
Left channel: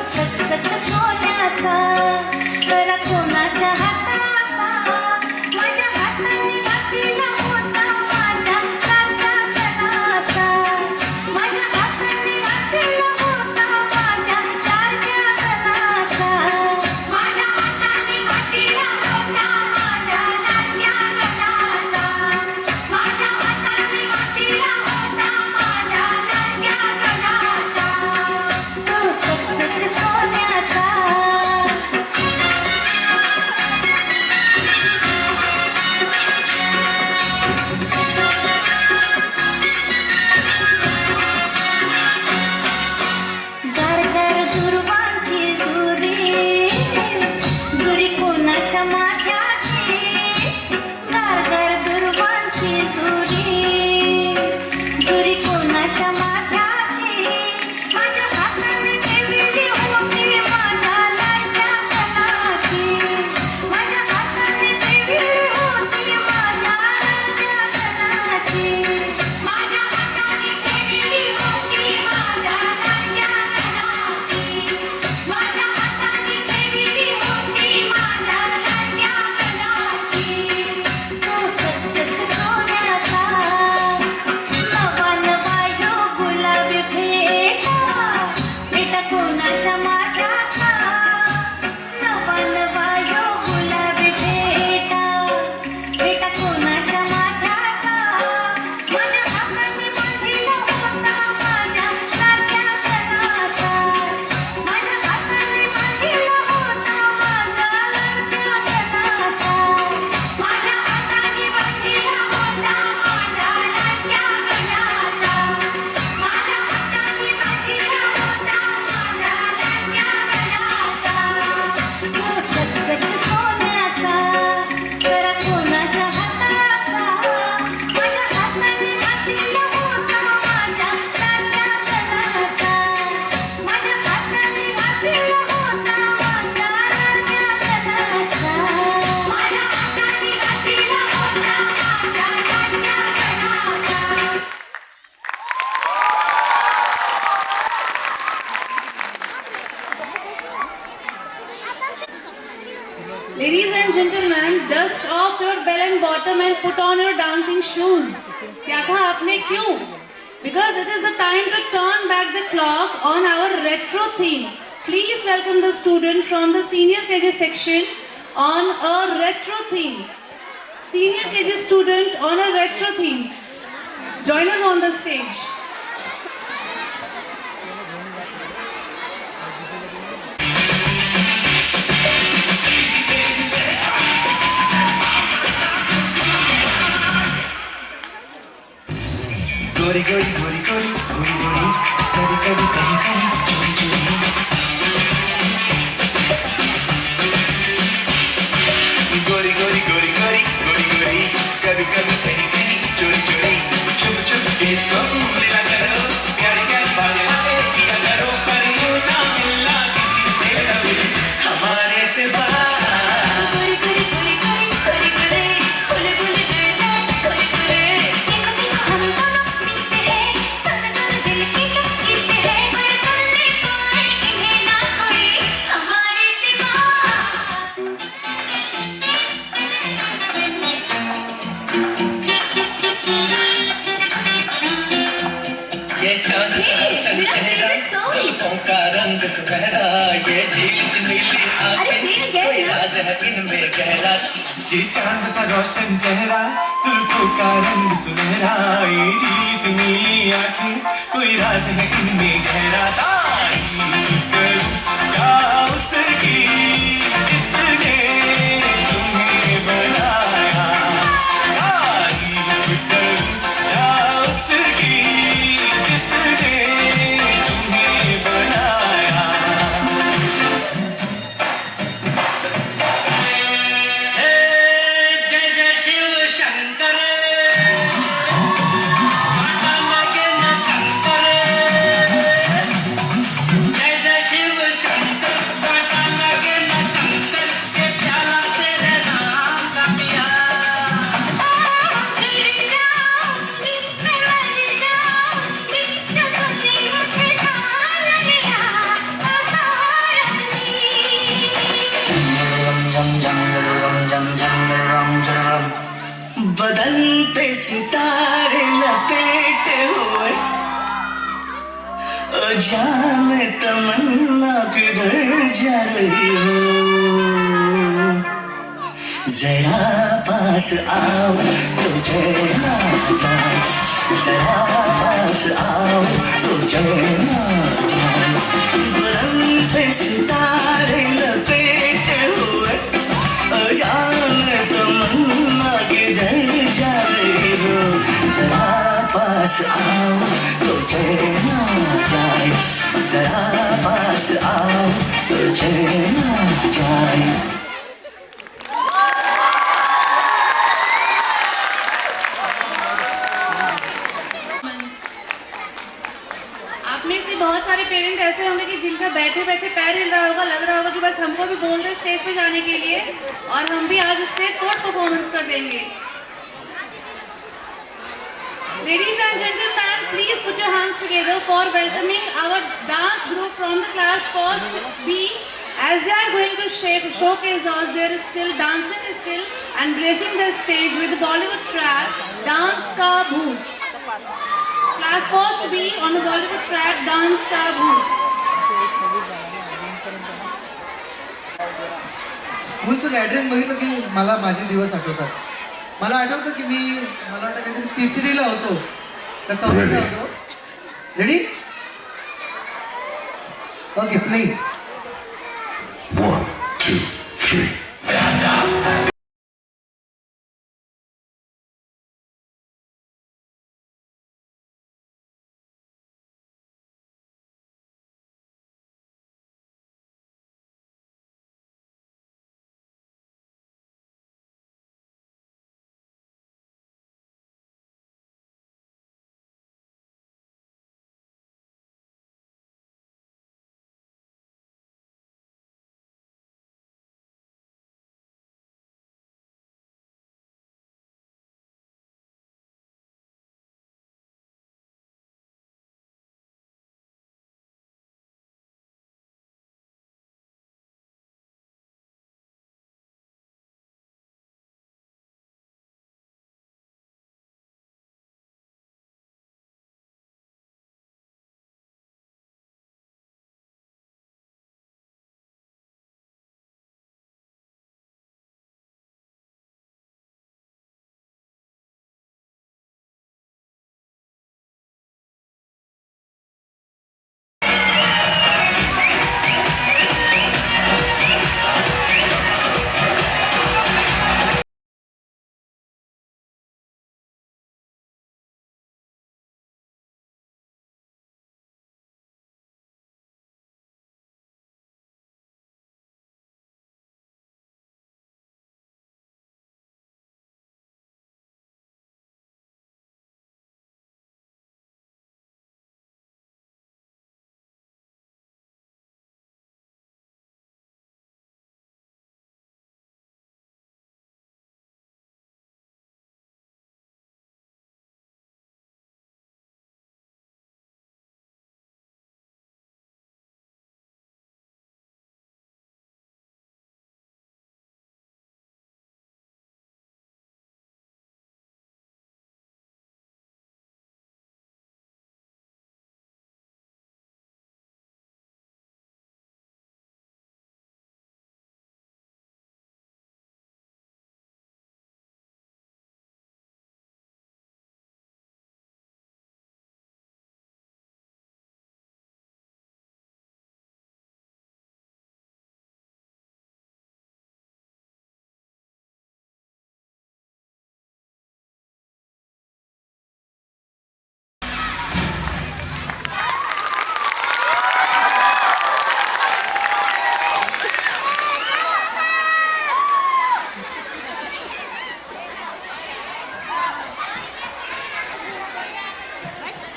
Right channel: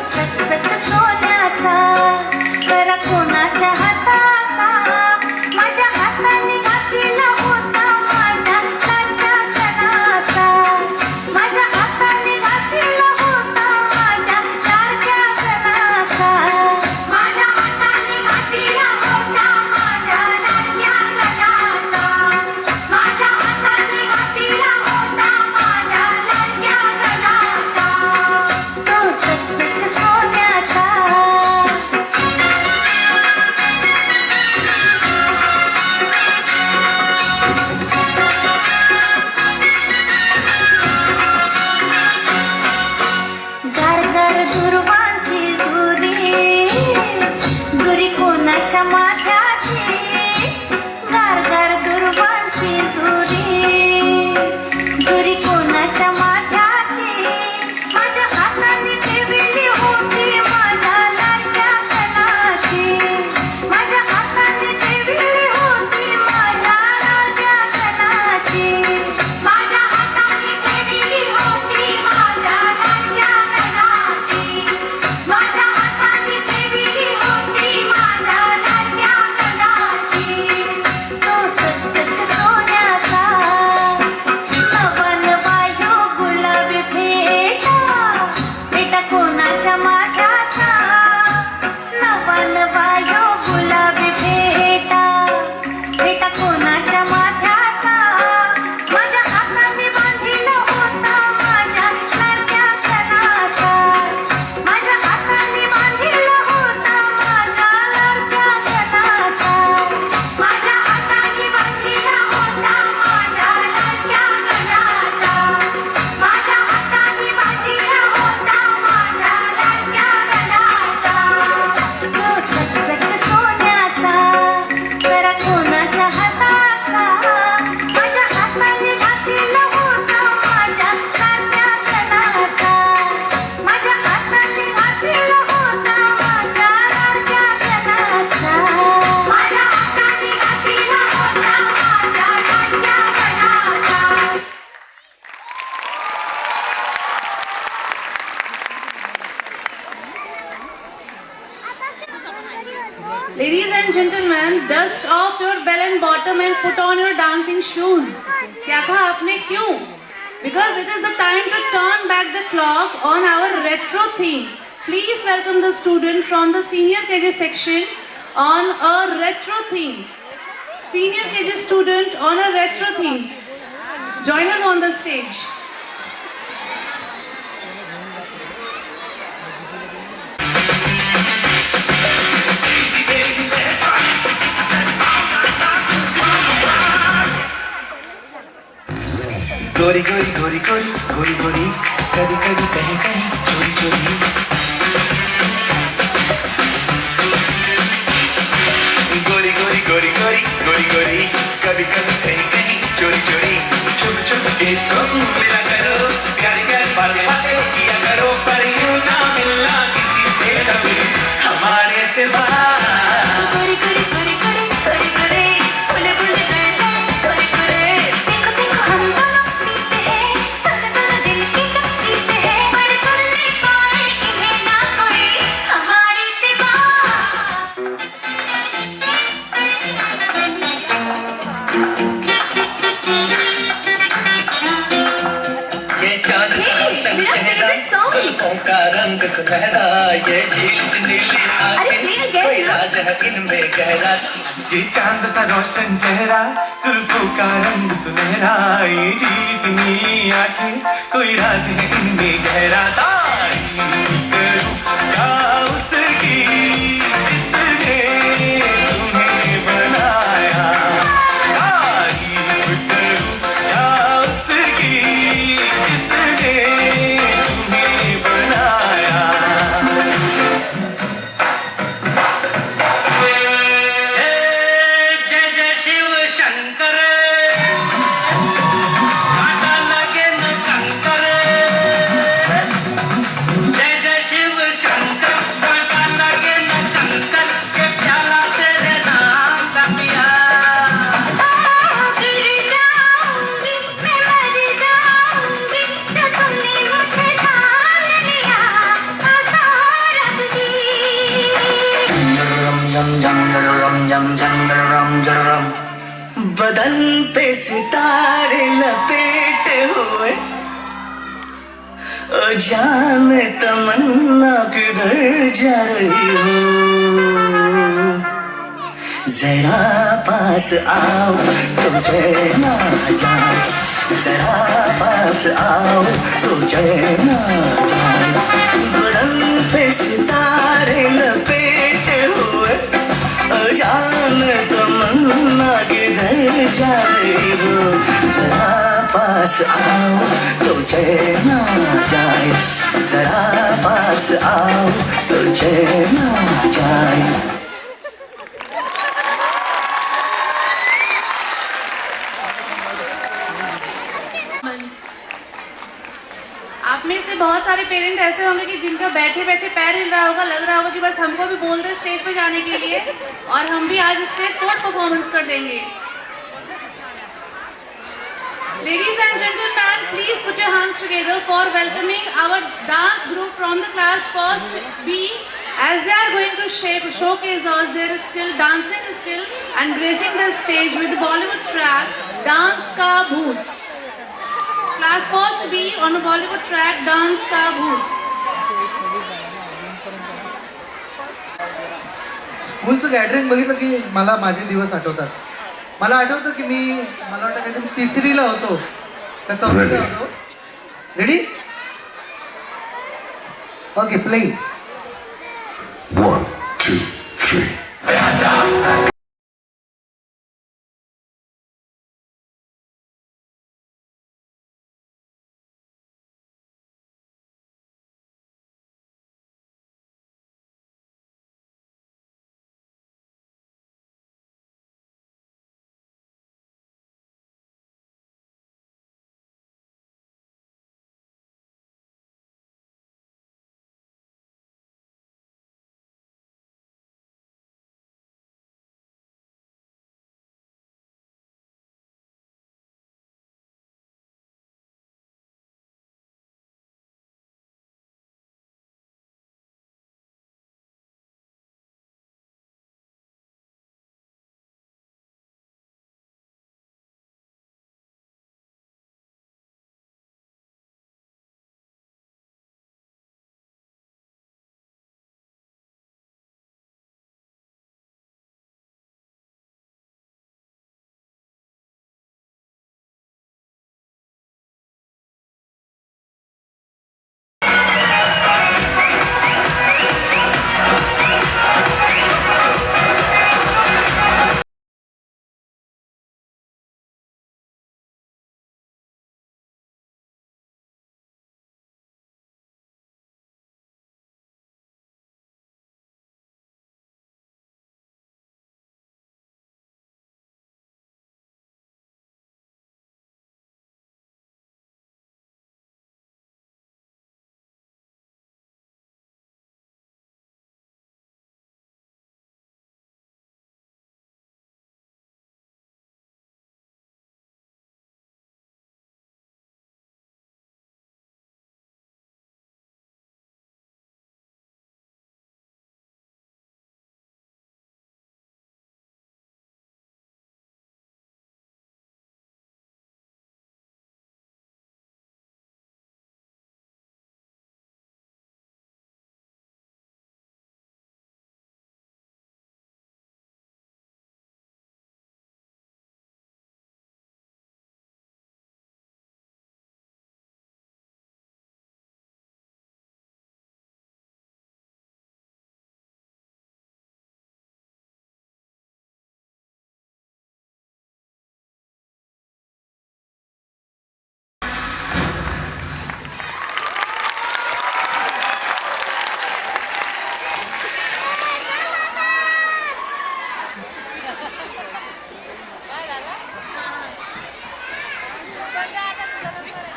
dust off your bell and bottom and put on your dancing shoes. क्या कहा आपने क्यों? Because it is the time to turn back the clock on our retro theme. Please welcome the student from the senior KG section on a retro theme. Senior KG student on a retro theme. Join us on the stage. गोरी गोरी गोरी गोरी गोरी गोरी कभी कभी कहीं कहीं चोरी चोरी गोरी गोरी गोरी गोरी गोरी गोरी कभी कभी कहीं कहीं चोरी चोरी छुप छुप के तुम मिला करो प्यारी प्यारी बातें बातें किया करो पर यूं ना मिलना किसी से कभी हमारे सिवा गोरी गोरी गोरी गोरी गोरी गोरी बोले बोले गए गोरी गोरी देखो देखो हम दोनों पीते हैं सुन सुन दिल की शक्ति से पर सुन नहीं पाए इन्हें ना कोई हमारे सिवा ये चांद सा तन चेहरा जुल्फों का रंग सुनहरा ये झील नीली आंखें कोई राज है इनमें गहरा ये चांद सा रोशन चेहरा जुल्फों का रंग सुनहरा ये झील सी नीली आंखें कोई राज है इनमें गहरा तारीफ करूं क्या उसकी जिसने तुम्हें बनाया तारीफ करूं क्या उसकी जिसने तुम्हें बनाया जय जय शिव शंकर माता लगे न शंकर जय जय शिव शंकर माता लगे न शंकर के प्यारा तेरे नाम का पिया गिर जाऊंगी मैं मर जाऊंगी तो तुमने मुझे जान लिया आसार बदन पे सितारे लपेटे हुए ओ जाने तमन्ना किधर जा रही हो जरा पास आओ तुझे ना जाए जरा पास आओ तुझे ना जाए बदन पे सितारे लपेटे हुए जाने तमन्ना किधर जा रही हो जरा पास आओ तुझे ना जाए जरा पास आओ तुझे ना जाए आप में से बहुत सारे पेरेंट ऐसे होंगे कि जिनका बैठे बैठे पैर हिल रहा होगा, लग रहा होगा कि बस हमको भी बोल दे स्टेज पे जाने के लिए और हम भी आज इस पे तोड़ परफॉर्मेंस कर देंगे. Ladies and gentlemen, please put your hands together for welcoming our dance group from the class first B as they are going to showcase us their skill, dancing skill and gracing the stage with the Bollywood track Dance Ka Bhoot. Class first B on the Bollywood track Dance Ka Bhoot. स्कूलचं gathering बघितलं की मला माझे दिवस आठवतात. मला आठवतं की मला वाटतं काहीतरी तिसरीला होतो का चौथीला होतो. Ready okay play 1, 2, 3.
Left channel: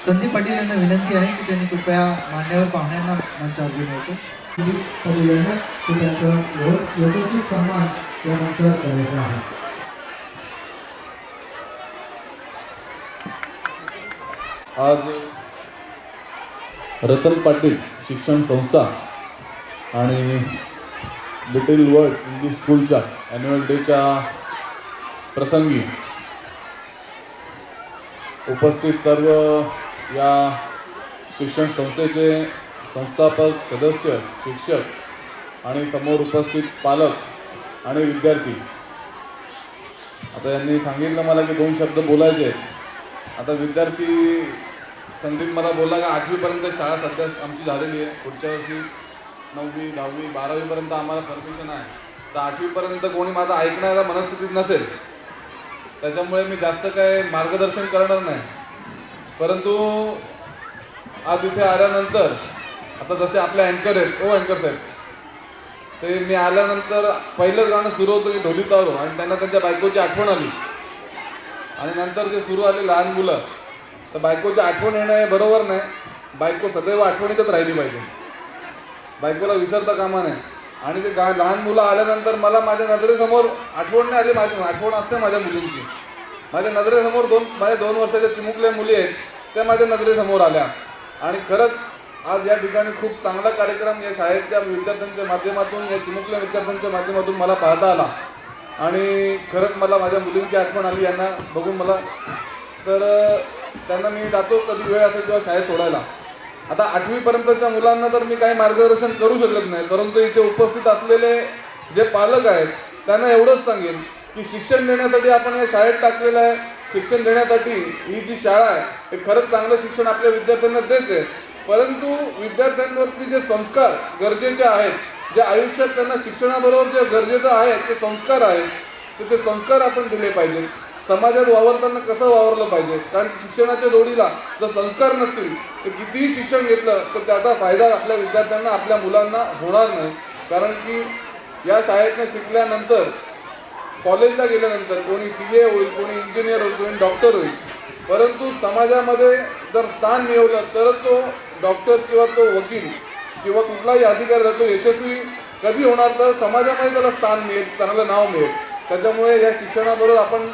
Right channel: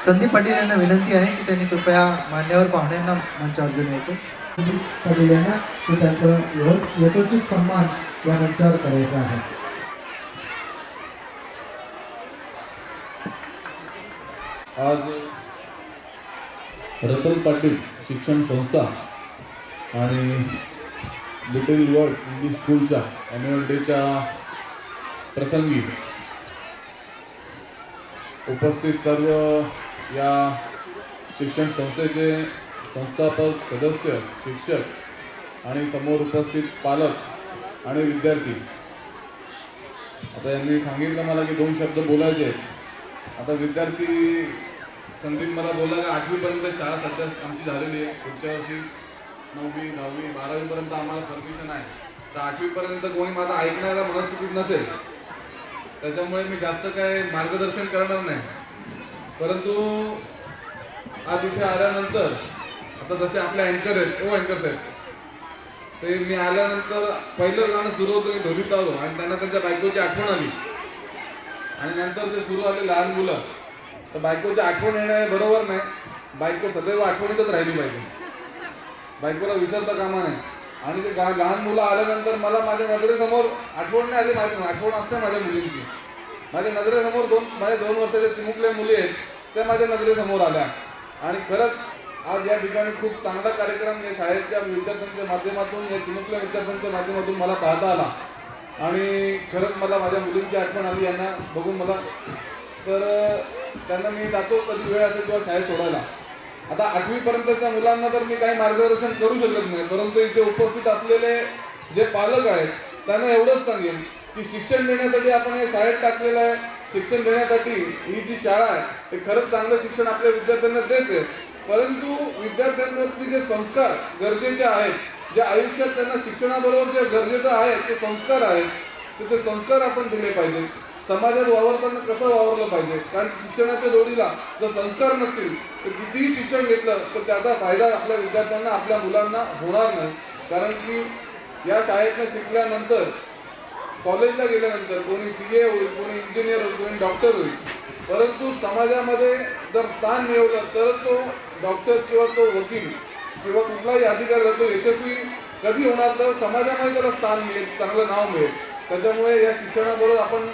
Sandeep Patil यांना विनंती आहे की त्यांनी कृपया मान्यवर पाहुण्यांना मंचावर घेऊन यायचं. संदीप पाटील यांना तो त्यांचं यथोचित सन्मान या मंचावर करायचा आहे. आज रतन पाटील शिक्षण संस्था आणि लिटिल वर्ल्ड इंग्लिश स्कूलच्या ॲन्युअल डेच्या प्रसंगी उपस्थित सर्व या शिक्षण संस्थेचे संस्थापक सदस्य, शिक्षक आणि समोर उपस्थित पालक आणि विद्यार्थी. आता यांनी सांगितलं मला की 2 शब्द बोलायचे आहेत. आता विद्यार्थी संदीप मला बोलला का 8वीपर्यंत शाळा सध्या आमची झालेली आहे. पुढच्या वर्षी 9वी 10वी 12वीपर्यंत आम्हाला परमिशन आहे. तर 8वीपर्यंत कोणी माझं ऐकण्याच्या मनस्थितीत नसेल, त्याच्यामुळे मी जास्त काय मार्गदर्शन करणार नाही. परंतु आज इथे आल्यानंतर आता जसे आपले अँकर आहेत, अँकर साहेब, ते मी आल्यानंतर पहिलं गाणं सुरू होतं ढोली तारो आणि त्यांना त्यांच्या बायकोची आठवण आली. आणि नंतर जे सुरू आले लहान मुलं, तर बायकोची आठवण येणं हे बरोबर नाही. बायको सदैव आठवणीतच राहिली पाहिजे, बायकोला विसरता कामा नाही. आणि ते लहान मुलं आल्यानंतर मला माझ्या नजरेसमोर आठवण नाही आली. माझी आठवण असते माझ्या मुलींची. माझ्या नजरेसमोर माझ्या 2 वर्षाच्या चिमुकल्या मुली आहेत, त्या माझ्या नजरेसमोर आल्या. आणि खरंच आज या ठिकाणी खूप चांगला कार्यक्रम या शाळेच्या विद्यार्थ्यांच्या माध्यमातून, या चिमुकल्या विद्यार्थ्यांच्या माध्यमातून मला पाहता आला. आणि खरंच मला माझ्या मुलींची आठवण आली यांना बघून मला. तर त्यांना मी जातो कधी वेळ असेल तेव्हा शाळेत सोडायला. आता 8वीपर्यंतच्या मुलांना तर मी काही मार्गदर्शन करू शकत नाही, परंतु इथे उपस्थित असलेले जे पालक आहेत त्यांना एवढंच सांगेन की शिक्षण देण्यासाठी आपण या शाळेत टाकलेलं आहे. शिक्षण देण्यासाठी ही जी शाळा आहे ते खरंच चांगलं शिक्षण आपल्या विद्यार्थ्यांना देते. परंतु विद्यार्थ्यांवरती जे संस्कार गरजेचे आहेत, जे आयुष्यात त्यांना शिक्षणाबरोबर जे गरजेचं आहे ते संस्कार आहेत, तर ते संस्कार आपण दिले पाहिजे. समाजात वावरताना कसं वावरलं पाहिजे, कारण शिक्षणाच्या जोडीला जर संस्कार नसतील तर कितीही शिक्षण घेतलं तर त्याचा फायदा आपल्या विद्यार्थ्यांना, आपल्या मुलांना होणार नाही. कारण की या शाळेतनं शिकल्यानंतर कॉलेजला गेल्यानंतर कोणी CA होईल, कोणी इंजिनियर होईल, कोणी डॉक्टर होईल. परंतु समाजामध्ये जर स्थान मिळवलं तरच तो डॉक्टर किंवा तो वकील किंवा कुठलाही अधिकारी जातो यशस्वी कधी होणार, तर समाजामध्ये त्याला स्थान मिळेल, चांगलं नाव मिळेल. त्याच्यामुळे या शिक्षणाबरोबर आपण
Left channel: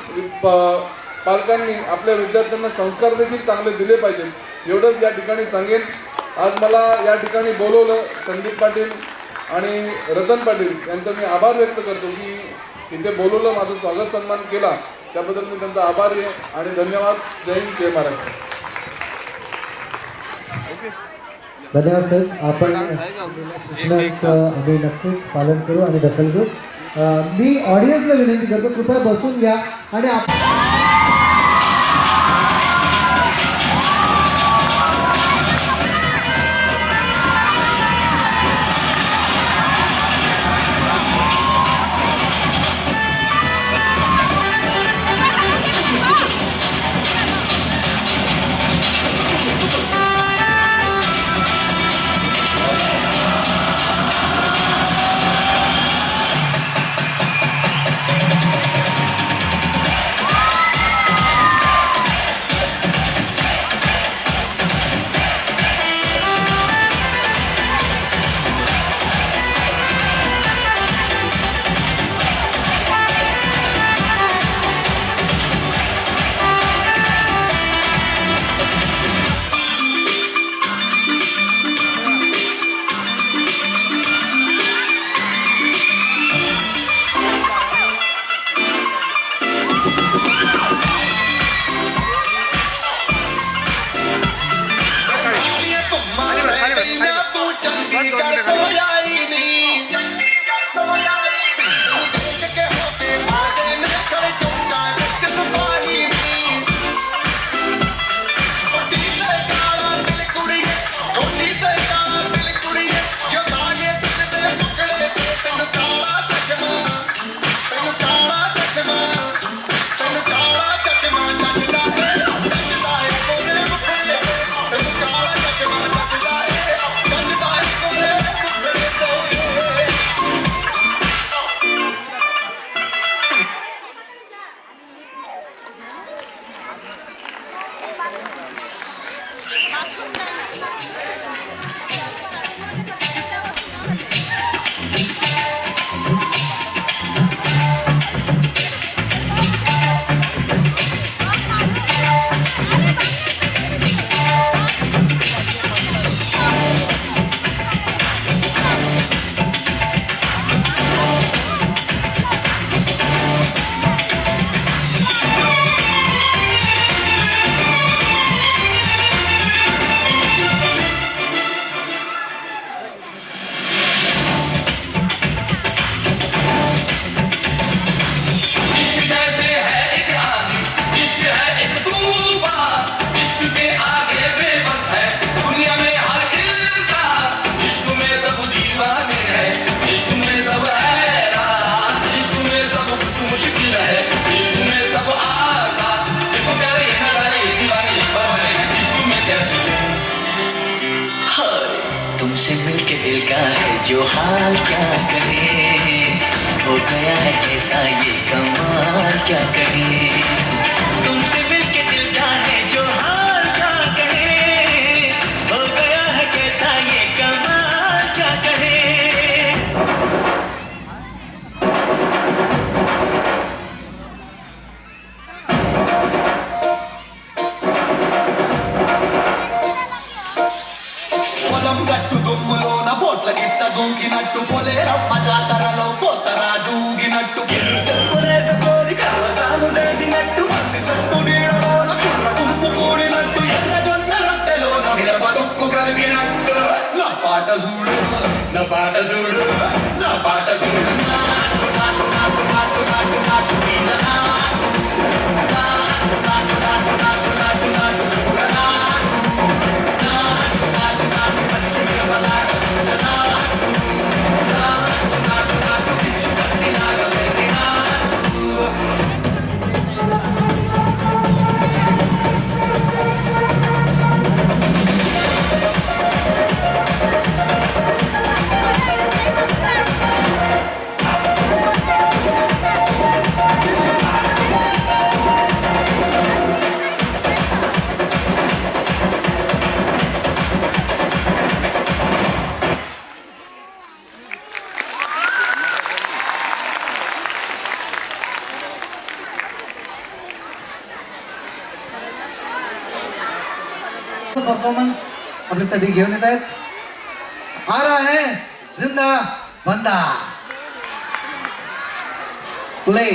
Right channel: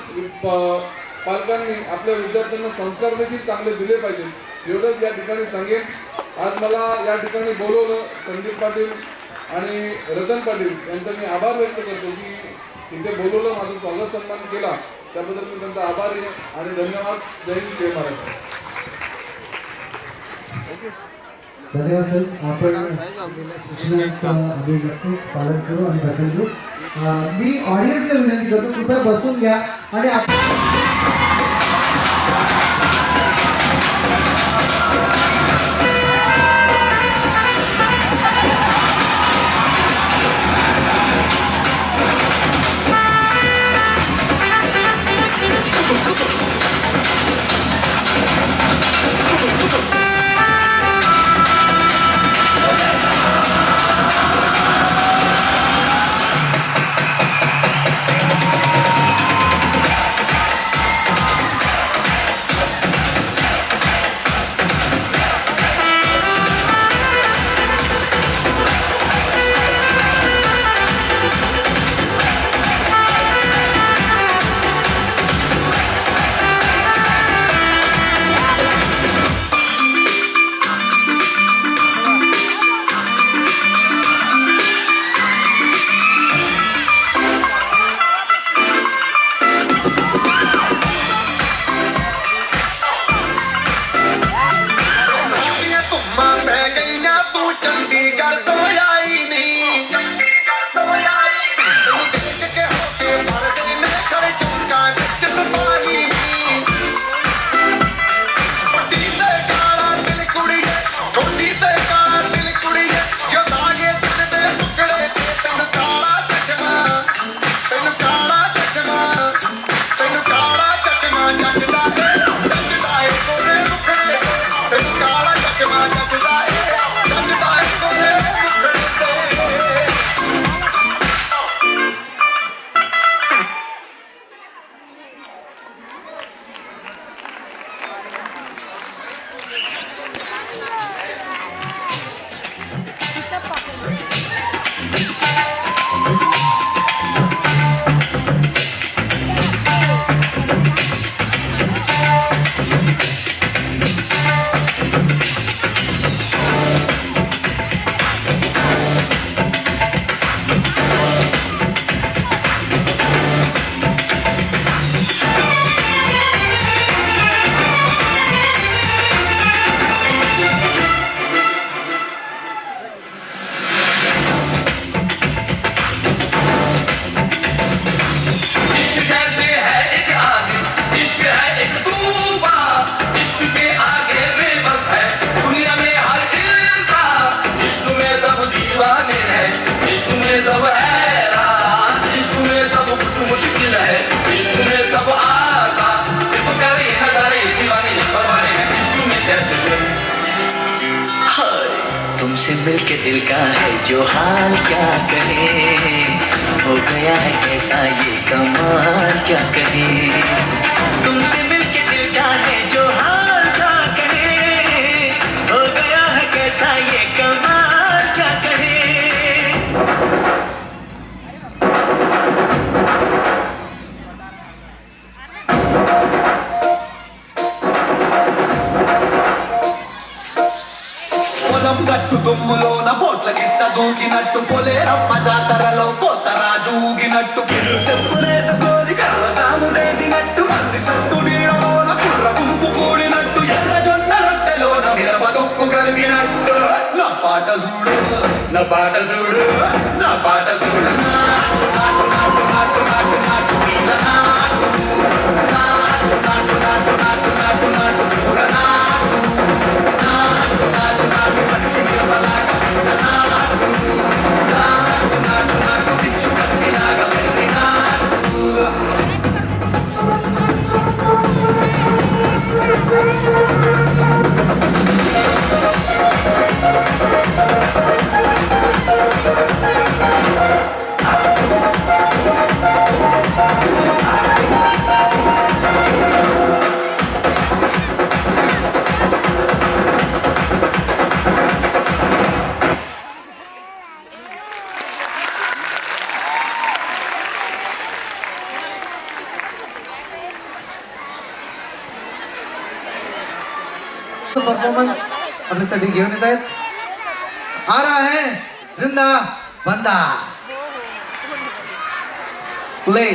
पालकांनी आपल्या विद्यार्थ्यांना संस्कार देखील चांगले दिले पाहिजेत, एवढंच या ठिकाणी सांगेन. आज मला या ठिकाणी बोलवलं संदीप पाटील आणि रतन पाटील यांचा मी आभार व्यक्त करतो की इथे बोलवलं, माझं स्वागत सन्मान केला, त्याबद्दल मी त्यांचा आभारी आहे आणि धन्यवाद. जय हिंद, जय महाराष्ट्र. धन्यवाद साहेब. आपण सूचनांचं आम्ही नक्कीच पालन करू आणि दखल घेऊ. मी ऑडियन्सला विनंती करतो कृपया बसून घ्या आणि मिलके दिल का है जो हाल क्या कहे, हो गया है कैसा ये कमाल क्या कहे, तुमसे मिलके दिल का है जो हाल क्या कहे, हो गया है कैसा ये कमाल क्या कहे। గట్టు దుమ్ములోన బోట్ల గిట్ట దూకినట్టు పొలేరమ్మ జాతరలో పోతరాజు ఊగినట్టు చెప్పులేసుకొని కలవసాము చేసినట్టు అన్ని సొట్టు నీడలోన కుర్ర గుంపు కూడినట్టు ఎర్ర జొన్న రొట్టెలోన మిరప తొక్కు కలిగినట్టు నా పాట చూడు నా పాట చూడు నా పాట చూడు నాటు నాటు నాటు నాటు నాటు నాటు నీల నాటు నాటు నాటు నాటు నాటు నాటు నాటు పూర నాటు నాటు నాటు నాటు పచ్చి నాటు నాటు నాటు నాటు నాటు పిచ్చు కత్తిలాగా వెళ్ళి నాటు परफॉर्मन्स आपल्यासाठी घेऊन येत आहेत आ रहा है जिंदा बंदा प्ले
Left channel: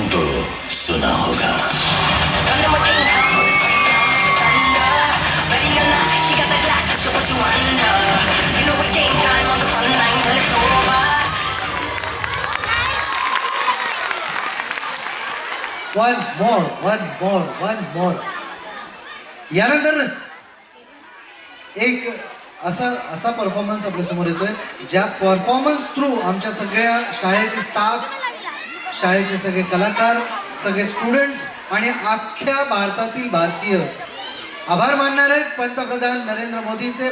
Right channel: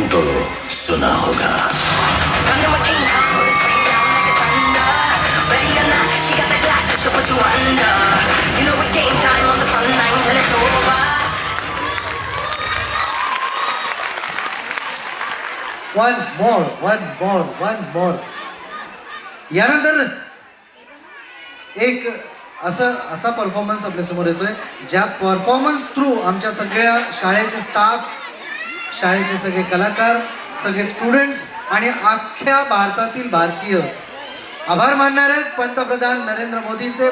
नाम तो सुना होगा. one more. यानंतर एक असा परफॉर्मन्स आपल्या समोर येतोय ज्या परफॉर्मन्स थ्रू आमच्या सगळ्या शाळेचे स्टाफ, शाळेचे सगळे कलाकार, सगळे स्टुडंट्स आणि अख्ख्या भारतातील भारतीय आभार मानणार आहेत पंतप्रधान नरेंद्र मोदींचे.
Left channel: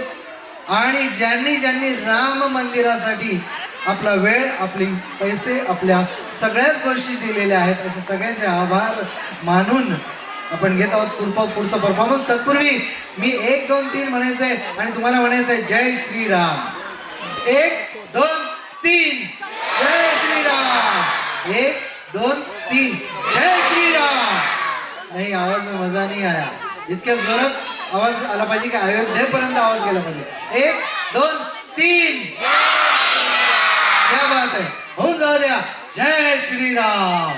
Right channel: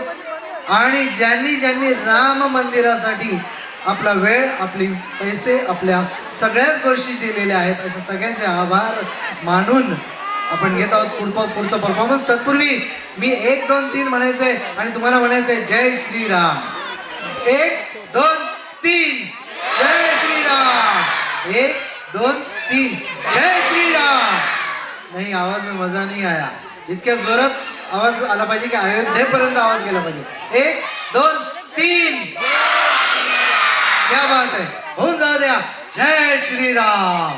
आणि ज्यांनी राम मंदिरासाठी आपला वेळ, आपले पैसे, आपल्या सगळ्याच गोष्टी दिलेल्या आहेत, असे सगळ्यांचे आभार मानून आपण घेत आहोत पुढचं परफॉर्मन्स. तत्पूर्वी मी 1 2 3 म्हणायचंय आणि तुम्हाला म्हणायचंय जय श्रीराम. 1 2 3 जय श्रीराम. 1 2 3 जय श्रीराम. नाही, आवाज में मजा नहीं आया. इतक्या जोरात आवाज आला पाहिजे की अयोध्येपर्यंत आवाज गेला पाहिजे. 1 2 3 क्या बात है. होऊन जाऊ द्या. जय श्रीराम.